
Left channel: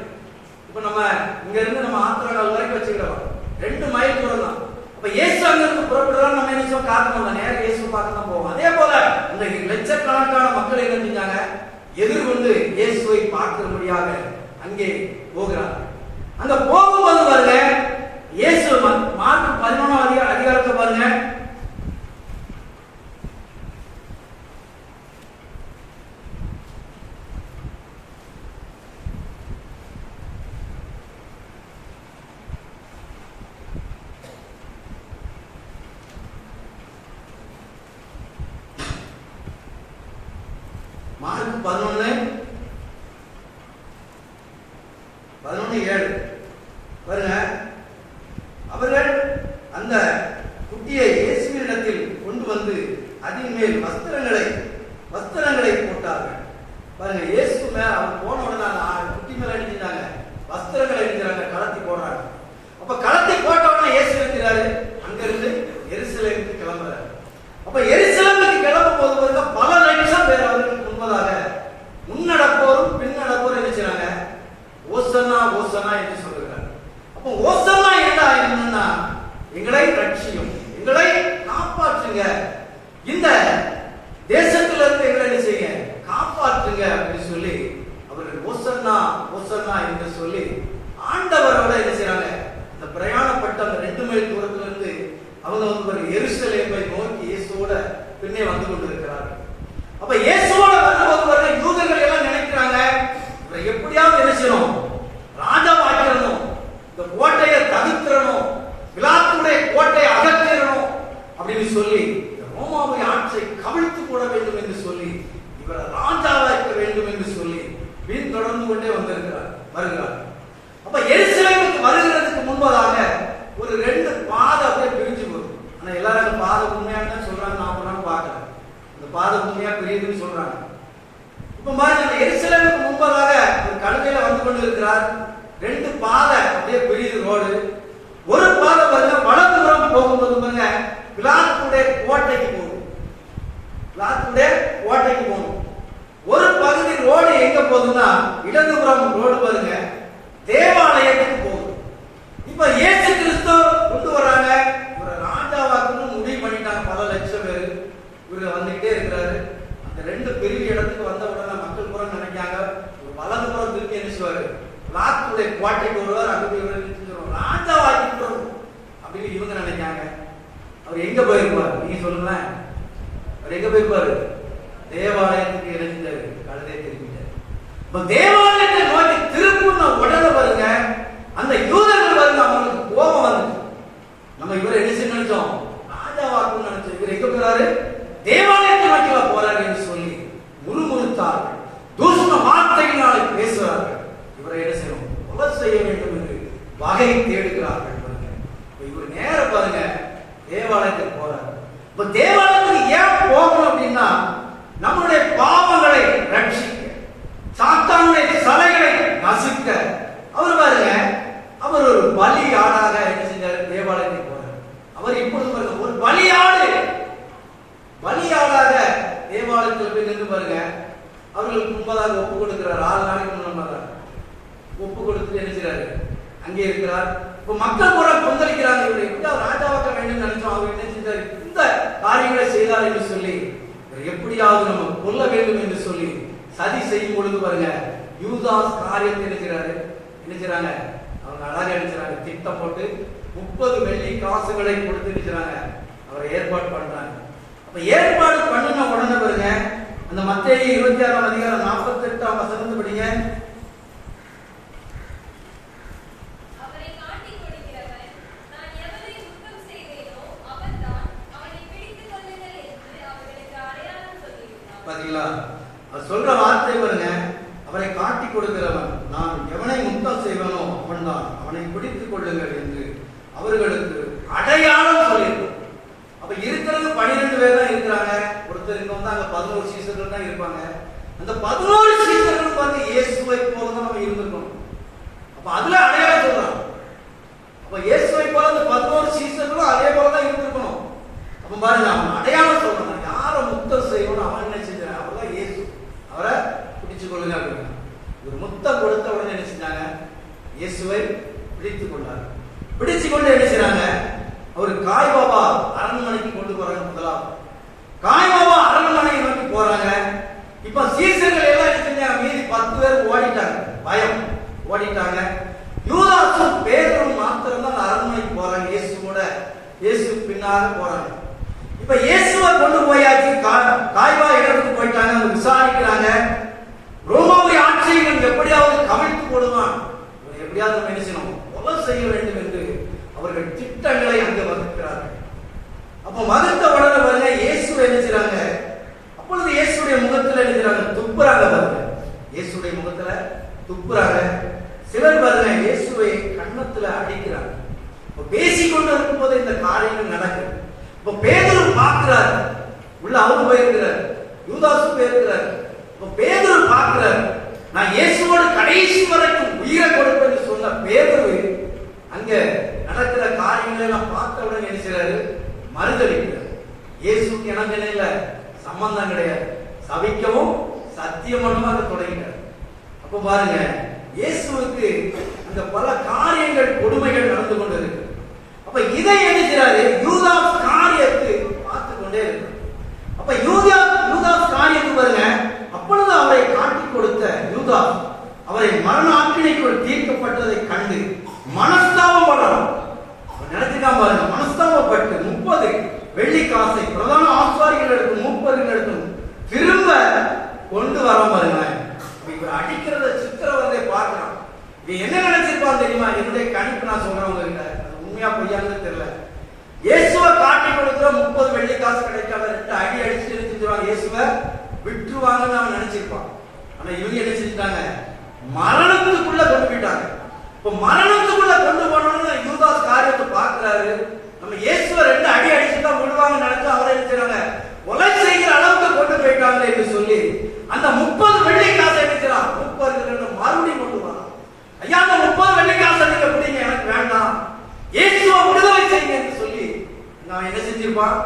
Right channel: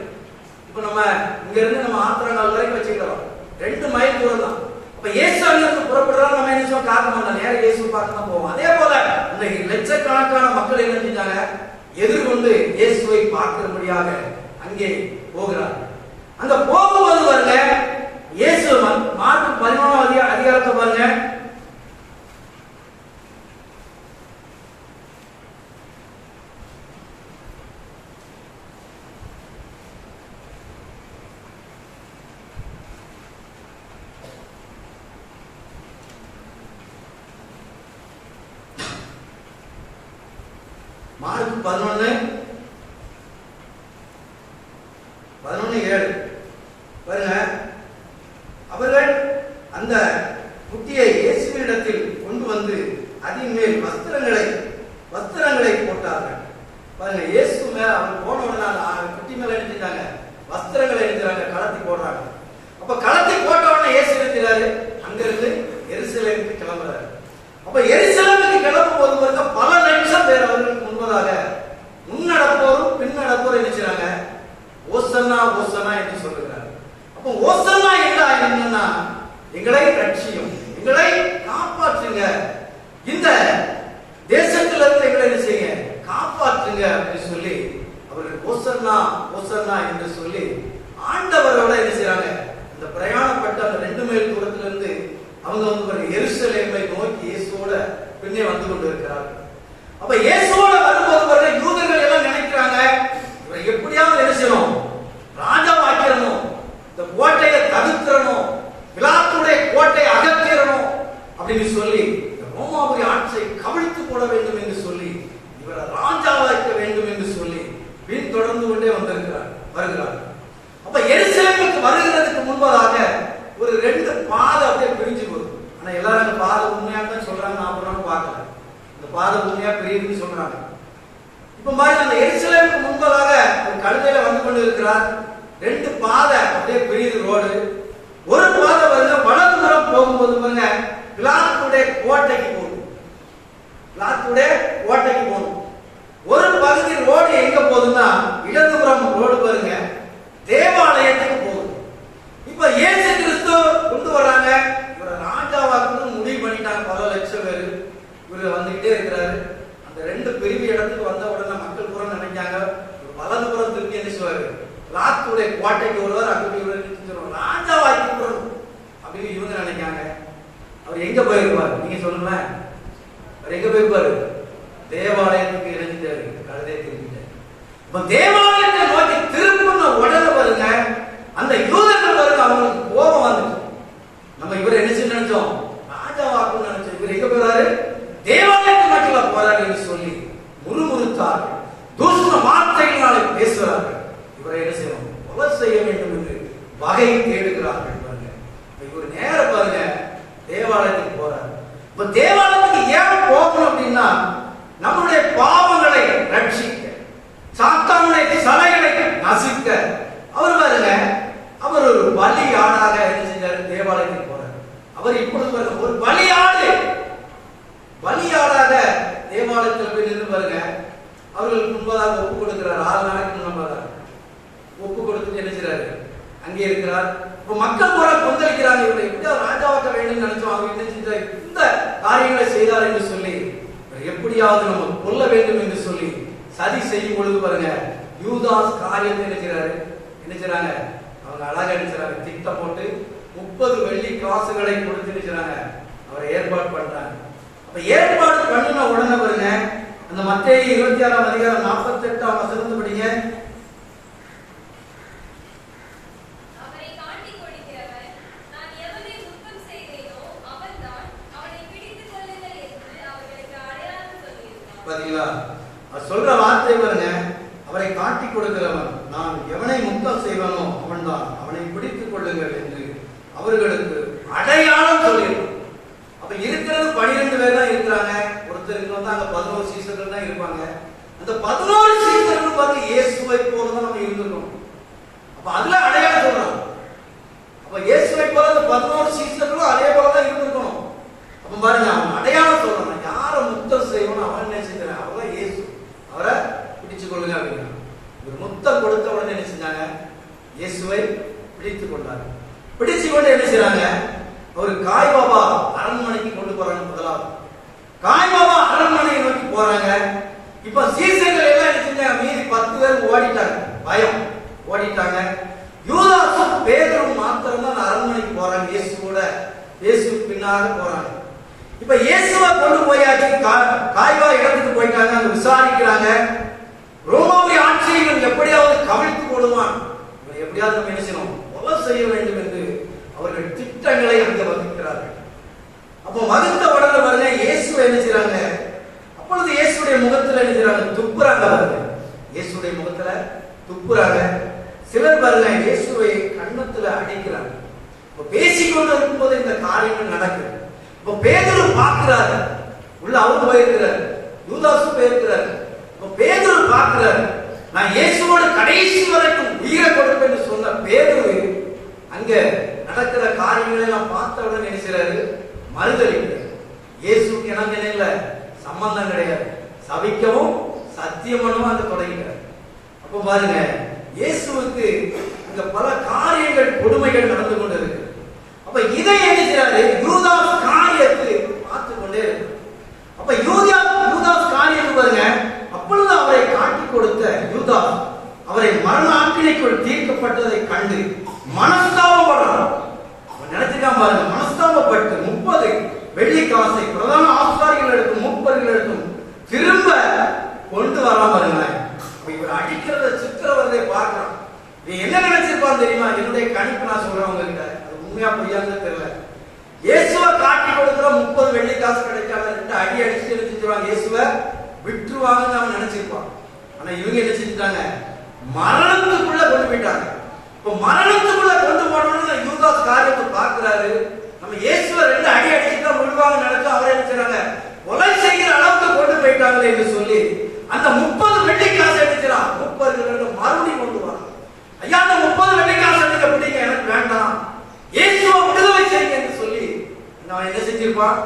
இப்ப நம்ம இங்க இருந்து நம்ம ஆத்திரங்கள் வரைக்கும் வச்சுக்கலாம், 2 மைல் தூரம் தான். அப்ப இயேசு அங்கிருந்து புறப்படுறோம், நம்ம என்ன செய்வோம், காரணம் நேரம் இயேசு பார்க்க தான் போவோம். அதே போல இந்த லட்சக்கணக்கான மக்கள் என்ன செஞ்சாங்க, எதிர்கொண்டு இயேசுவை பார்க்கிறபடியாக அங்கே போகிறார். அங்க போகும்போது பாருங்க, இயேசு மார்க்கு 13 அதிகாரத்தை பாருங்க, மார்க்கு 11:7 பாருங்க. அவர்கள் அந்த குட்டியை இயேசுவினிடத்தில் கொண்டு வந்து அதன் மேல் வஸ்திரங்களை போட்டார்கள். பாருங்க, இயேசு மேல அவர் போன உடனே குட்டி மேல எழுதிட்டாங்க, வஸ்திரங்களை எழுதுறாங்க, கலத்தி போடுறாங்க. அப்ப கலத்தி போட்ட உடனே இயேசு எழுதுறாரு, அங்கிருந்து எருசலேமுக்கு கிளம்புறாரு. அப்ப எருசலேமுக்கு கிளம்பும் போது பல லட்சம் பேர் அவர்களுக்கு முன்பதாக முன்னடப்போரும் பின்னடப்போரும் என்ன செய்றாங்க, ஓசன்னா ஓசன்னா என்று சொல்லுகிறார். அப்போ ஓசன்னா என்னன்னா, எங்களை ரட்சியும், எங்களை காப்பாற்றுங்க, இந்த தேசத்துல இருந்து எங்களை என்ன செய்யுங்க, காப்பாற்றுங்க அப்படின்னு சொல்லி அவர்கள் ஓசன்னா ஓசன்னா என்று சொல்லி ஆண்டவரோட என்ன செய்றாங்க, இந்த பிரயாணப்பட்ட அந்த 2 மைல் தூரத்துல இருந்து அவங்க வந்து எருசலேமை நோக்கி இயேசுவோட பின்னே வந்து கொண்டு இருக்கிறார்கள். அப்ப இயேசுவோட வரும்போது யூதர்கள் எல்லாம் நினைக்கிறாங்க, இவரை எப்படியாவது என்ன செய்யணும், ராஜாவாக்கணும், இந்த கோட்டையை தடுக்கிறணும், பிலாத்துடைய கோட்டையை அகற்றிடணும் அப்படின்னு சொல்லி ரோமாவுடைய ஆட்சியை கவிழ்த்து போட வேண்டும் என்று சொல்லி பிரியுதுன்னு சொல்றாங்க. இப்ப பாருங்க, அந்த எருசலேமுக்கு முன்பதாக ஒரு கழுதையில வந்து கொண்டு இருக்கிறார். 2 பாதை அப்படியே பிரியுது ரோடு. ஒரு பாதை பாருங்க வலதுபுறம் போகும்போது பாருங்க பிலாத்துடைய கோட்டைக்கு போகுது. பிலாத்துடைய கோட்டைக்கு போகும். ஒரு பகுதி ரோடு எங்க போகுதுன்னா இடதுபுறம் ரோடு பாருங்க தேவாலயத்துக்கு போகுது. இப்ப இயேசு கிறிஸ்து கொண்டு வராங்க. இவரை ராஜாவாக்குன்னு முடிவு பண்ணிட்டாங்க. பல லட்சம் பேர் இவரு வந்துகிட்டே இருக்கிறாரு. அந்த 2 பெரிய இடத்துக்கு வந்த உடனே மக்கள் பூரா நினைக்காங்க வலதுபுறத்துக்கு என்ன செய்வாரு, பிலாத்துடைய கோட்டைக்கு வருவார். அங்க போய் ராஜாவாக்கி அப்படின்னு இவங்க நினைக்காங்க. அவர் எங்க போயிருப்பாரு நீங்க சொல்லுங்களேன்? அவர் எங்க போயிருப்பாரு? தேவாலயத்துக்கு இறங்கிட்டாரு. கழுதையை திரும்பிட்டாரு. இப்ப தேவாலயத்தை நோக்கி திரும்பின உடனே பாருங்க அந்த யூதர்கள் பாருங்க அவங்களுக்கு கோபம் வந்துச்சு. நம்ம இவர் என்ன செய்ய நினைச்சோம்? ராஜாவாக்குன்னு நினைச்சோம். இவர் எங்க போறாரு? தேவாலயத்தை நோக்கி போறாரு என்று சொல்லி முறுமுறுத்தார். தூஷண வார்த்தைகளால் பேசுகிறார்கள். இவரை என்ன செய்யணும்? கொலை செய்ய வேண்டும் என்று வகை தேடுகிறார்கள். இவர் நேர பாருங்க தேவாலயத்துக்கு போறாரு. இப்ப தேவாலயத்துக்கு ஏன் போகணும் அப்படின்னா நம்முடைய பாவங்களை ரட்சிக்க, சாத்தானுடைய சலைகளை நசுக்க அவர் பாருங்க அவர் ஒரு பலியாடாக என்ன செஞ்சாரு? தேவாலயத்துக்கு போறார். அவர் இப்பொழுது பாருங்க ஒரு பலியாடாக தேவாலயத்தில் போய் நின்று பாருங்க அவர்களுக்கு முன்பதாக ஒப்பு கொடுக்கிறார். 6 நாளைக்கு முன்னதாக ஒப்பு கொடுத்து என்ன செய்றாரு? அங்கே இருக்கிறார். மக்கள் கூட கொந்தளிக்கிறாங்க. இவரை எப்படி ராஜாவாக்க வேண்டும் நினைச்சோம். அவர் என்ன செஞ்சார்? இந்த காரியங்களை செய்தார் என்று சொல்லி எப்படியாவது நம்ம கொல்ல வேண்டும் என்று சொல்லி சதி செய்யும் பொழுது பாருங்க யூதாஸ் காரியத்தை என்ன செய்றாங்க? அவங்க அழகா நினைச்சாங்க. திட்டம் போட்டு 30 வெள்ளி காசுகளை கொடுத்து நினைச்சாங்க. அவரை ஏற்பாடு பண்றாங்க. அப்ப ஏற்பாடு பண்ணின உடனே பாருங்க அந்த மத்தேயு 26ஆம் அதிகாரம் 48ஆம் வசனத்தை படிங்க. பாத்தீங்களா? அவர் சொல்ற வார்த்தை பாருங்க, அவரை காட்டி கொடுக்கிறவன் நான் எவனை முத்தம் செய்வனோ அவன் தான், அவனை பிடித்துக் கொள்ளுங்கள் என்று அவர்களுக்கு அடையாளம் சொல்லியிருக்கும். அப்ப இருக்கிறது 12 பேர் தான் இருக்கிறாங்க. ஒருத்தர் இங்க வந்து அங்க 11 சீசர்கள் தான் இருப்பாங்க. அந்த 11 சீசர்கள் வந்து இயேசுவை போல தான் நம்ம இருந்திருக்கோம். அப்ப அதுல அடையாளம் சொல்றாங்க. அப்ப இயேசுவை போல 11 சீசர்களும் அதே போல தான் இருந்திருக்கணும். அப்ப பாருங்க அவன் அடையாளம் சொல்றாங்க. யாரை முத்தம் செய்யணும் அவன் என்ன செஞ்சாங்க? அவர்தான் இயேசு. அவரை பிடிச்சு கொள்ளுங்க அப்படின்னா ஒரு முத்தம் கொடுத்த உடனே என்ன செஞ்சாங்க? இயேசுவை பிடித்துக் கொண்டாங்க. பிடிச்சு கொண்டு என்ன செய்றாங்க? அவர் காய்பாபா அரண்மனைக்கு கொண்டு போறாங்க. முதலாவது காய்பாபா அரண்மனை நோக்கி போறாங்க. இப்ப சீசர்கள் எல்லாம் என்ன செஞ்சாங்க? மீதி 10 பேர் ஓடிட்டாங்க. பயம் ஓடிட்டாங்க. யூதாசும் பேதுரும் மாத்திரம் தான் அரண்மனைக்கு போறாங்க. இயேசு பின்னால போறாங்க. இப்ப இயேசுவை கொண்டு போயாச்சு. காய்வா இடத்துக்கு போயிட்டாங்க. அவங்க விசாரிக்கிறாங்க. ரோமாவுடைய ஆட்சியை எப்படியாவது கவிழ்த்து போடுவான், எப்படியாவது நம்ம என்ன செய்யணும்? கொலை செய்ய வேண்டும் என்று அவர்கள் திட்டங்களை அங்கே வகுக்கிறார்கள். அப்ப வகுத்த உடனே பாருங்க இயேசுவை என்ன செய்யறாங்க? அப்பொழுது இயேசுடைய முகத்துல என்ன செய்யறாங்க? துப்புறாங்க. பாருங்க இயேசுடைய முகத்துல துப்புறாங்க. சிலர் பாருங்க இயேசுவை கன்னத்துல அடிக்கிறாங்க. இப்ப பேசிக்கொண்டு இருக்கும்போது இந்த காரியங்கள் நடக்குது. இப்ப பேதுரு பார்க்கிறாரு. உள்ள அவரு போயிருக்கிறார். யூதாசு போயிருக்கிறார். இப்ப பேதுரு பார்க்கிறார். நான் இயேசுவோட கடைசி வரைக்கும் உயிரை கொடுப்பேன்னு சொன்ன பேதுரு அங்க நடக்கிற காரியங்களை எல்லாம் பார்த்த உடனே என்ன செய்றாரு? மறுதளிக்கிறார். இயேசுக்கு எனக்கு இல்ல சம்பந்தம் கிடையாது. சபிக்கவும் சத்தியம் பண்ணுமா அது தொடங்கிறார். அப்ப பாருங்க இயேசுவுக்கு இந்த பல காரியங்கள் கொடுமைகள் நடந்து கொண்டு இருக்கு. அப்ப இதை என்ன செய்றாரு? யூதாஸ் காரியத்தை பார்த்து கொண்டே இருக்கு. அப்ப யூதாஸ் காரியத்துக்கு பாருங்க அப்பொழுது அவரை காட்டி கொடுத்த யூதாஸ் அவரை மரண ஆக்கினைக்குள் தீர்க்கப்பட்டதை கண்டு மனஸ்தாபப்படலாம். நினைச்சுதான் பாருங்க மனஸ்தாபப்பட்டு 30 வெள்ளி காசை பிரதான ஆசாரிகள் எடுக்கும் 30 எடுக்கும் திரும்ப கொண்டு வரலாம் பாருங்க. இவர் அடிக்கிறத சித்திரவதை பார்க்கலாம். என்ன நினைச்சிருப்பாங்க தெரியுமா? என்னுடைய கணிப்பு நான் சொல்றேன் உங்ககிட்ட, அது உண்மையா பொய்யான்னு தெரியல. இயேசுவை காட்டி கொடுக்கிற 30 வெள்ளி காசு கிடைக்காத 2 அடி அடிச்சுட்டு நினைச்சிருவாங்க. இயேசுவை விட்டுருவாங்கன்னு அவன் நினைச்சிருப்பான். ஆனா இவங்க என்ன செஞ்சுட்டாங்க? மரணத்துக்குள்ள கொண்டு போயிட்டாங்க. இப்ப மரணத்துக்குள்ள கொண்டு போனோம்னு யூதாஸ் காரியத்தை பார்க்கிறாரு. நம்ம இயேசுவை 2 அடி அடிச்சுதான் விடுவாங்கன்னு நினைச்சு அவரை என்ன செய்றாங்க? கொலை செய்கிற அளவுக்கு கொண்டு போயிட்டாங்களே என்று சொல்லி அந்த 30 வெள்ளி காசு எடுக்கிறான். 30 மறுபடியும் கொண்டு வரான். ஐயா, அந்த 30 வெள்ளி காசு எடுக்க முடியுங்க, எனக்கு வேண்டாம், இயேசுவை விடுதலை செய்யுங்க என்று சொல்லி நான் என்ன செஞ்சிருப்பான்?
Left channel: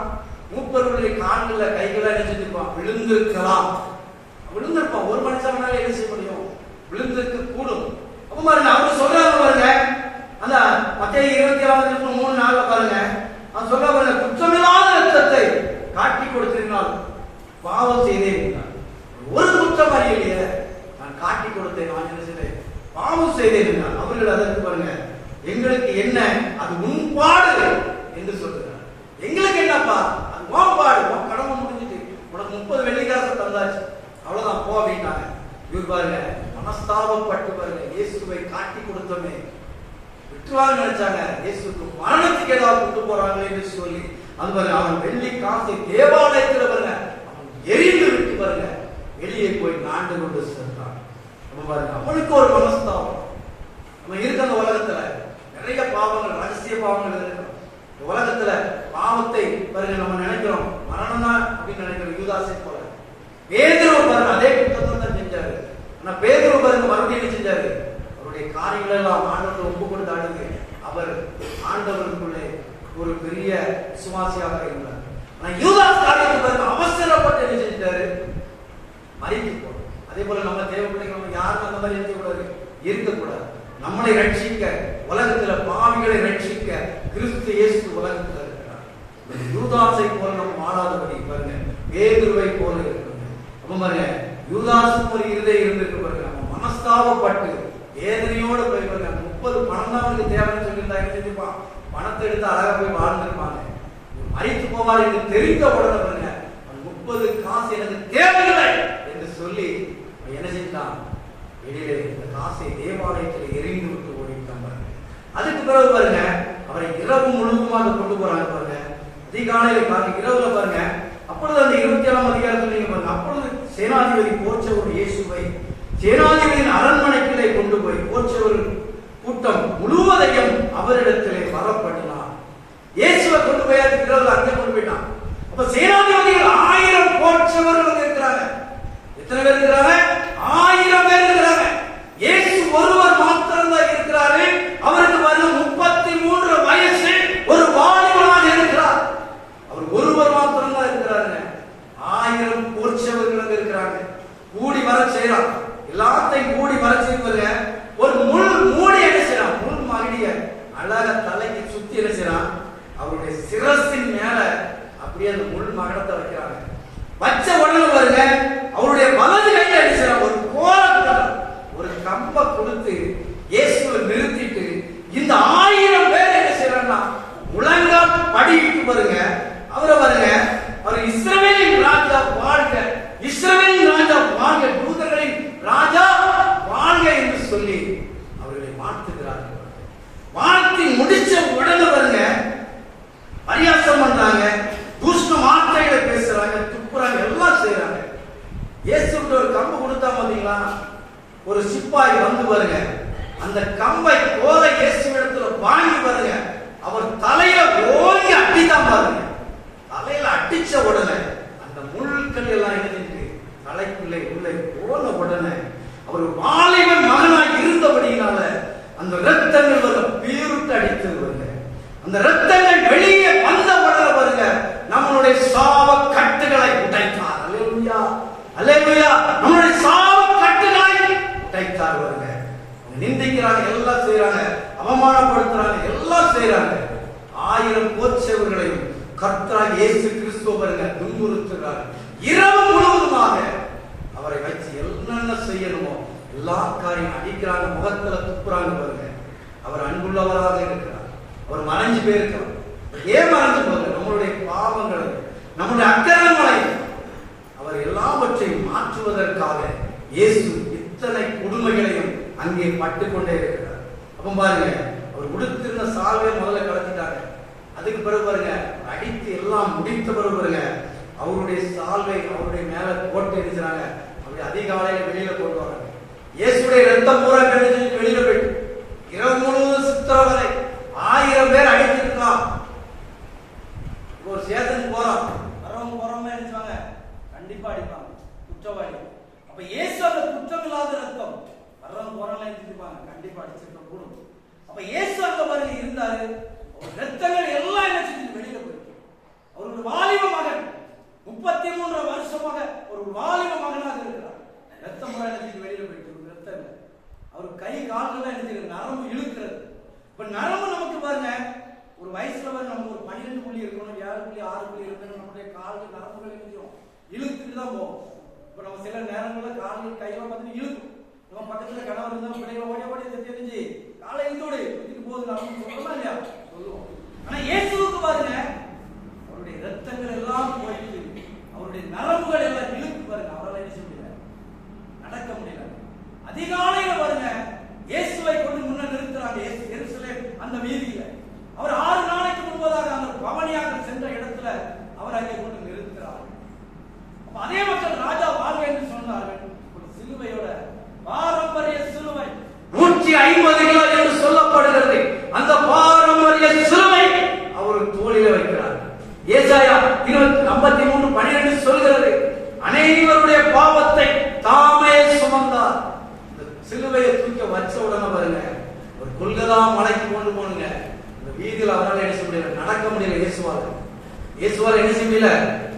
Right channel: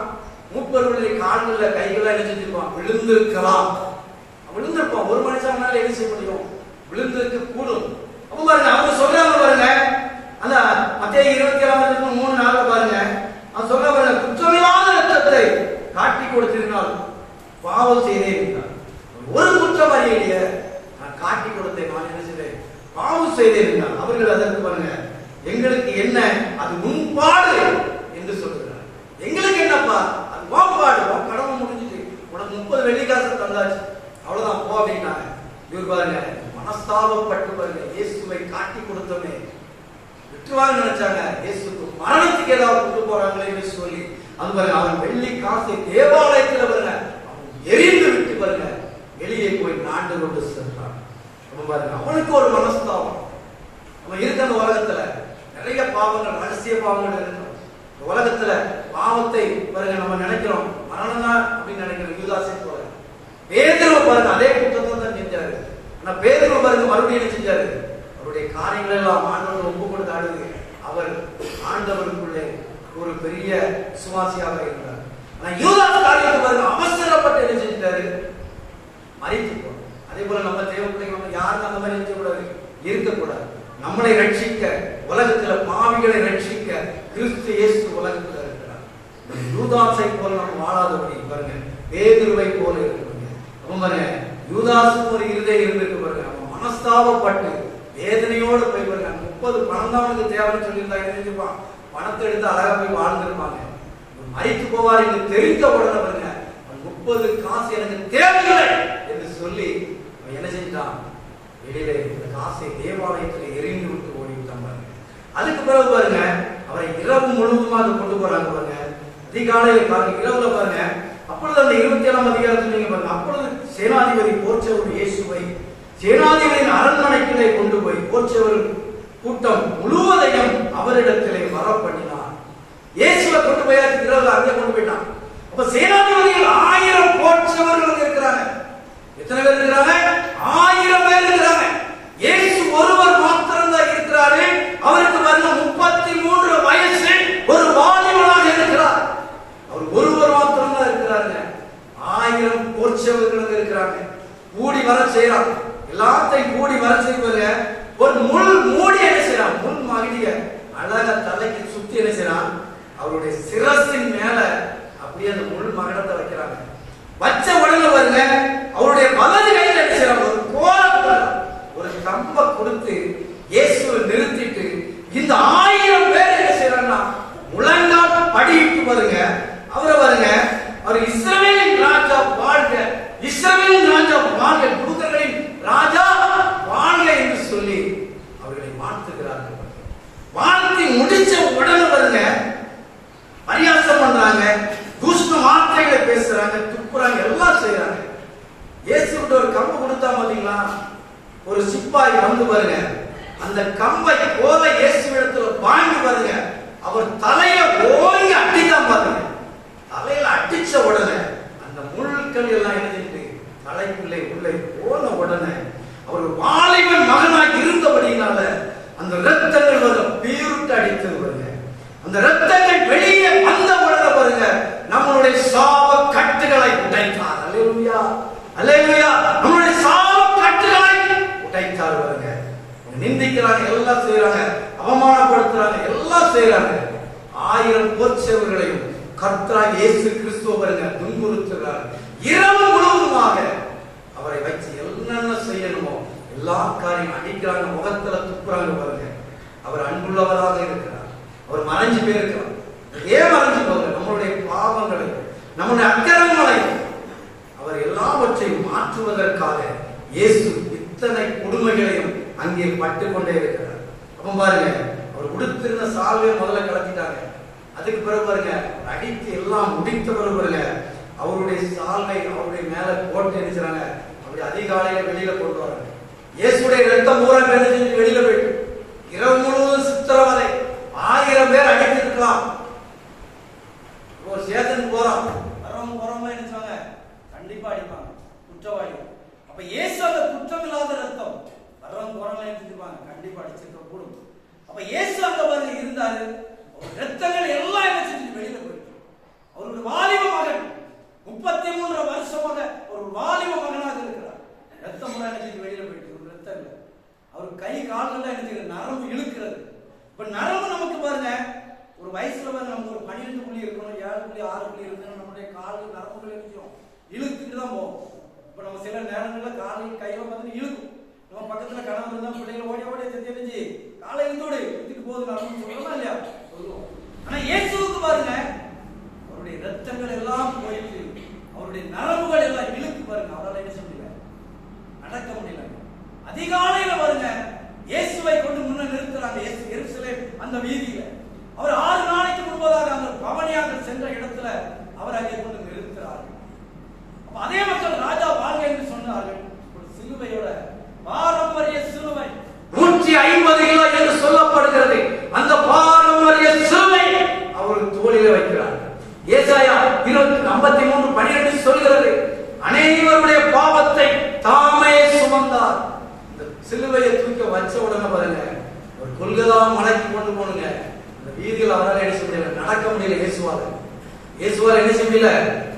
30 கால்களில் கைகளில் என்ன செஞ்சிருப்பான்? விழுந்திருக்கலாம், விழுந்திருப்பான். ஒரு மனுஷனால என்ன செய்ய முடியும்? விழுந்திருக்க கூடும். அப்ப பாருங்க, அவங்க சொல்றாங்க பாருங்க, அந்த மத்தேயு 27:3-4 பாருங்க, அவன் சொல்ல பாருங்க, குற்றமில்லாத ரத்தத்தை காட்டி கொடுத்திருந்தால் பாவம் செய்தேன். ஒரு குற்றம் அறியலையே, நான் காட்டி கொடுத்தேன், நான் என்ன செய்தேன்? பாவம் செய்தேன். அவர்கள் அதற்கு பாருங்க, எங்களுக்கு என்ன, அது முன்பாடு என்று சொல்லுகிறார். எங்களுக்கு என்னப்பா, அது ஓப்பாடு, உன் கடமை முடிஞ்சிட்டு, உனக்கு 30 வெள்ளிக்காசை தந்தாச்சு, அவ்வளவுதான் போ அப்படின்னாங்க. இவர் பாருங்க மனஸ்தாபப்பட்டு பாருங்க, இயேசுவை காட்டி கொடுத்தோமே விட்டுவாங்க நினைச்சாங்க. இயேசுக்கு மரணத்துக்கு ஏதாவது கொண்டு போறாங்களே என்று சொல்லி அது பாருங்க, அவன் வெள்ளி காசை தேவாலயத்தில் பாருங்க அவன் எரிந்து விட்டு பாருங்க வெளியே போய் நாண்டு கொண்டு சென்றான். பாருங்க, அவனுக்கு ஒரு மனஸ்தாபம். அவன் இருக்க அந்த உலகத்துல நிறைய பாவங்கள், ரகசிய பாவங்கள் இருக்கிறோம். இந்த உலகத்துல பாவத்தை பாருங்க நம்ம நினைக்கிறோம் மரணம் தான் அப்படின்னு நினைக்கிறோம். யூதாசை போல பேதுரு பாருங்க அதே குற்றத்தை தான் செஞ்சாரு. ஆனா பேதுரு பாருங்க மறுபடியும் என்ன செஞ்சாரு? அவருடைய காரியங்கள் எல்லாம் ஆண்டவர்கள் ஒப்பு கொடுத்து ஆடுது. அவர் ஆண்டவருக்குள்ளே ஒரு பெரிய சுவாசியாக இருந்தார். ஆனா யூதாஸ் காரியத்தை பாருங்க அவசரப்பட்டு என்ன செஞ்சாரு? மறித்து போனார். அதே போல நம்ம தேவ பிள்ளைங்க நம்ம யாரும் அந்த மாதிரி இருக்கக்கூடாது, இருக்கக்கூடாது. நம்மளை ரட்சிக்க, உலகத்துல பாவிகளை ரட்சிக்க கிறிஸ்து இயேசு உலகத்துல இருக்கிறார். யூதாசை போல நம்ம வாழாதபடி பாருங்க, பேதுருவை போல இருக்கணும். பாருங்க, யூதாசுக்கு ஒரு இருதயம் இருந்திருக்கு பாருங்க. அவன் மனஸ்தாபப்பட்டு வேதனையோடு போய் பாருங்க, 30 பணம் தான் அவனுக்கு தேவைன்னு சொல்லியிருந்தா என்ன செஞ்சிருப்பான்? பணத்தை எடுத்து அழகா போய் வாழ்ந்திருப்பாங்க. மறித்து போவார் என்று தெரிந்த உடனே பாருங்க, 30 காசு எனக்கு தேவையில்லை என்று சொல்லி என்ன செஞ்சான்? வெளியில இந்த காசை தேவாலயத்தில் எரிந்து விட்டு ஓடிவிட்டான் பாருங்க. அதுக்கு பிறகு பாருங்க, அவரை இரவு முழுவதுமாக கொண்டு போறாங்க பாருங்க. அதிகாலையில் பாருங்க, இரவுல பாருங்க, அப்பொழுது அந்த 27ஆம் அதிகாரத்தில் நீங்க பாருங்க, அப்பொழுது சேனாதிபதி போர்ச்சவர் இயேசுவை சேனாதிபதியின் அரண்மனைக்குள்ளே கொண்டு போய் போர்ச்சவர் கூட்டம் முழுவதையும் அவரிடத்திலே வரப்பண்ணினான். இயேசுவை கொண்டு போய் இரவுல அங்கே கொண்டு போயிட்டான். அப்ப சேனாதிபதிகள் 1000 போர்ச்சவர்கள் இருக்கிறாங்க. எத்தனை பேர் இருக்கிறாங்க? 1000 பேர் இருக்கிறாங்க. இயேசு ஒருவர் மாத்திரம் தான் இருக்கிறாரு. அவருக்கு வந்து 33 வயசு, ஒரு வாலிபனாக இருக்கிறார். அவர் ஒருவர் மாத்திரம் தான் இருக்கிறாங்க. 1000 போர்ச்சவர்கள் இருக்கிறாங்க. கூடி வர செய்யறான், எல்லாத்தையும் கூடி வர செய்வாங்க. ஒரு முள் மூடி என்ன செய்யறான்? முள் மகிடிய அழக தலைக்கு சுத்தி என்ன செய்யறான்? அவருடைய சிரசின் மேல அப்படியே அந்த முள் மகடத்தை வைக்கிறாங்க. வச்ச உடனே பாருங்க, அவருடைய வலது கையில என்ன செய்யறாங்க? ஒரு கோல, ஒரு கம்ப கொடுத்து இயேசுவை நிறுத்திட்டு இந்த 1000 பேர் என்ன செய்யறாங்கன்னா முழங்கால் படியிட்டு பாருங்க, அவரை பாருங்க, அவர் இஸ்ரவேலின் ராஜா வாழ்க, இஸ்ரவேலின் ராஜா வாழ்க, தூதர்களின் ராஜா வாழ்க என்று சொல்லி அவர்களை வாழ்த்துகிறார்கள். வாழ்த்தி முடிச்ச உடனே பாருங்க பரியாசம் பண்றாங்க, துஷ்ட வார்த்தைகளை பேசுறாங்க, துப்புறாங்க, எல்லாம் செய்யறாங்க. இயேசுக்கு ஒரு கம்பு கொடுத்தா பாத்தீங்களா? ஒரு சிப்பாய் வந்து பாருங்க, அந்த கம்பை போல இயேசுவிடத்துல வாங்கி பாருங்க, அவர் தலையில ஓங்கி அடிதான் பாருங்க. தலையில அடிச்ச உடனே அந்த முள்கள் எல்லாம் என்ன செஞ்சு தலைக்குள்ளே உள்ளே போன உடனே அவர் வாலிபன் மகனாக இருந்தபடியினால அந்த ரத்தங்கள் பீருட்டு அடித்தது பாருங்க. அந்த ரத்தங்கள் வெளியே வந்த உடனே பாருங்க, நம்மளுடைய சாப கட்டுகளை உடைத்தார். அல்லேலூயா, அல்லேலூயா. நம்மளுடைய சாப கட்டுகளை உடைத்தார் பாருங்க. நிந்திக்கிறாங்க, எல்லாம் செய்யறாங்க, அவமானப்படுத்துறாங்க, எல்லாம் செய்யறாங்க. 1000 போர்ச்சவர்களையும் கர்த்தராகிய இயேசு கிறிஸ்துவ பாருங்க துன்புறுத்துகிறார். இரவு முழுவதுமாக அவரை வச்சு என்னென்ன செய்யணுமோ எல்லா காரியம் அடிக்கிறாங்க, முகத்துல துப்புறாங்க பாருங்க. அவர் அன்புள்ளவராக இருக்கிறார். அவர் மறைஞ்சு போயிருக்கிறார். ஏன் மறைஞ்சு போகுது? நம்முடைய பாவங்களை, நம்முடைய அக்கிரமங்களை அவர் எல்லாவற்றையும் மாற்றுவதற்காக இயேசு இத்தனை கொடுமைகளையும் அங்கே பட்டுக்கொண்டே இருக்கிறார். அப்ப பாருங்க, அவர் உடுத்திருந்த சால்வை முதல்ல கலத்திட்டாங்க. அதுக்கு பிறகு பாருங்க, அடித்து எல்லாம் முடித்த பிறகு பாருங்க, அவருடைய சால்வை அவருடைய மேல போட்டு அடிச்சாங்க. அப்படி அதிகாலையில வெளியில கொண்டு வராங்க. இயேசுடைய ரத்தம் பூரா கிடைச்சு வெளியில போயிட்டு இரவு முழுவதும் சித்திரவதை. 1000 பேர் அடித்திருக்கலாம். ஒரு சேதனுக்கு போறோம், வரவங்க போறவங்க நினைச்சாங்க கண்டிப்பா குற்றவாளி. அப்ப இயேசு அந்த குற்றமில்லாத ரத்தம் வர்றவங்க போறாங்க எடுத்துப்பாங்க, கண்டிப்பா அடிச்சிருக்க கூடும். அப்ப இயேசு அங்க பாருங்க இருந்தாரு. அவர் ரத்தங்கள் எல்லாம் என்ன செஞ்சு வெளியில போயிருக்கு. அவருடைய வாலிப மகன் 33 வருஷமாக ஒரு வாலிப மகனாக இருக்கிறார். ரத்தம் முறை என்ன செஞ்சு வெளியில போயிட்டு ஒரு ரத்தம் இல்லை. அவர் கை கால்கள் என்ன செய்யுது, நரம்பு இழுக்கிறது. இப்ப நரம்பு நமக்கு பாருங்க ஒரு வயசுல பாருங்க நம்ம ஒரு 12 புள்ளி இருக்கணும், 7 புள்ளி 6 புள்ளி இருக்கணும், நம்மளுடைய கால்கள் நரம்புகள் இருக்கும் இழுத்துட்டு தான் போகும். இப்ப நம்ம சில நேரங்கள்ல கால்கள் கையில பார்த்துட்டு இழுக்கும். நம்ம பக்கத்துல கணவர் இருந்தா பிள்ளைகளை ஓடி ஓடி தெரிஞ்சு காலை இழுத்தோடு இழுத்துட்டு போகுது நம்ம சொல்றோமா இல்லையா, சொல்லுவோம். ஆனா இயேசுவுக்கு பாருங்க அவருடைய ரத்தங்கள் எல்லாம் போயிட்டு அவருடைய நரம்புகள் எல்லாம் இழுத்து பாருங்க, அவரால் என்ன செய்ய முடியல, நடக்க முடியல. அதிகாலையில பாருங்க இயேசுவை கொண்டு முன்ன நிறுத்துறாங்க. இயேசு எருசலேம் அந்த வீதியில அவர் 6 நாளைக்கு முன்பதாக அந்த பவனியாக சென்ற இடத்துல அவர் அங்கே கொண்டு நிறுத்துறார்கள். அதே மக்கள் ராஜா வாழ்க என்று சொன்னார்கள். ஒரு சிலுவையோட பாரம்பரிய சிலுவை 150 கிலோ என்று சொல்லப்படுகிறது. அந்த பாரம்பரிய சிலுவை அவர் தோளில வைக்கிறார். ஏசாயா 53:12 சொல்கிறது, அனைவருடைய பாவத்தை தாமே சுமந்தார். இந்த சிலுவையை தூக்க வச்ச உடனே பாருங்க ஒரு கொல்கதா மலைக்கு கொண்டு போனுங்க. இந்த வீதியில் அவரால் என்ன செய்ய முடியல, நடக்க முடியல. இயேசுவால் என்ன செய்ய முடியல,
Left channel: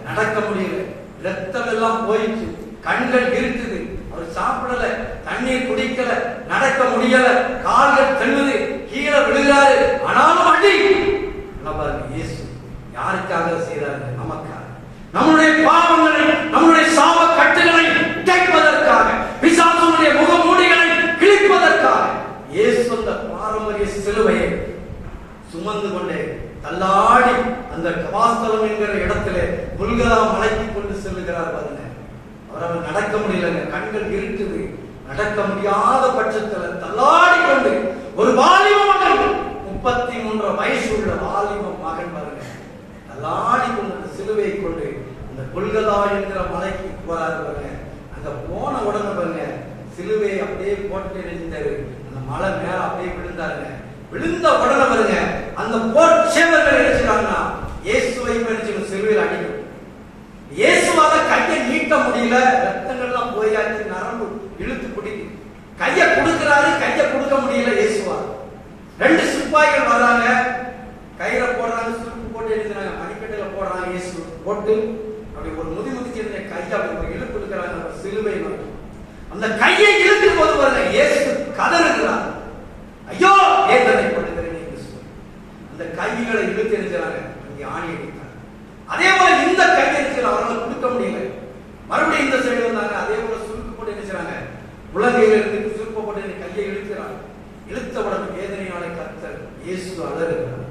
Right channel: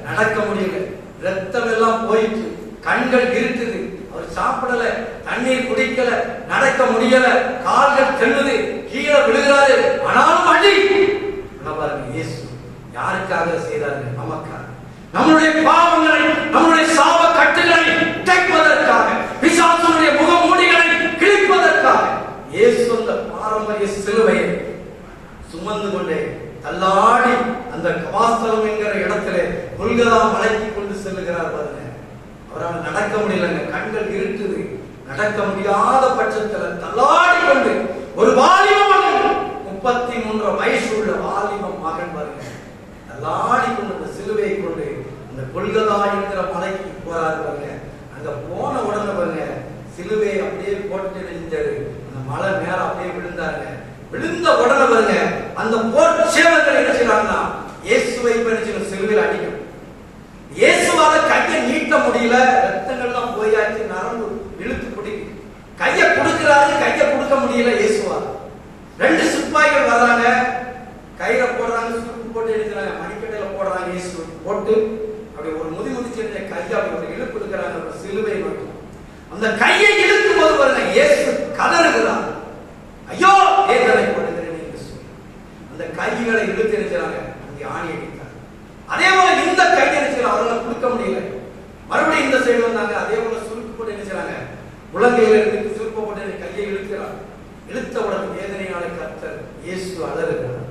நடக்க முடியல. ரத்தம் எல்லாம் போயிட்டு கண்கள் இருக்குது. அவர் சாப்பிடல, தண்ணீர் குடிக்கல, நடக்க முடியல, கால்கள் தள்ளுது, கீழே விழுகிறாரு. ஆனாலும் அடி பாருங்க இயேசு யாருக்காக செய்தாரு, நமக்காக. நம்முடைய பாவங்களை, நம்முடைய சாப கட்டுகளை உடைப்பதற்காக, பிசாசுடைய முகமூடிகளை கிழிப்பதற்காக இயேசு அந்த பாரம்பரிய சிலுவையை சுமந்து கொண்டே தள்ளாடி அந்த கவாஸ்தலம் என்கிற இடத்திலே கொல்கதா மலைக்கு கொண்டு செல்லுகிறார். பாருங்க அவரால் நடக்க முடியலங்க, கண்கள் இருக்குது. நடக்க முடியாத பட்சத்தில் தள்ளாடி கொண்டு ஒரு வாலிப மகன் 33 வயசு உள்ள வாலிப மகன் பாருங்க தள்ளாடி கொண்டு அந்த சிலுவையை கொண்டு அந்த கொல்கதா என்கிற மலைக்கு போறாரு. பாருங்க அங்க போன உடனே பாருங்க சிலுவையை அப்படியே போட்டு நின்றாரு. அந்த மலை மேல அப்படியே விழுந்தாருங்க. விழுந்த உடனே பாருங்க அந்த போர்ச்சேவர்கள் என்ன செய்யறாங்கன்னா இயேசுவை பறிச்சு சிலுவையில் அடிக்கும். இயேசுவால கையை நீட்ட முடியல, ரத்தங்கள்லாம் போயாச்சு, நரம்பு இழுத்து பிடிக்கும். கையை கொடுக்கிறாரு, கையை கொடுக்க முடியல இயேசுவால். 2 சிப்பாய்கள் வர்றாங்க, கையில போடுறாங்க, சுருக்கு போட்டு இருக்கிறாங்க, மணிக்கட்டையில போடுறாங்க. இயேசு போட்டு அப்படி ஒரு முதிச்சிருந்த கையை அப்படி ஒரு இழுப்பு கொடுக்கிறாங்க சிலுவை மட்டும். அந்த கையை இழுக்கும் போது பாருங்க இயேசு கதறுகிறார், ஐயோ ஏற்றதை கொடுக்கிறேன் என்று சொல்லி அந்த கைகளை இழுத்து இருக்கிறாங்க. இங்கே ஆணி அடித்தார். அதே போல இந்த கையை இருக்கிறாங்க, அவரால் கொடுக்க முடியல. மறுபடியும் இந்த சைடு வந்தாங்க, அதே போல சுருக்கு போட்டு நினைச்சாங்க, முழங்கையில இருந்து சுருக்கு போட்டு கையை இழுக்கிறார். இழுத்த உடனே வேதனையான கர்த்தர் இயேசு அழகுகிறார்.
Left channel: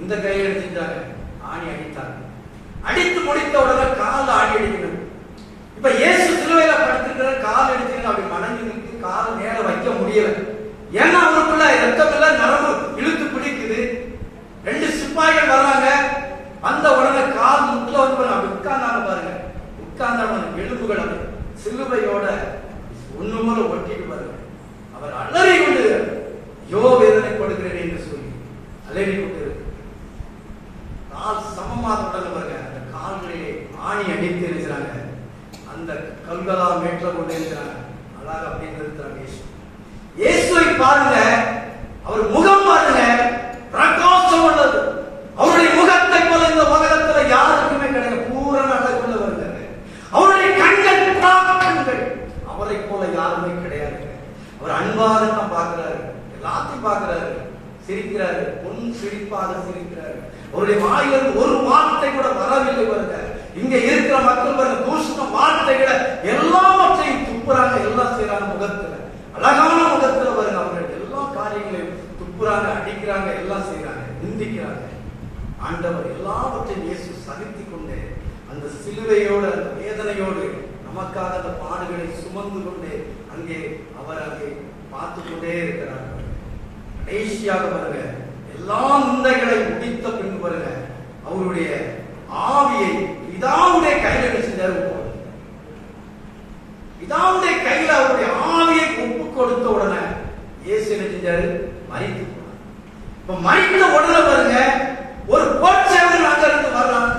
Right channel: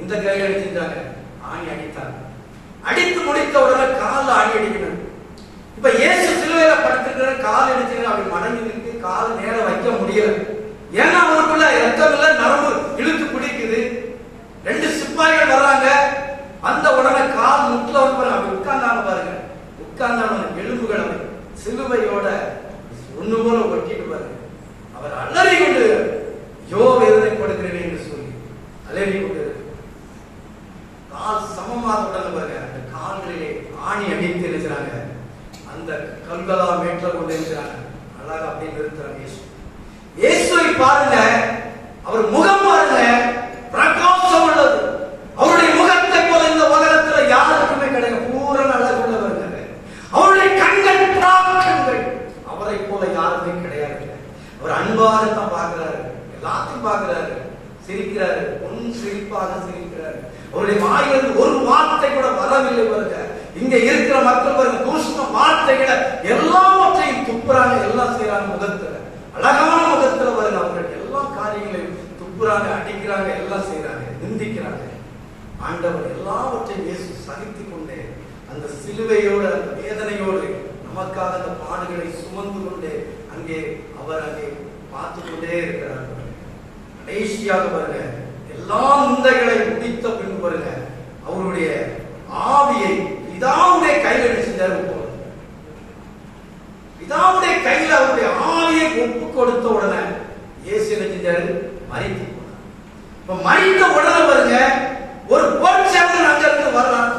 இந்த கையை அடிச்சிருந்தாங்க, ஆணி அடித்தாங்க. அடித்து முடித்த உடனே காலில் ஆணி அடிக்கிறார். இப்ப இயேசு சிலுவையில படுத்துக்கிற கால் அடிச்சுக்கிற அப்படி மடங்கி இருக்கு, கால் நேரம் வைக்க முடியல. ஏன்னா அவனுக்குள்ள ரத்தம் இல்ல, நரம்பு இழுத்து பிடிக்குது. 2 சிப்பாய்கள் வர்றாங்க. அந்த உடனே கால் முட்ல அப்படி உட்கார்ந்தாங்க பாருங்க. உட்கார்ந்தவன் எலும்புகள் சிலுவையோட ஒண்ணு போல ஒட்டிட்டு பாருங்க. அவர் அலறி கொண்டு யோ வேதனைப்படுகிறேன் என்று சொல்லி அலறி கொண்டு கால் சமமாக பாருங்க அந்த கால்களிலே ஆணி அடித்து இருக்கிறாங்க. அந்த கல்கதா மேற்ற கொண்டு இருக்கிறாங்க. அழகா அப்படின்னு இருக்கிறாங்க. இயேசுவை பாருங்க, அவர் முகம் பாருங்க பிரகாசம் உள்ளது. அவருடைய முகத்தை போல இந்த உலகத்துல யாருக்குமே கிடையாது. பூரண அழகு உள்ளவர். அவருடைய கண்கள் கண்கள் அவரை போல யாருமே கிடையாது. அவர் அன்பாக தான் பார்க்கிறாரு, எல்லாத்தையும் பார்க்கிறாரு, சிரிக்கிறாரு, பொன் சிரிப்பாக சிரிக்கிறாரு. அவருடைய வாயிலிருந்து ஒரு வார்த்தை கூட வரவில்லை பாருங்க. இங்க இருக்கிற மக்கள் பாருங்க தூஷண வார்த்தைகளை எல்லாவற்றையும் துப்புறாங்க, எல்லாம் செய்யறாங்க. முகத்துல அழகான முகத்துல பாருங்க அவர்கள் எல்லா காரியங்களையும் துப்புறாங்க, அடிக்கிறாங்க, எல்லாம் செய்யறாங்க, நிந்திக்கிறாங்க. ஆண்டவர் எல்லாவற்றையும் இயேசு சகித்து கொண்டே அந்த சிலுவையோட வேதனையோடு நமக்காக அந்த பாடுகளை சுமந்து கொண்டே அங்கே அவர் அங்கே பார்த்து கொண்டே இருக்கிறார். கடைசியாக பாருங்க எல்லா நிந்தைகளை முடித்த பின் பாருங்க அவருடைய ஆவியை பிதாவுடைய கையில் செஞ்சாரு. பிதாவுடைய கையில் அவருடைய ஆவியை ஒப்பு கொடுத்த உடனே இயேசு என்ன செஞ்சாரு, மரித்து போனார். இப்ப மரித்த உடனே பாருங்க ஒரு போர்ச்சேவன் அங்க இருந்து வரலாம்,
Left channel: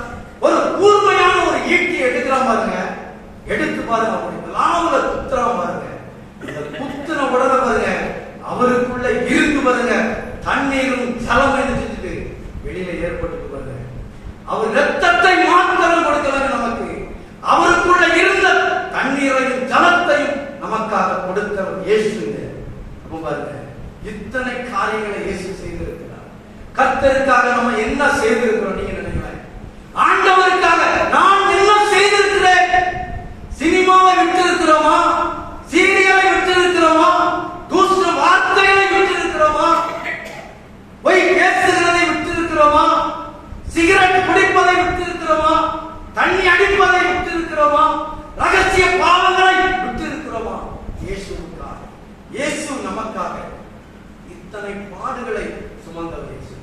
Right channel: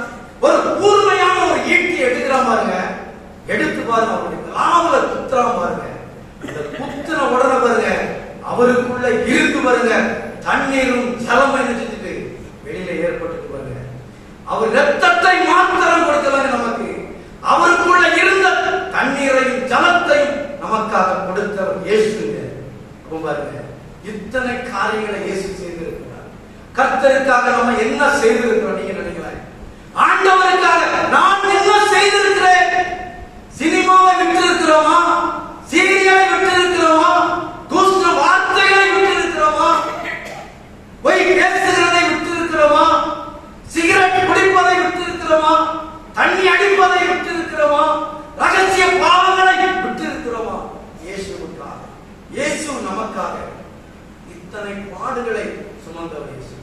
ஒரு கூர்மையான ஒரு ஈட்டி எடுக்கிற பாருங்க, எடுத்து பாருங்க அவருடைய வருங்க தண்ணீரும் ஜலம் செஞ்சுட்டு வெளியில ஏற்பட்டு வருங்க. அவர் ரத்தத்தை மாத்திரம் கொடுக்கலாங்க நமக்கு. அவருக்குள்ள இருந்த தண்ணீரையும் ஜலத்தையும் நமக்காக கொடுத்தவர் இயேசு. பாருங்க, இத்தனை காரியங்களை இயேசு செய்திருக்கிறார். கர்த்தருக்காக நம்ம என்ன செய்திருக்கிறோம் நீங்க நினைக்கிறீங்க? ஆண்டவருக்காக நான் என்ன செய்திருக்கிறேன்? சினிமாவை விட்டிருக்கிறோமா? சீரியலை விட்டிருக்கிறோமா? தூசண வார்த்தைகளை விட்டிருக்கிறோமா? பொய் பேசுகிறதை விட்டிருக்கிறோமா? சிகரெட் குடிப்பதை விட்டிருக்கிறோமா? தண்ணி அடிப்பதை விட்டிருக்கிறோமா? ரகசிய பாவங்களை விட்டிருக்கிறோமா? இயேசுவுக்காக, இயேசு நமக்காக இத்தனை பாடுகளை சுமந்தவர் இயேசு.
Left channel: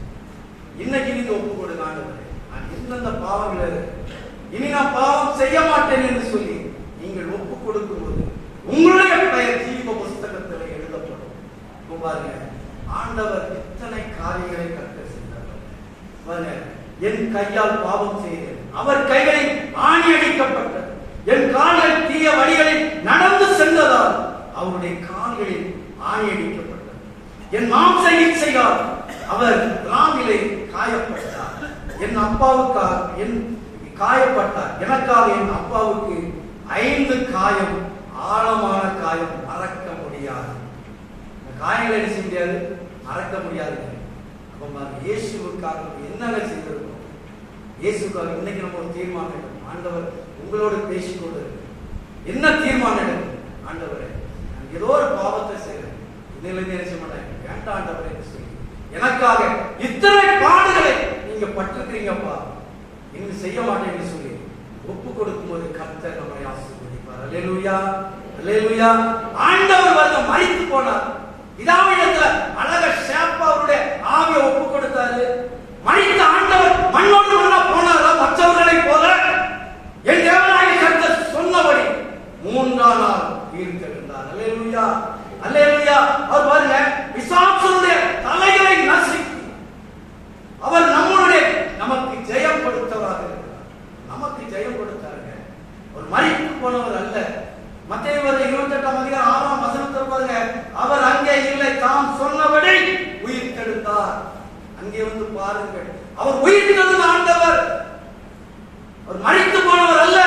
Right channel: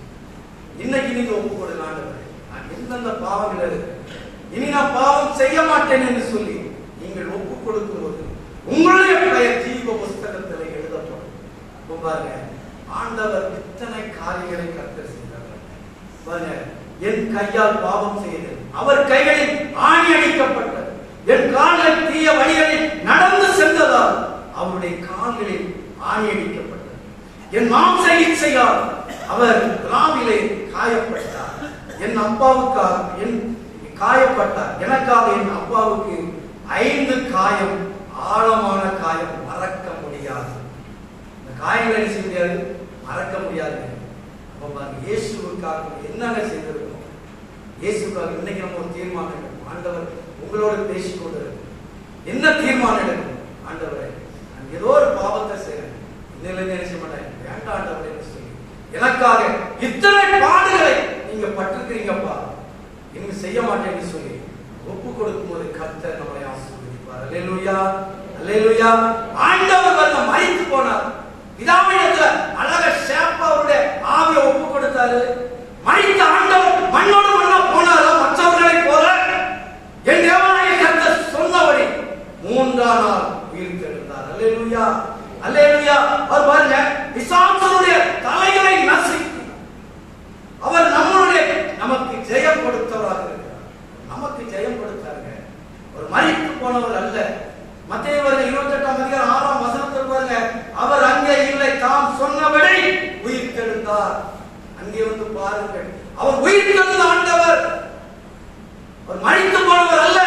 இன்னைக்கு நீங்க ஒப்புக்கொடுங்க, ஆண்டவரே நான் எந்தெந்த பாவங்கள் இருக்கு, இனி நான் பாவம் செய்ய மாட்டேன் என்று சொல்லி நீங்கள் ஒப்புக் கொடுக்கும்போது உங்களுடைய பெயர் ஜீவ புஸ்தகத்தில் எழுதப்படும். பாருங்க, ஆண்டவர் இத்தனை காரியங்களை கர்த்தர் செய்தார். பாருங்க, என் கையால் பாவம் செய்தேன், அவர் கைகளில் ஆணி அடிக்கப்பட்டது. என் கால்கள் தீய வழிகளில் நடந்து சென்றதால் அவருடைய கால்களில் ஆணி அடிக்கப்பட்டது. என் மாம்ச இச்சையால் அவர் திராவிலே காயப்பட்டார். என் அப்பாவுக்காக என் காயப்பட்டார். எனக்காக என் அப்பாவுக்கு 5 காயம், ஆழமான காயம், மறக்க முடியாது. இந்த காயங்களை என்ன செய்ய முடியாது, மறக்க முடியாது. இயேசுவுக்காக என்னங்க செய்திருக்கோம்? இயேசுக்காக இன்னைக்கு நம்ம ஒரு தீர்மானம் எடுக்கணும். ஆண்டவர் உங்களோட பேசிக்கொண்டு என்ன தீர்மானம் எடுக்கணும்? ஆண்டவரே நான் ஏதோ ஒரு பாவத்தை செய்யறேன், இன்னும் என்ன செய்ய மாட்டேன், வேண்டாம் ஆண்டவரே சொல்லி எனக்காக இத்தனை பாடுகளை நீங்க பட்டிருக்கிறீங்கப்பா, நீங்க செய்ய மாட்டேன்னு சொல்லி ஒப்பு கொடுக்கும் போது கர்த்தர் நம்மை ஆசீர்வதிப்பார். அல்லேலூயா, அல்லேலூயா. ஆண்டவர் வந்து மரித்து போனார். பிதாவிடத்துல அழக ஷேப்பா அவருடைய ஆவியை ஒப்பு கொடுத்தாரு. மரித்த ஆண்டவர் மண்ணோடு மண்ணா போனாரா? மற்றவர்களை போல என் தேவனாகிய கர்த்தர் சொன்னபடி 3ஆம் நாள் உயிர் தெழுந்தார். அல்லேலூயா, அல்லேலூயா. அவர் பாருங்க, பிசாசுடைய தலைகளை நசுக்கி அவர் நம்மளுடைய நமக்கு ஜெயம் கொடுத்தவராக இருக்கிறார். நமக்கு ஜெயம் கொடுத்தாருங்க. ஒரு மரித்து போனவர் அல்ல. மத்தேயு 28ஆம் அதிகாரம் 6ஆம் வசனத்தில் பாருங்க, அவர் அங்கே இல்லை, தாம் சொன்னபடி உயிர் தெழுந்தார். அங்கிருந்து பாருங்கள், அவர் உயிர் தெழுந்த ஆண்டவர். அவர் மரித்து போனவர் அல்ல.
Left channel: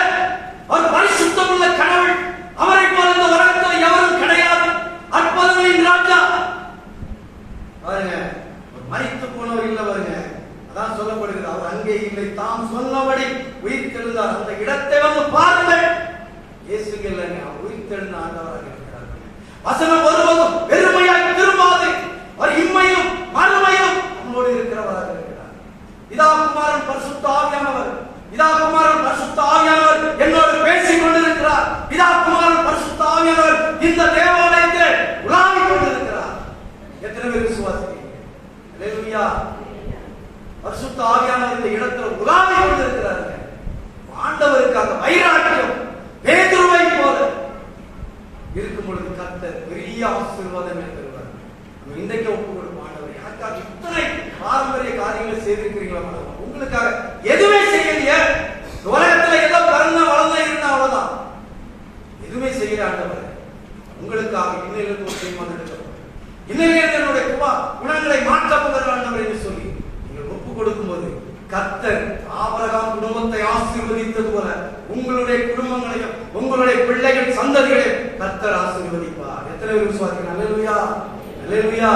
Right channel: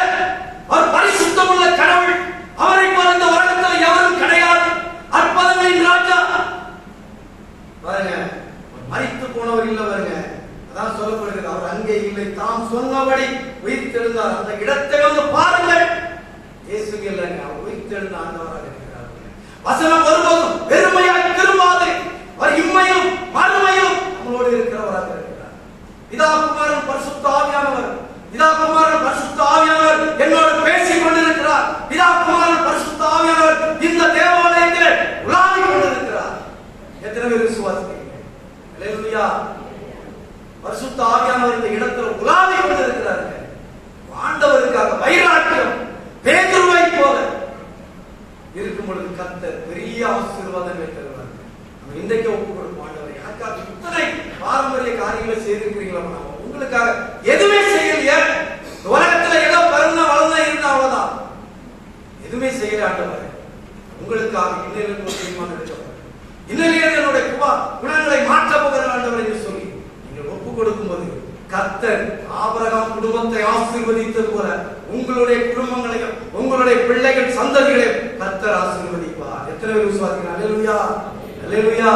அவர் பரிசுத்தமுள்ள கடவுள். அவரை போல இந்த உலகத்தில் எவரும் கிடையாது. அற்புதங்களின் ராஜா. பாருங்க, மரித்து போனவர் இல்லை. பாருங்க, அதான் சொல்லப்படுகிறது, அவர் அங்கே இல்லை, தாம் சொன்னபடி உயிர் தெழுந்தார். அந்த இடத்தை வந்து பாருங்கள். இயேசு இல்லைங்க, அவர் உயிர் தெழுந்த ஆண்டவராக இருக்கிறார். வசனம் வருவதும் வெறுமையாய் திரும்பாது. அவர் இம்மையிலும் மறுமையிலும் நம்மளோடு இருக்கிறவராக இருக்கிறார். பிதா குமாரன் பரிசுத்த ஆவியானவர், பிதா குமாரன் பரிசுத்த ஆவியானவர் என்னோடு பேசிக் கொண்டிருக்கிறார். பிதா குமாரன் பரிசுத்த ஆவியானவர் இந்த தேவாலயத்தில் உலாவிக் கொண்டிருக்கிறார். எத்தனை பேர் விசுவாசிக்கிறீங்க? அல்லேலூயா. பரிசுத்த ஆவியானவர் இந்த இடத்தில் உலாவிக் கொண்டிருக்கிறார். ஆண்டவருக்காக வைராக்கியம் பேதுருவை போல இருக்கும் பொழுது கர்த்தர் பெரிய ஆசீர்வாதங்களை தருவார். நம்ம இன்றைக்கு ஒப்பு கொடுப்போம். ஆண்டவர் எனக்காக இத்தனை பாரம்பரிய காரியங்களை செய்திருக்கிறீங்களா? உங்களுக்காக எதுவுமே செய்யலையே. உலகத்துல ஏதோ பிறந்த வளர்ந்த இருந்தா அவ்வளவுதான், எதுவுமே செய்யல. ஆண்டவர் உங்களுக்காக இன்னிலிருந்து ஒரு தீர்மானம் எடுக்கிறோம். இன்னிலிருந்து என்னுடைய குணங்களை மாற்றப் போகிற ஆண்டவர் என்று சொல்லி நீங்கள் ஒப்பு கொடுக்கும் போது கர்த்தர் ஆபிரகாம் குடும்பத்தை ஆசீர்வதித்தது போல உங்களுடைய குடும்பங்களையும் உங்களுடைய பிள்ளைகள் சந்ததிகளையும் கர்த்தர் ஆசீர்வதிப்பார். எத்தனை பேர் விசுவாசிக்கிறீர்கள்? அல்லேலூயா, அல்லேலூயா.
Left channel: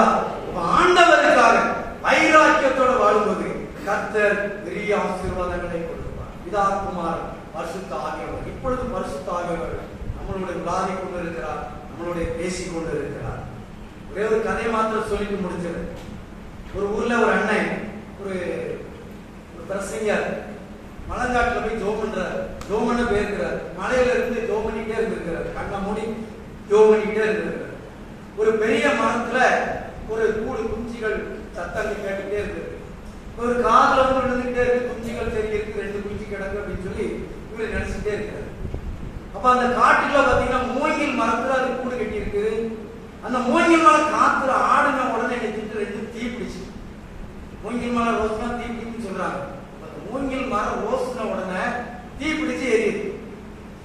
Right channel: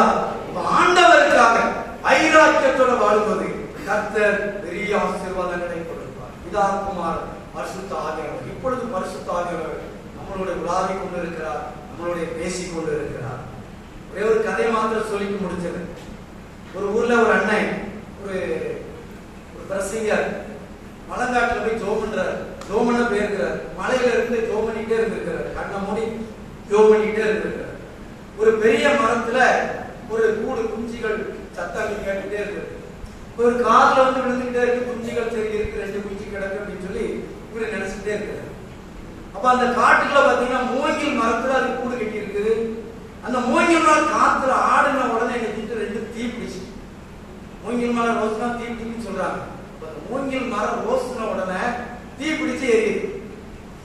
ஆண்டவருக்காக வைராக்கியத்தோட வாழும்போது கர்த்தர் பெரிய ஆசீர்வாதங்களை கொடுப்பார். பிதா குமாரன் பரிசுத்த ஆவியானவர் இப்பொழுது பரிசுத்த ஆவியானவர் நம்மளுடைய உலாவிக் கொண்டிருக்கிறார், நம்மளுடைய பேசிக் கொண்டிருக்கிறார். ஒரே ஒரு கதை மாத்திரம் சொல்லிட்டு முடிச்சது. ஒரு ஊர்ல ஒரு அண்ணன் ஒரு பிரசங்கர் மலங்காட்டுல போய் ஜோம் பண்றார். ஜோம் பண்ண போயிருக்கிறார். மலையில இருந்து ஜோம் பண்ணிட்டே இருந்திருக்கிறார். கண்ணை மூடி ஜோம் பண்ணிட்டே இருந்திருக்கிறார். ஒரு பெரிய மரத்துல ஒரு கூடு குஞ்சிகள் சத்தங்கள் கேட்டுட்டே இருக்கு. ஒரு காதுல வந்து விழுந்துட்டே இருக்கு. குஞ்சிகள் சரி இருக்கு, 2 குஞ்சு கிடக்கு அப்படின்னு சொல்லி இவரு நினைச்சுட்டே இருக்கிறார். அப்ப அந்த காட்டுல பாத்தீங்கன்னா மூங்கில் மரத்துல அது கூடு கட்டி இருக்குது. அந்த மூங்கில் மரம் காத்துல ஆடுன உடனே நினைச்சிட்டு 2 தீ பிடிச்சு. மூங்கில் மரம் ரோஸ்னா தீ பிடிக்குன்னு சொல்றாங்க. மூங்கில் மரம் ரோஸ்ன உடனே தீ பிடிச்சு எரியுது.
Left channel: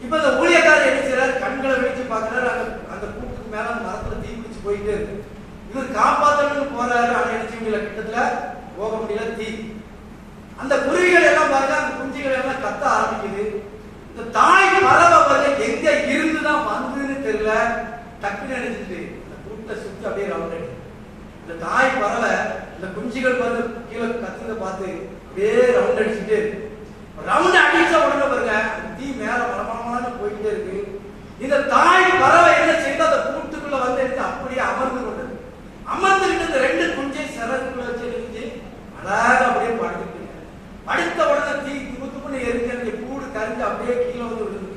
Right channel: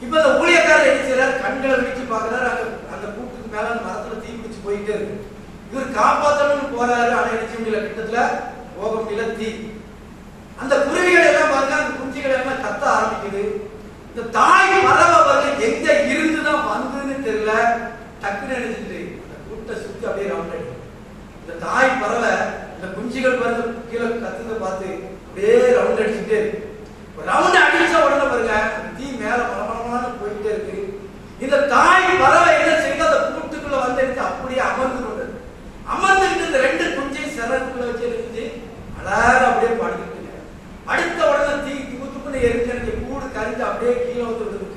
இப்ப அந்த ஊழியக்காரர் என்ன செய்யறாரு? கண்களை வச்சு பாக்குறாரு. அந்த கூட்டுக்கு மேல அந்த மரத்துல தீ பிடிச்சு போயிட்டே இருக்கு. இவர் காப்பாற்றணும்னு போறாரு. ஆனா என்ன முடியல, கிட்டத்துல போக முடியல. தீ அந்த குருவிகள் எல்லாம் பாருங்க, அந்த குஞ்சுகள் எல்லாம் கத்த ஆரம்பிக்குது. இந்த தாய் பறவை பாருங்க எங்க இருந்துதான் வந்ததுன்னு தெரியல. டக்குன்னு நினைச்சிட்டு அந்த கூட்டை சுத்தி அப்படியே ரவுண்ட் அடிக்கும். இந்த தாய் பறவை இந்த குஞ்சுகள் வந்து கீழே கத்துறத பார்த்து அப்படியே ரவுண்ட் அடிச்சுட்டே இருக்கு. ரவுண்ட் அடிச்ச உடனே பாருங்க தீ மேல பரபரமான போயிட்டே இருக்கு. இந்த தாய் பறவை என்ன செய்து அந்த கூட்டுக்குள்ள வந்து எடுத்து அப்படியே அமர்ந்து கொண்டது. அமர்ந்துட்டு இந்த ரெண்டு குஞ்சை சிறகுக்குள்ள வச்சு எடுத்து அழகாக அப்படியே படுத்துட்டு அடுத்த உடனே தீ துப்புன்னு எரிஞ்சு கூடு கரிஞ்சு அப்படியே கீழே வந்து விடுது.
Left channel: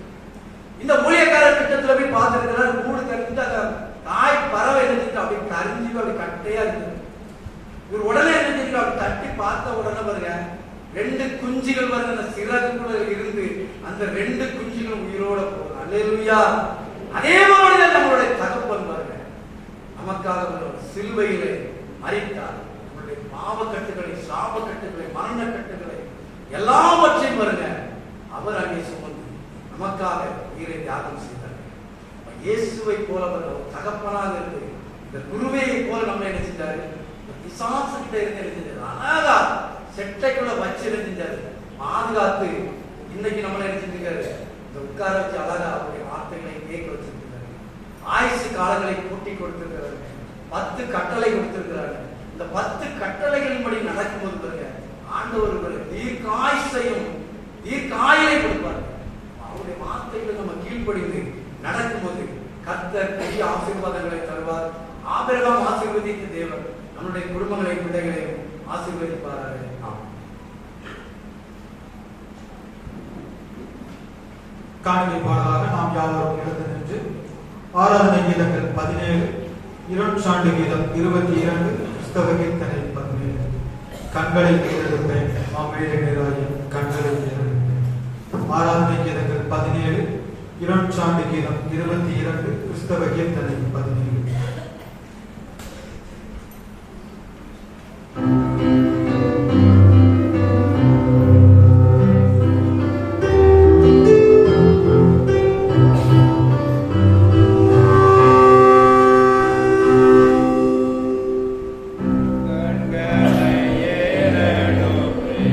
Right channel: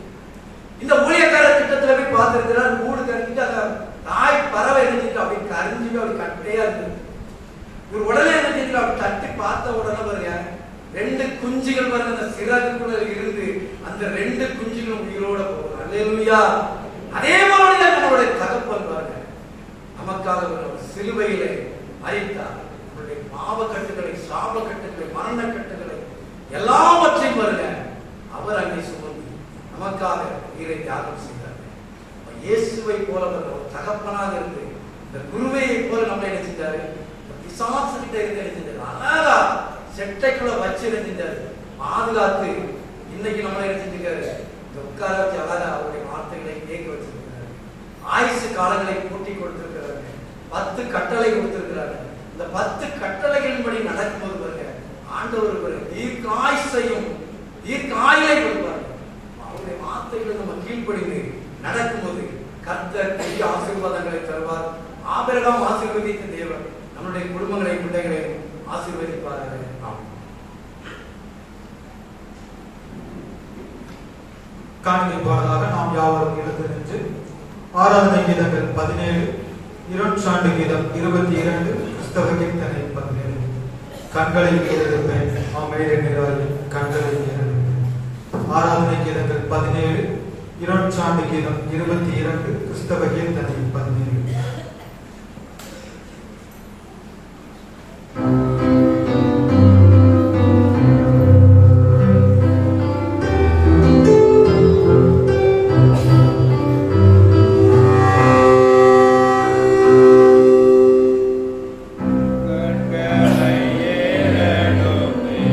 இந்த ஊழியக்காரர் திட்டத்துல போய் பார்த்துருக்கிறார். கூடு கரிஞ்சிட்டு அந்த தாய் பறவை எழுதிட்டு அப்படி கரிஞ்சு அப்படி கட்டையா இருந்தது. ஒரு உடனே எழுதிட்டு அப்படி தட்டி பார்த்த உடனே பாருங்க ரெண்டு குஞ்சுகள் வந்து அந்த சிறகுக்குள்ள இருந்து அந்த ரெண்டு குஞ்சுகள் உயிரோட போகும். அல்லேலூயா. அதே மாதிரி நம்மளுடைய தகப்பன் பாருங்க நமக்காக சிலுவையிலே மரித்தார். நம்மளுடைய பாவக்கட்டுகளை, சாபக்கட்டுகளை, மரணக்கட்டுகளை எல்லாவற்றையும் பாருங்க அவர் அங்கே சுமந்து நமக்காக உயிரை தியாகம் செய்தார். இயேசுவை போல ஒரு தகப்பனாக இருந்து இந்த குருவையை போல நம்ம என்ன செஞ்சாரு, பிசாசு கிட்ட இருந்து செஞ்சாரு. அழகா செட்டைக்குள்ள வச்சு செஞ்சாரு, பாதுகாத்து இன்னைக்கு நம்மள என்ன செஞ்சுக்காரு, இந்த உட்கார வச்சு அழகா அவருடைய வார்த்தைகளை கேட்க வச்சிருக்கிறாரு. ஆயுசு காலங்களை கூட்டி கொடுத்திருக்கிறாரு. 10 கட்டளை கொடுத்திருக்கிறாரு. இந்த 10 கட்டளைகளின்படி நடக்கும்போது பாருங்க ஆண்டவர் தீர்க்காயுசையும் தீர்க்காயிலை கொடுப்பார். அவருடைய வார்த்தைகளை நம்ம கீழ்ப்படிந்து நடக்கும்போது கர்த்தர் பெரிய ஆசீர்வாதங்களை தருவார். ஆபிரகாம் ஆசீர்வதித்த தேவன் நம்முடைய குடும்பங்களை, பிள்ளைகளை ஆசீர்வதிப்பார்கள். காணொலி பாடலாக நாம் யாவரும் எழுந்து நின்று ஆராதனை கீதங்கள் 17, இருட்சாண்டு கீதம் 22, கிறிஸ்தவ கீர்த்தனை 17. கண்களை மூடியிருப்பேன் கண்களை ஆராதனை கீதங்கள் 17, இருட்சாண்டு கீதம் 22, கிறிஸ்தவ கீர்த்தனை 17. கண்களை ஏறெடுப்பே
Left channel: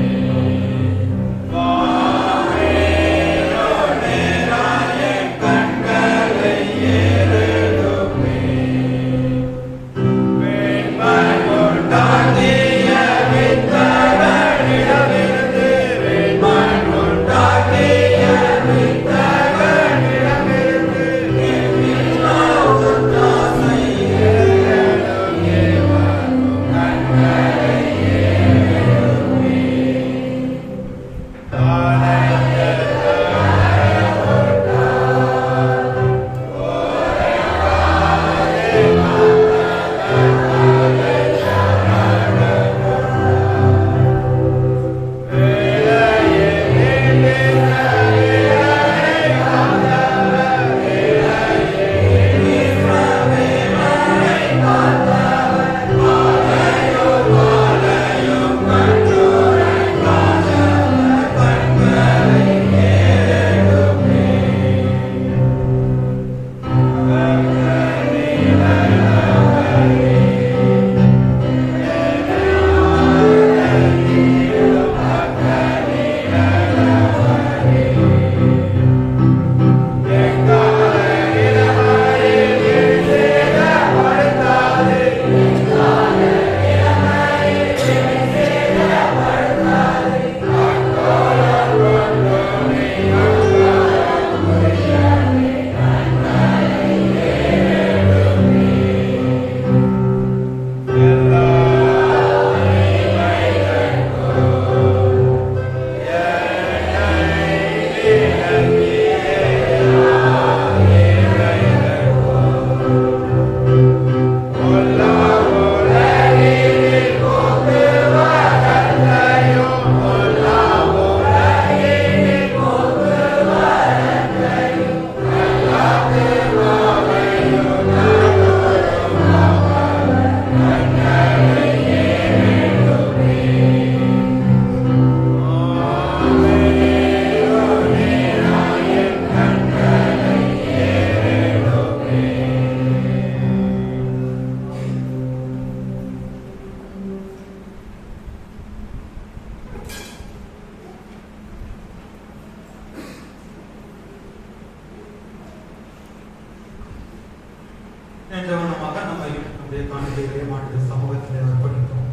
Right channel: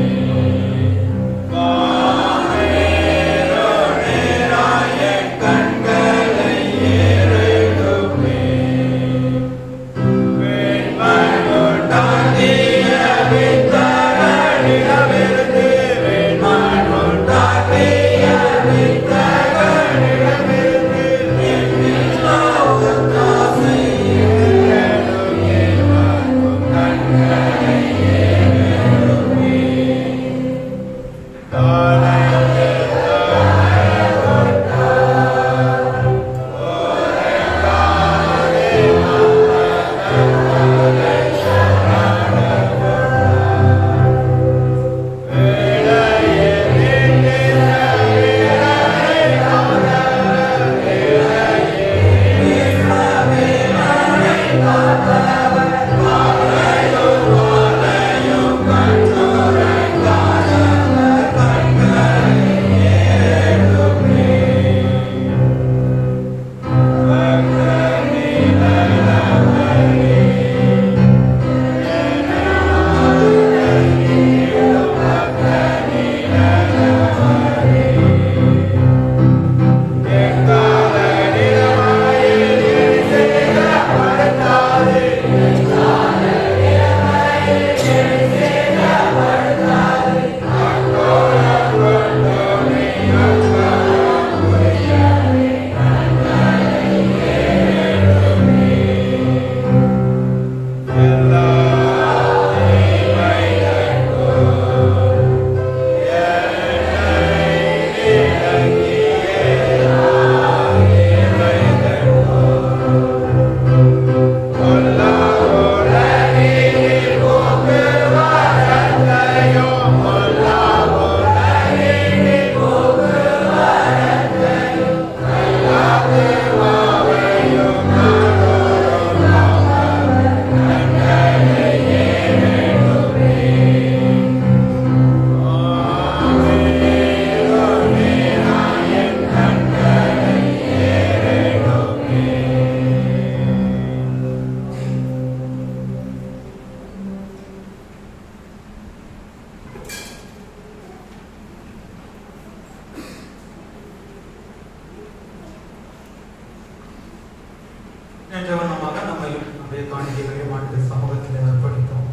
என்ற வண்ணமாக நம்மையும் நம்முடைய காணிக்கைகளையும் ஆண்டு சமூகத்தில் அர்ப்பணித்தோம்.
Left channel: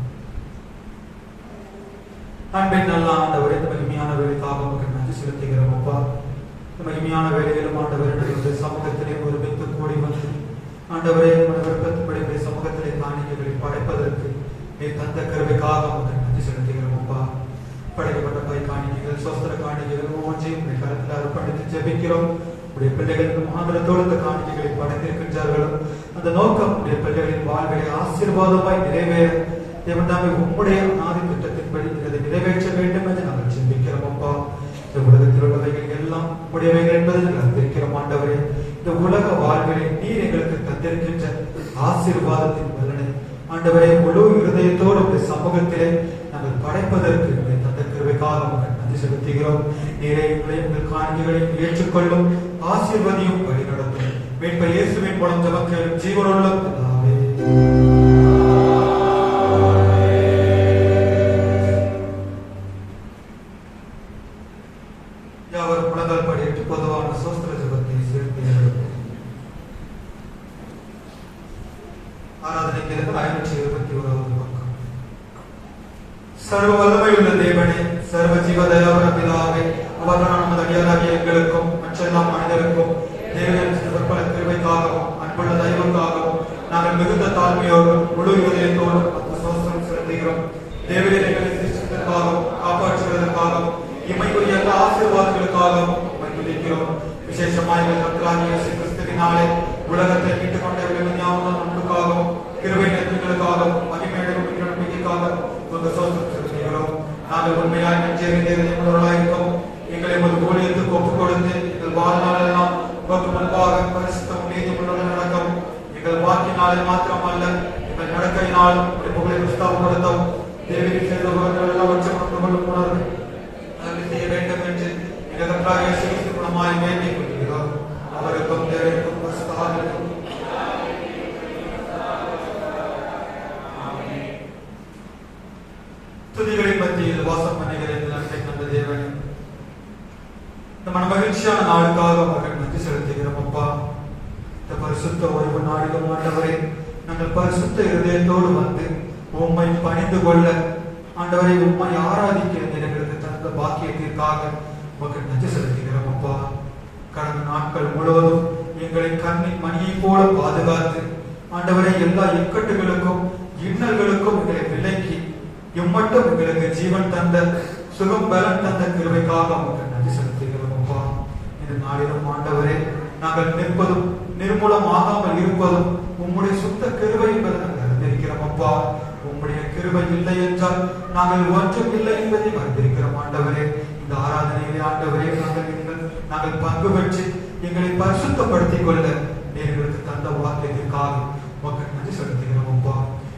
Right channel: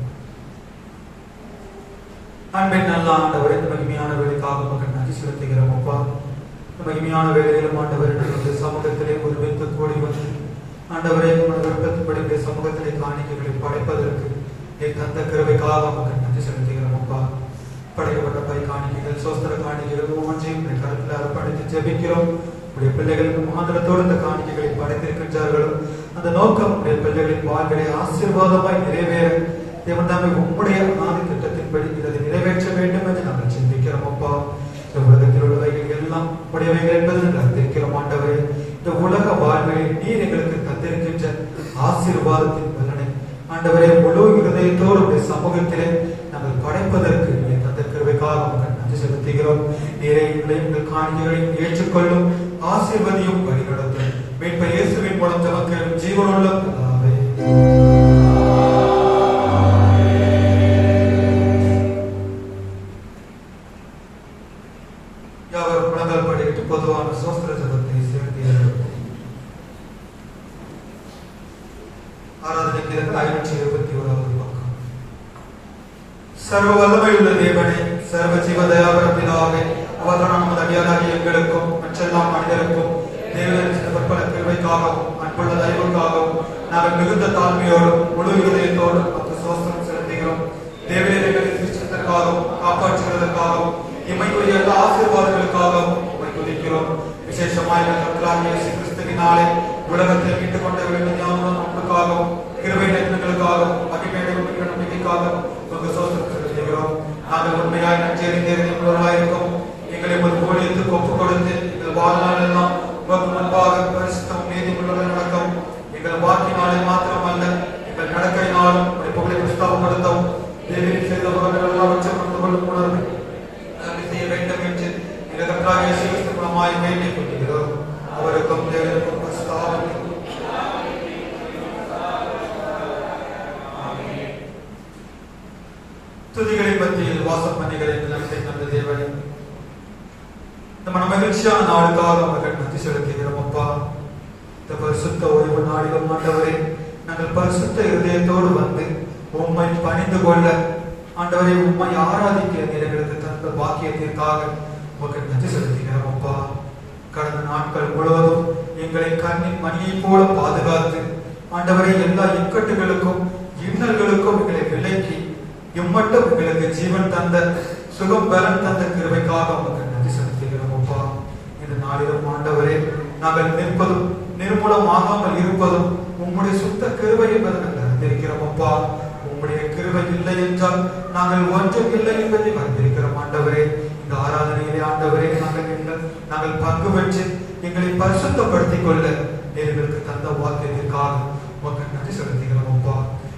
அன்பின் நல்ல ஆண்டவரே, இந்த மகிமையான வேலைக்காக மக்கள் நன்றி செலுத்துகிறோம். அப்பா, இந்த மகிமையான வேலைகளும் ஆண்டவரே இந்த சமூகத்திலே ஒருமித்து கூடி வந்து ஆண்டவரே விருப்பத்தின்படி சமூகத்திலே காணிக்கைகளை படைப்பதற்கு தந்த கிருபைக்காக மக்கள் நன்றி செலுத்துகிறோம். அப்பா, படைக்கப்பட்ட பை காணிக்கைகள், சோஸ்திர காணிக்கைகள் ஒவ்வொன்றையும் கருத்தில் அர்ப்பணித்து ஜெபிக்கிறோம். உடைய பிள்ளைகளுக்கு மாநிலத்தோடு இந்த காணிக்கைகளை படைத்திருக்கின்றார்களோ அந்த நோக்கம் உடைய பிள்ளைகளின் வாழ்விலை ஆசீர்வாதமாய் நிறைவேற தேவனாமே உம்முடைய ஆதி திட்டத்தின்படி இதை நிறைவேற்ற வேண்டும் என்று நாங்கள் சிந்திக்கிறோம். அப்பா, இந்த உலகத்தில் உள்ளவைகள் எல்லாம் உடையவைகள் என்பதை நாங்கள் அறிந்திருக்கிறோம். ஆண்டவரே, இந்த உலக வாழ்விலை நீர் எங்களுக்கு தந்திருக்கின்ற ஆசீர்வாதத்தின் பலனை ஆண்டவரே முழு இருதயத்தோடு சமூகத்திலே நாங்கள் படைப்பதற்கு தந்த கிருபைக்காக நாங்கள் நன்றி செலுத்துகிறோம். நேரே எங்கள் காணிக்கைகளையும் ஏற்றுக்கொள்ளும், ஆசீர்வதியும், வழிநடத்தும். மீட்பர் இயேசுவின் மூலம் தமக்கு ஜீவனுள்ள பிதாவே. யாவர் புலங்கள் படிட்டு பொதுவான சோஸ்திர ஜபத்தை சேர்க்கிறார்கள். ஆராதனைக்கு 521 பக்கம். சர்வ வல்லமையுள்ள தேவனே, சர்வ ஜீவ தயாபர பிதாவே, அவதான நமது அடியாராகிய எங்களுக்கும் மற்றெல்லாம் மனிதருக்கும் தேவனின் பற்பல கிருபைக்காகவும் அன்புள்ள தயவுக்காகவும் நாங்கள் மிகுந்த தாழ்மையோடும் முழு இருதயத்தோடும் அந்த சோஸ்திரம் செலுத்துகிறோம். தேவனின் சிருஷ்டித்தற்காகவும் காப்பாற்றுவதற்காகவும் இம்மைக்குரிய எல்லா ஆசீர்வாதங்களுக்காகவும் துதிக்கிறோம். விசேஷமாக கர்த்தராகிய இயேசு கிறிஸ்துவினாலே உலகத்தை மீட்டுக் கொண்ட வேண்டியாகவும் அன்புக்காகவும் கிருபை நன்மைகளுக்காகவும் மகிமை நம்பிக்கைக்காகவும் உங்கள் சோஸ்திரம் செலுத்துகிறோம். நாங்கள் உண்மையாய் நன்றறிந்தவர்களாயிருக்கோம். எங்களை ஒரு ஊழியத்துக்கு ஒப்புக் கொடுத்து எங்கள் வாழ்நாள் எல்லாம் உமக்கு முன்பாக பரிசுத்தம் நீதியுடன் நடக்கவும், எங்கள் வாக்கினாலே மாத்திரமல்ல எங்கள் நடக்கையினாலும் புகழை புஸ்தகப்படுத்தவும் தேவனின் செய்தவர்கள் எல்லாவற்றையும் கொள்ளும் உணர்வு நாங்கள் செய்ய வேண்டும் என்று எங்கள் கர்த்தராகிய இயேசு கிறிஸ்துவினாய் வேண்டிக் கொள்கிறோம். அவருக்கும் தேவனுக்கும் துதிகளை மத்தியில் வாசம் பண்ணுகிற நமது தேவன் இந்த மன மகிழ்ச்சியான நாளுக்காக அவர்கள் நன்றி செலுத்துகிறோம். அப்பா, இந்த பரிசுத்த ஓய்வு நாளிலும் ஆண்டவரே நாங்கள் பரிசுத்த இருதயத்தோடு வந்து உம்மை பணிந்து கொள்ள ஆண்டவரை உம்மை ஆராதிக்க எங்களுக்கு தந்த பாக்கியத்திற்காக உங்களுக்கு நன்றி செலுத்துகிறோம். அப்பா, கடந்த நாட்கள் முழுவதும் எங்களை கண்ணின் மணியை போல பாதுகாத்து ஆண்டவரை எல்லா இக்கட்டுகளுக்கும் இன்னல்களுக்கும் எங்களை விலக்கி எம்மட்டும் எங்களுக்கு ஜீவன் தந்த சுகம் பலம் தந்த கிருபைக்காக உங்களுக்கு நன்றி செலுத்துகிறோம். அப்பா, இந்த நாளிலும் ஆண்டவரே நாங்கள் நிற்பதும் நிர்மூலமாகாமல் இருப்பதும் உம்முடைய சுத்த கிருபை என்பதை நாங்கள் அறிந்திருக்கிறோம். அப்பா, உம்முடைய கிருபை இல்லை என்றால் நாங்கள் ஒன்றும் இல்லை என்பதை அறிந்திருக்கிறோம். ஆண்டவரே, இந்த ஆராதனையிலே ஆண்டவரே நாங்கள் பங்கு பெற்று எங்களை பரிசுத்தப்படுத்திக் கொள்ள எங்களுக்கு தந்த வாக்கியத்திற்காக உங்களுக்கு நன்றி செலுத்துகிறோம். அப்பா,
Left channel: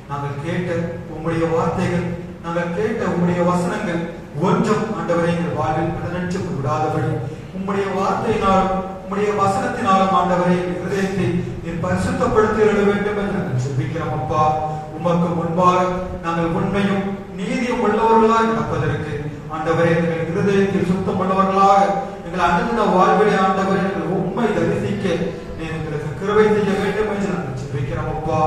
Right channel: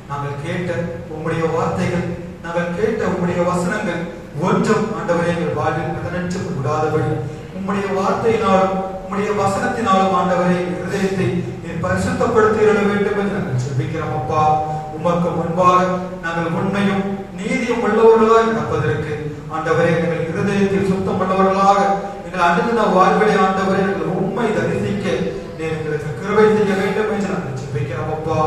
நாங்கள் கேட்ட உம்முடைய வார்த்தைகள், நாங்கள் கேட்ட உம்முடைய வசனங்கள் ஒன்றும் ஆண்டவரே எங்கள் வாழ்வில் பலனற்று விடாதபடி உம்முடைய வார்த்தையினாலும் உம்முடைய வசனத்தினாலும் ஆண்டவரே இருதயத்தை நீர் பரிசுத்தப்படுத்தி எழுத வேண்டும் என்று நாங்கள் ஜெபிக்கிறோம். அப்பா, உமக்கு முன்பாக நாங்கள் உண்மையும் நீதியும் உள்ளவர்களாக நடப்பதற்கு ஆண்டவரே எங்கள் இருதயத்தில் சுத்தம் உள்ளவர்களாக எங்கள் அனுதின வாழ்விலை ஆண்டவரே உண்மை தரிசிக்க நீர் எங்களுக்கு கிருபை செய்ய வேண்டும் என்று நாங்கள் ஜெபிக்கிறோம். அப்பா,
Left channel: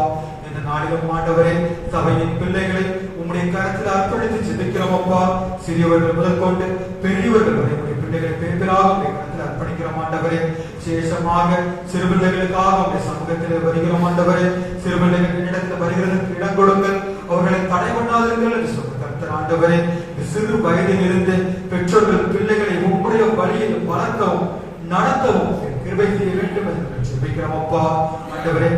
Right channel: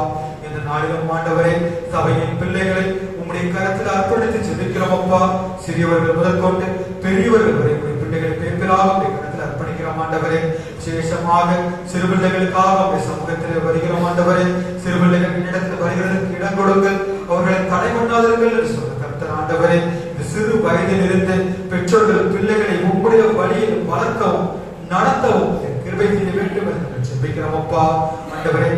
இந்த நாளிலும் ஆண்டவரே சபையின் பிள்ளைகளை உம்முடைய கரத்தில் அர்ப்பணித்து ஜெபிக்கிறோம். அப்பா, சிறியவர்கள் முதற்கொண்டு பெரியவர்கள் வரை உடைய பிள்ளைகளை பேர்களாக உடைய கரத்தில் அர்ப்பணிக்கிறோம். ஆண்டவரே, விசேஷமாக சிறுபிள்ளைகளுக்காக உடைய சமூகத்திலே வருகிறோம். ஆண்டவரே, சிறுபிள்ளைகள் இடத்தில் வருகிறதற்கு இடம் கொடுங்கள், அவர்களை தடை பண்ணாதீர்கள் என்று சொல்ல கர்த்தர். ஆண்டவரே, சிறு வயதில் இருந்து பெற்றோர்கள் பிள்ளைகளை உம்முடைய வழியில் வளர்க்கவும் நடத்தவும் கிருபை செய்ய வேண்டும் என்று ஜெபிக்கிறோம். அப்பா, ஆண்டவரே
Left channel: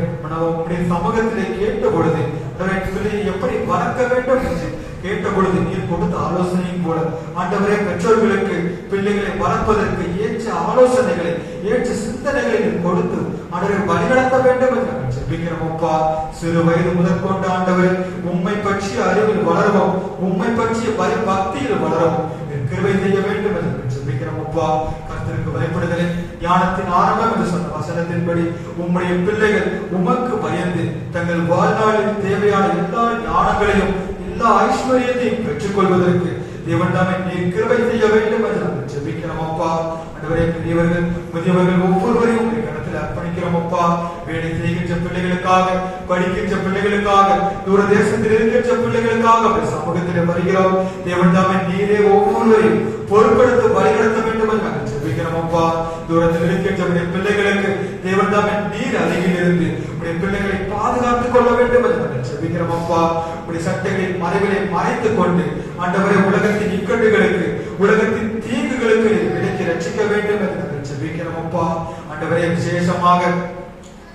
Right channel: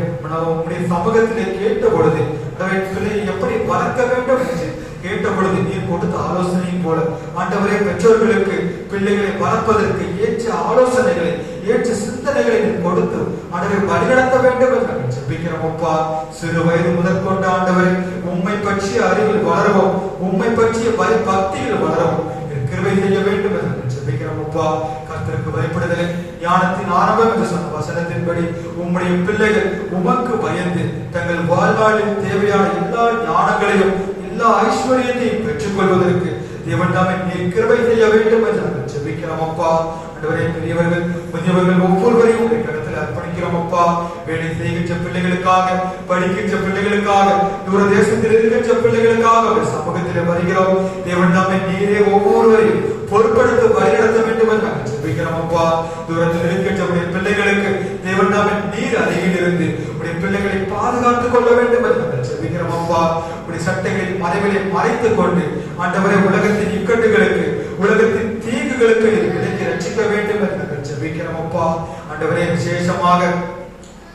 உம்முடைய சமூகத்திலே கேட்ட பொழுது பிள்ளையை எப்படி வளர்க்க வேண்டும் என்று கேட்ட பொழுது நீர் கொடுத்த ஆலோசனையும் போல ஆண்டவரே பெற்றோர்களுக்கு பிள்ளைகளை வளர்ப்பதற்கு ஏற்ற ஆலோசனைகளை ஏற்ற சிந்தனைகளை நீர் கொடுத்து ஆண்டவரை வழிநடத்த வேண்டும் என்று நாங்கள் ஜெபிக்கிறோம். அப்பா, சிறு வயது முதற்கொண்டு ஆண்டவரை உம்மை பற்றிய அறிவில் வளரவும் உம்மை பற்றிய பக்தியில் வளரவும் கிருபை செய்ய வேண்டும் என்று நாங்கள் ஜெபிக்கிறோம். அப்பா, கர்த்தருக்கு பயப்படுதலை ஞானத்தின் ஆரம்பம் என்று சொன்ன வசனத்தின்படி உம்முடைய பிள்ளைகள் உமக்கு பயந்து தங்கள் வாழ்நாளில் தேவையான எல்லா ஞானங்களையும் எல்லா ஐஸ்வர்யத்தையும் பெற்றுக் கொள்வதற்கு தேவன் தாமே நீர் கிருபை செய்ய வேண்டும் என்று நாங்கள் ஜெபிக்கிறோம். அப்பா, ஆண்டவரே பெரியவர்கள் முதியவர்கள் ஒவ்வொருவரையும் இடத்தில் அர்ப்பணிக்கிறோம். அப்பா, வேலை செய்கின்ற பிள்ளைகளுக்காக பிள்ளைகளுக்காக, படிக்கின்ற பிள்ளைகளுக்காக, தூர தேசத்தில் இருக்கின்ற பிள்ளைகளுக்காக சமூகத்தில் வருகிறோம். தேவன் தாமே நீரே ஒவ்வொருவரையும் பொறுப்படுத்த வழிநடத்த வேண்டும் என்று நாங்கள் ஜெபிக்கிறோம் அப்பா. தூரத்தில் இருக்கின்ற பிள்ளைகளுக்கு தேவன் தாமே நீர் அருகில் இருந்து உடைய பிள்ளைகளை பாதுகாத்துக் கொள்ள வேண்டும் என்று நாங்கள் ஜெபிக்கிறோம் அப்பா. உடைய சட்டங்களின் மறைகளை மறைத்துக் கொண்டு ஆண்டவரை உலகத்தின் இக்கட்டுகளுக்கு, உலகத்தின் தீங்குகளுக்கு விலக்கி ரட்சிக்க வேண்டும் என்று நாங்கள் ஜெபிக்கிறோம் அப்பா. ஆண்டவரே விசேஷமாக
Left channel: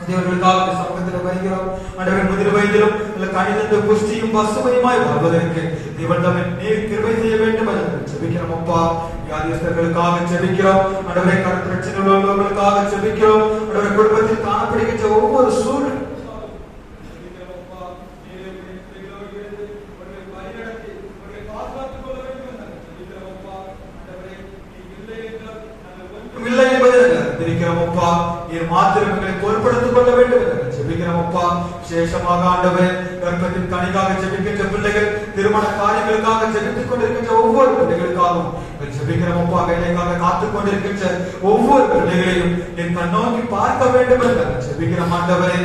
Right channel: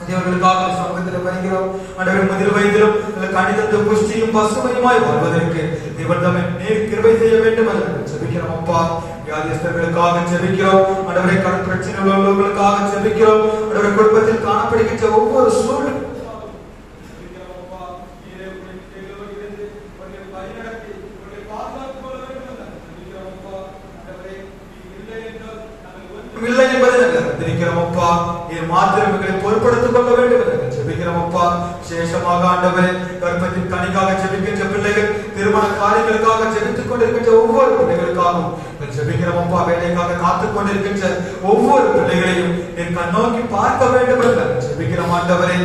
தேவர்களுக்காக சமூகத்தில் வருகிறோம். ஆண்டவரே முதல் வயதிலும் கணிதத்தை புஷ்டியும் பசுமையுமாய் வாழ்வதற்கு தேவன் தாமே நீர் கிருபை செய்ய வேண்டும் என்று ஜெபிக்கிறோம் அப்பா. வியாதிஸ்தர்களுக்காக ஜெபிக்கிறோம். ஆண்டவரே கடன் பிரச்சனை உள்ளவர்களுக்காக ஜெபிக்கிறோம். ஆண்டவரே குடும்பத்தில் காணப்படுகின்ற ஒவ்வொரு சூழ்நிலை இல்லை என்பதை தெரிவிக்கிறோம் அப்பா. என் மாத்திரங்களை பொறுப்படுத்திக் கொள்ள வேண்டும் என்று ஜெபிக்கிறோம் அப்பா. விசேஷமாக ஆண்டவரே கர்ப்பத்தின் கனிக்காக ஜெபிக்கின்ற பிள்ளைகள், திருமண காரியங்களுக்காக ஜெபித்துக் கொண்டிருக்கின்ற ஒவ்வொரு பிள்ளைகளுக்காகவும் ஜெபிக்கிறோம் அப்பா. வேலைக்காக காத்துக் கொண்டிருக்கின்ற ஒவ்வொரு பிள்ளைகளையும் என் கண்ணோக்கி பார்க்க வேண்டும் என்று ஜெபிக்கிறோம் ஆண்டவரே.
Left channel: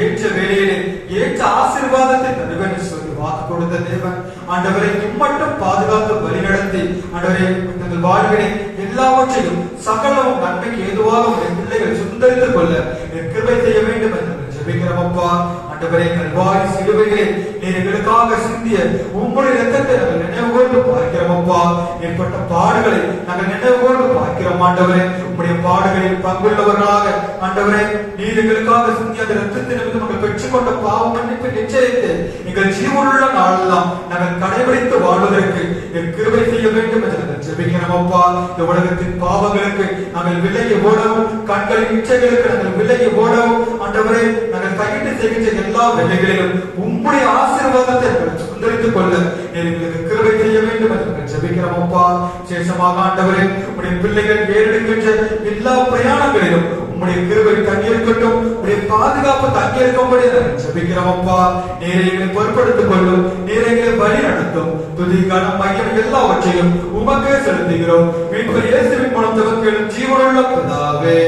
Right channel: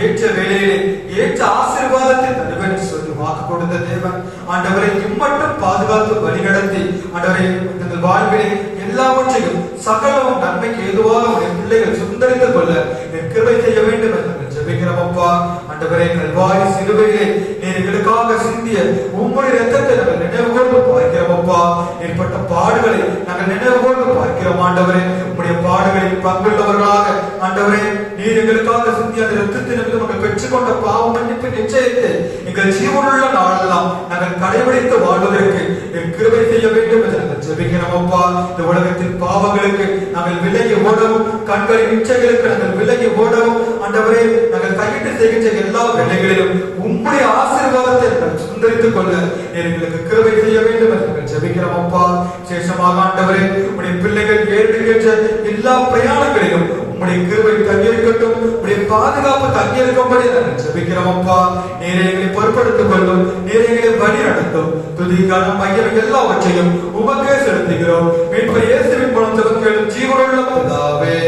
ஏற்ற வேலையிலே ஏற்ற ஆசீர்வாதத்தை தருவேன் சொல்லி வாக்கு கொடுத்த தேவன் ஆண்டவரை இம்மட்டும் பாதுகாத்து வழிநடத்தி ஆண்டவரை தங்கள் வாழ்வினை எல்லாவற்றையும் சகலவும் நன்மைக்கு ஏதுவாக என் பிள்ளைகள் சுந்தரித்துக் கொள்ள என் கிருபை செய்ய வேண்டும் என்று ஜெபிக்கிறோம் அப்பா. ஆண்டவரே கல்வாரி சிலுவையிலே நீர் எங்களுக்காக சிந்திய உம்முடைய இரத்தத்தை நாங்கள் நினைவுகூர்ந்து பார்க்கிறோம் அப்பா. ஏற்பட்ட பாடுகளை நாங்கள் நினைவுகூர்ந்து பார்க்கிறோம் ஆண்டவரே. உம்முடைய பாடுகளில் பங்குள்ளவர்களாக ஆண்டவரே நீர் எங்களுக்காக சிந்திய அந்த இரத்தத்தை நாங்கள் பெற்றுக்கொண்ட பாவ மன்னிப்பு நிச்சயத்தை எங்கள் ஜீவனுள்ள நாளெல்லாம் நாங்கள் கடைபிடித்து வாழ்வதற்கு என் கிருபை செய்ய வேண்டும் என்று நாங்கள் ஜெபிக்கிறோம் அப்பா. இந்த உலகத்தின் பாவங்களுக்கு நாங்கள் விலகி ஓடவும், கண்களின் இச்சைகளுக்கு நாங்கள் விலகி ஓடவும் ஆண்டவரே நாங்கள் கையிட்டு செய்கின்ற எல்லா வேலைகளிலும் உம்முடைய ஆசீர்வாதத்தை நாங்கள் சுந்தரித்துக் கொள்ள எங்களுக்கு கிருபை செய்ய வேண்டும் என்று நாங்கள் ஜெபிக்கிறோம் அப்பா. விசேஷமாக ஆண்டவரே உடைய பிள்ளைகள் ஏறிடுகின்ற எல்லா பிரயாணங்களிலும் உம்முடைய கிருபை தங்கியிருக்கட்டும், உடைய பாதுகாப்பு தங்கியிருக்கும்படி நாங்கள் ஜெபிக்கிறோம் அப்பா. நீரை எங்களை பொறுப்படுத்திக் கொள்ளும், நீரை எங்களை வழி நடத்தும். துதிக்கான மையம் எல்லாவற்றையும் உமக்கே செலுத்துகிறோம். மீட்பர் இயேசுவின் மூலம் துவக்கும் ஜீவனுள்ள பிதாவே.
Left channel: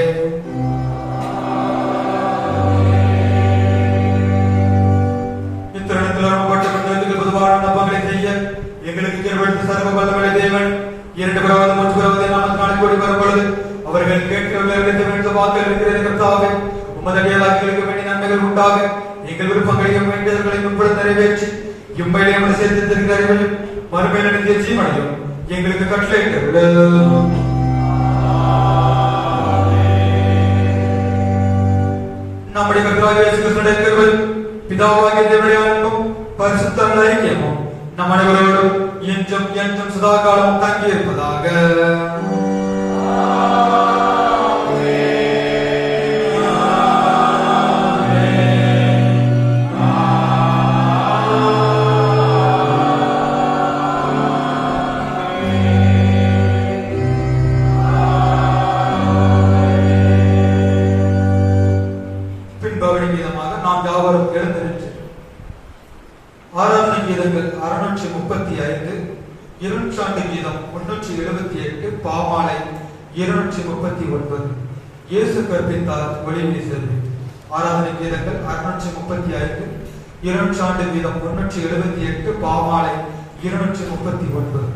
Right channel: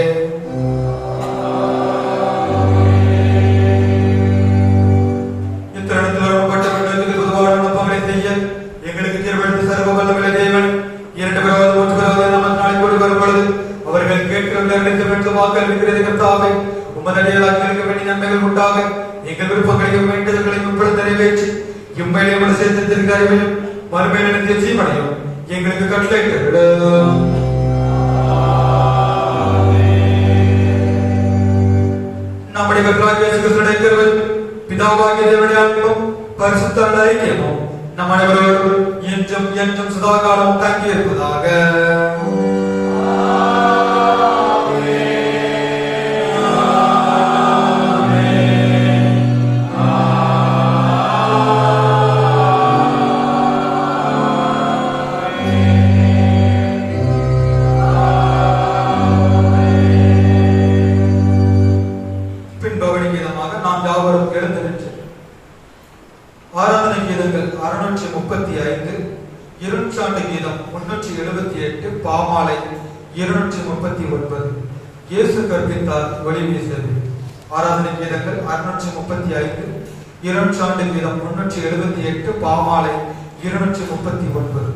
எங்களுக்கு தீர்வெடுத்து சர்வ வல்லமை தேவன் இரண்டு பகவான் மூன்று பகவான் நாளை கூடி வரும்பொழுது அவர்கள் கேட்கிற வாக்கு இருக்கிறது கர்த்தாவே. உமது அடையாளங்களுக்கு வேண்டிய நன்மைகள் உண்டாக எங்கள் விருப்பங்களையும் வேண்டுதல்களையும் உட்பட நிறைவேற்றி இம்மையிலே ஒரு சேர்த்திருக்கிற அறிவையும் மறுமையில நித்திய ஜீவனையும் எங்களுக்கு கட்டளையிட்டருளும். நம்முடைய கர்த்தராகிய இயேசு கிறிஸ்துவின் கிருபை, பிதாவாகிய தேவனுடைய அன்பும் பரிசுத்த ஐக்கியமும் நம் அனைவரோடும் என்றும் என்றும் சதாகாலம் தங்கி இருப்பதாக. பின்பவழி விதமாக நாம் யாவரும் எழுந்திருச்சு ஆராதனை கீதங்கள் 635, இருநூற்றாண்டு கீதம் 378, பாமாலை 239. இயேசு கற்பித்தார் ஒளி வீசது. ஆராதனை கீதங்கள் 635, இருநூற்றாண்டு கீதம் 378, பாமாலை 239.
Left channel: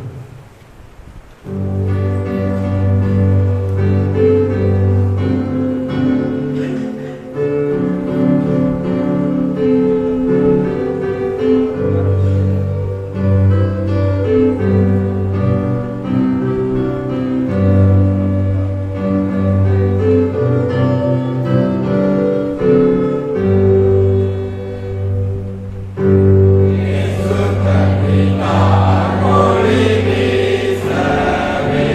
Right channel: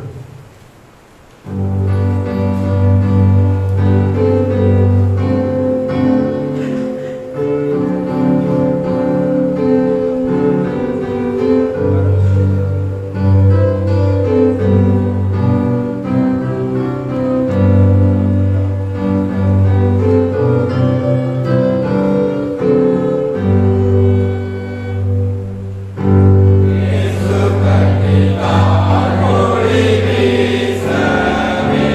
Yesu katiba, Holy Spirit.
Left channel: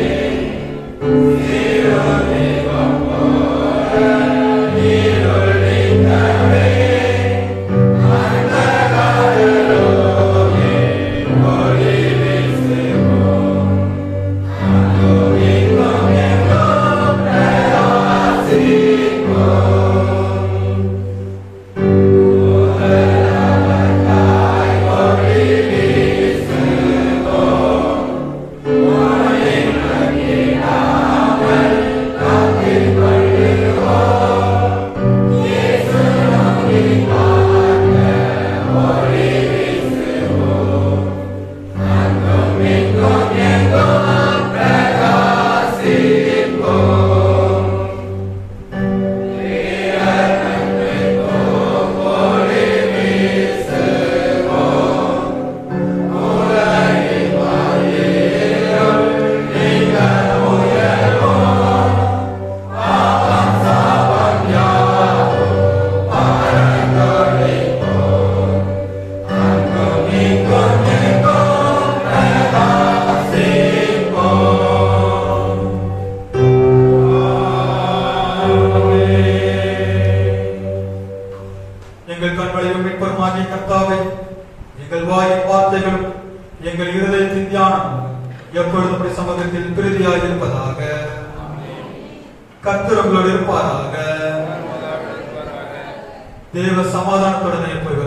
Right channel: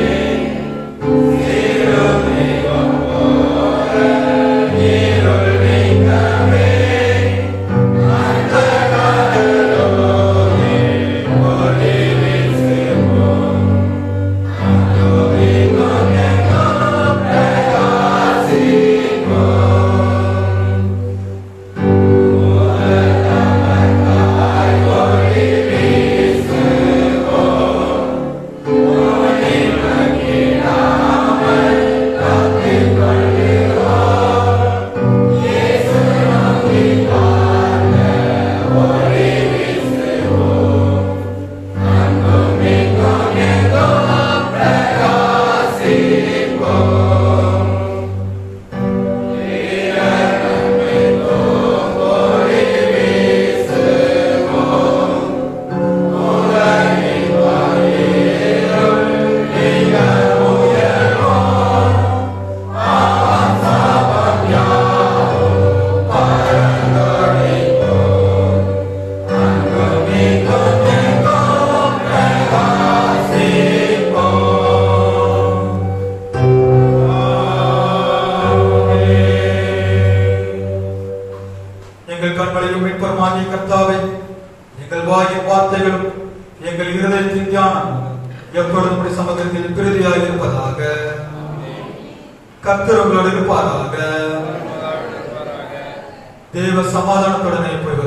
எங்கள் கண்களையும் மீட்பருமாகிய கர்த்தாவே, எங்கள் வாயின் வார்த்தைகளும் எங்கள் இருதயத்தின் தியானம் எப்பொழுதும் உம்முடைய சமூகத்தில் பிரதியாக இருப்பதாக. கர்த்தர் உங்களோடு இருப்பாராக. தேவ சமாதானத்துடனே போய்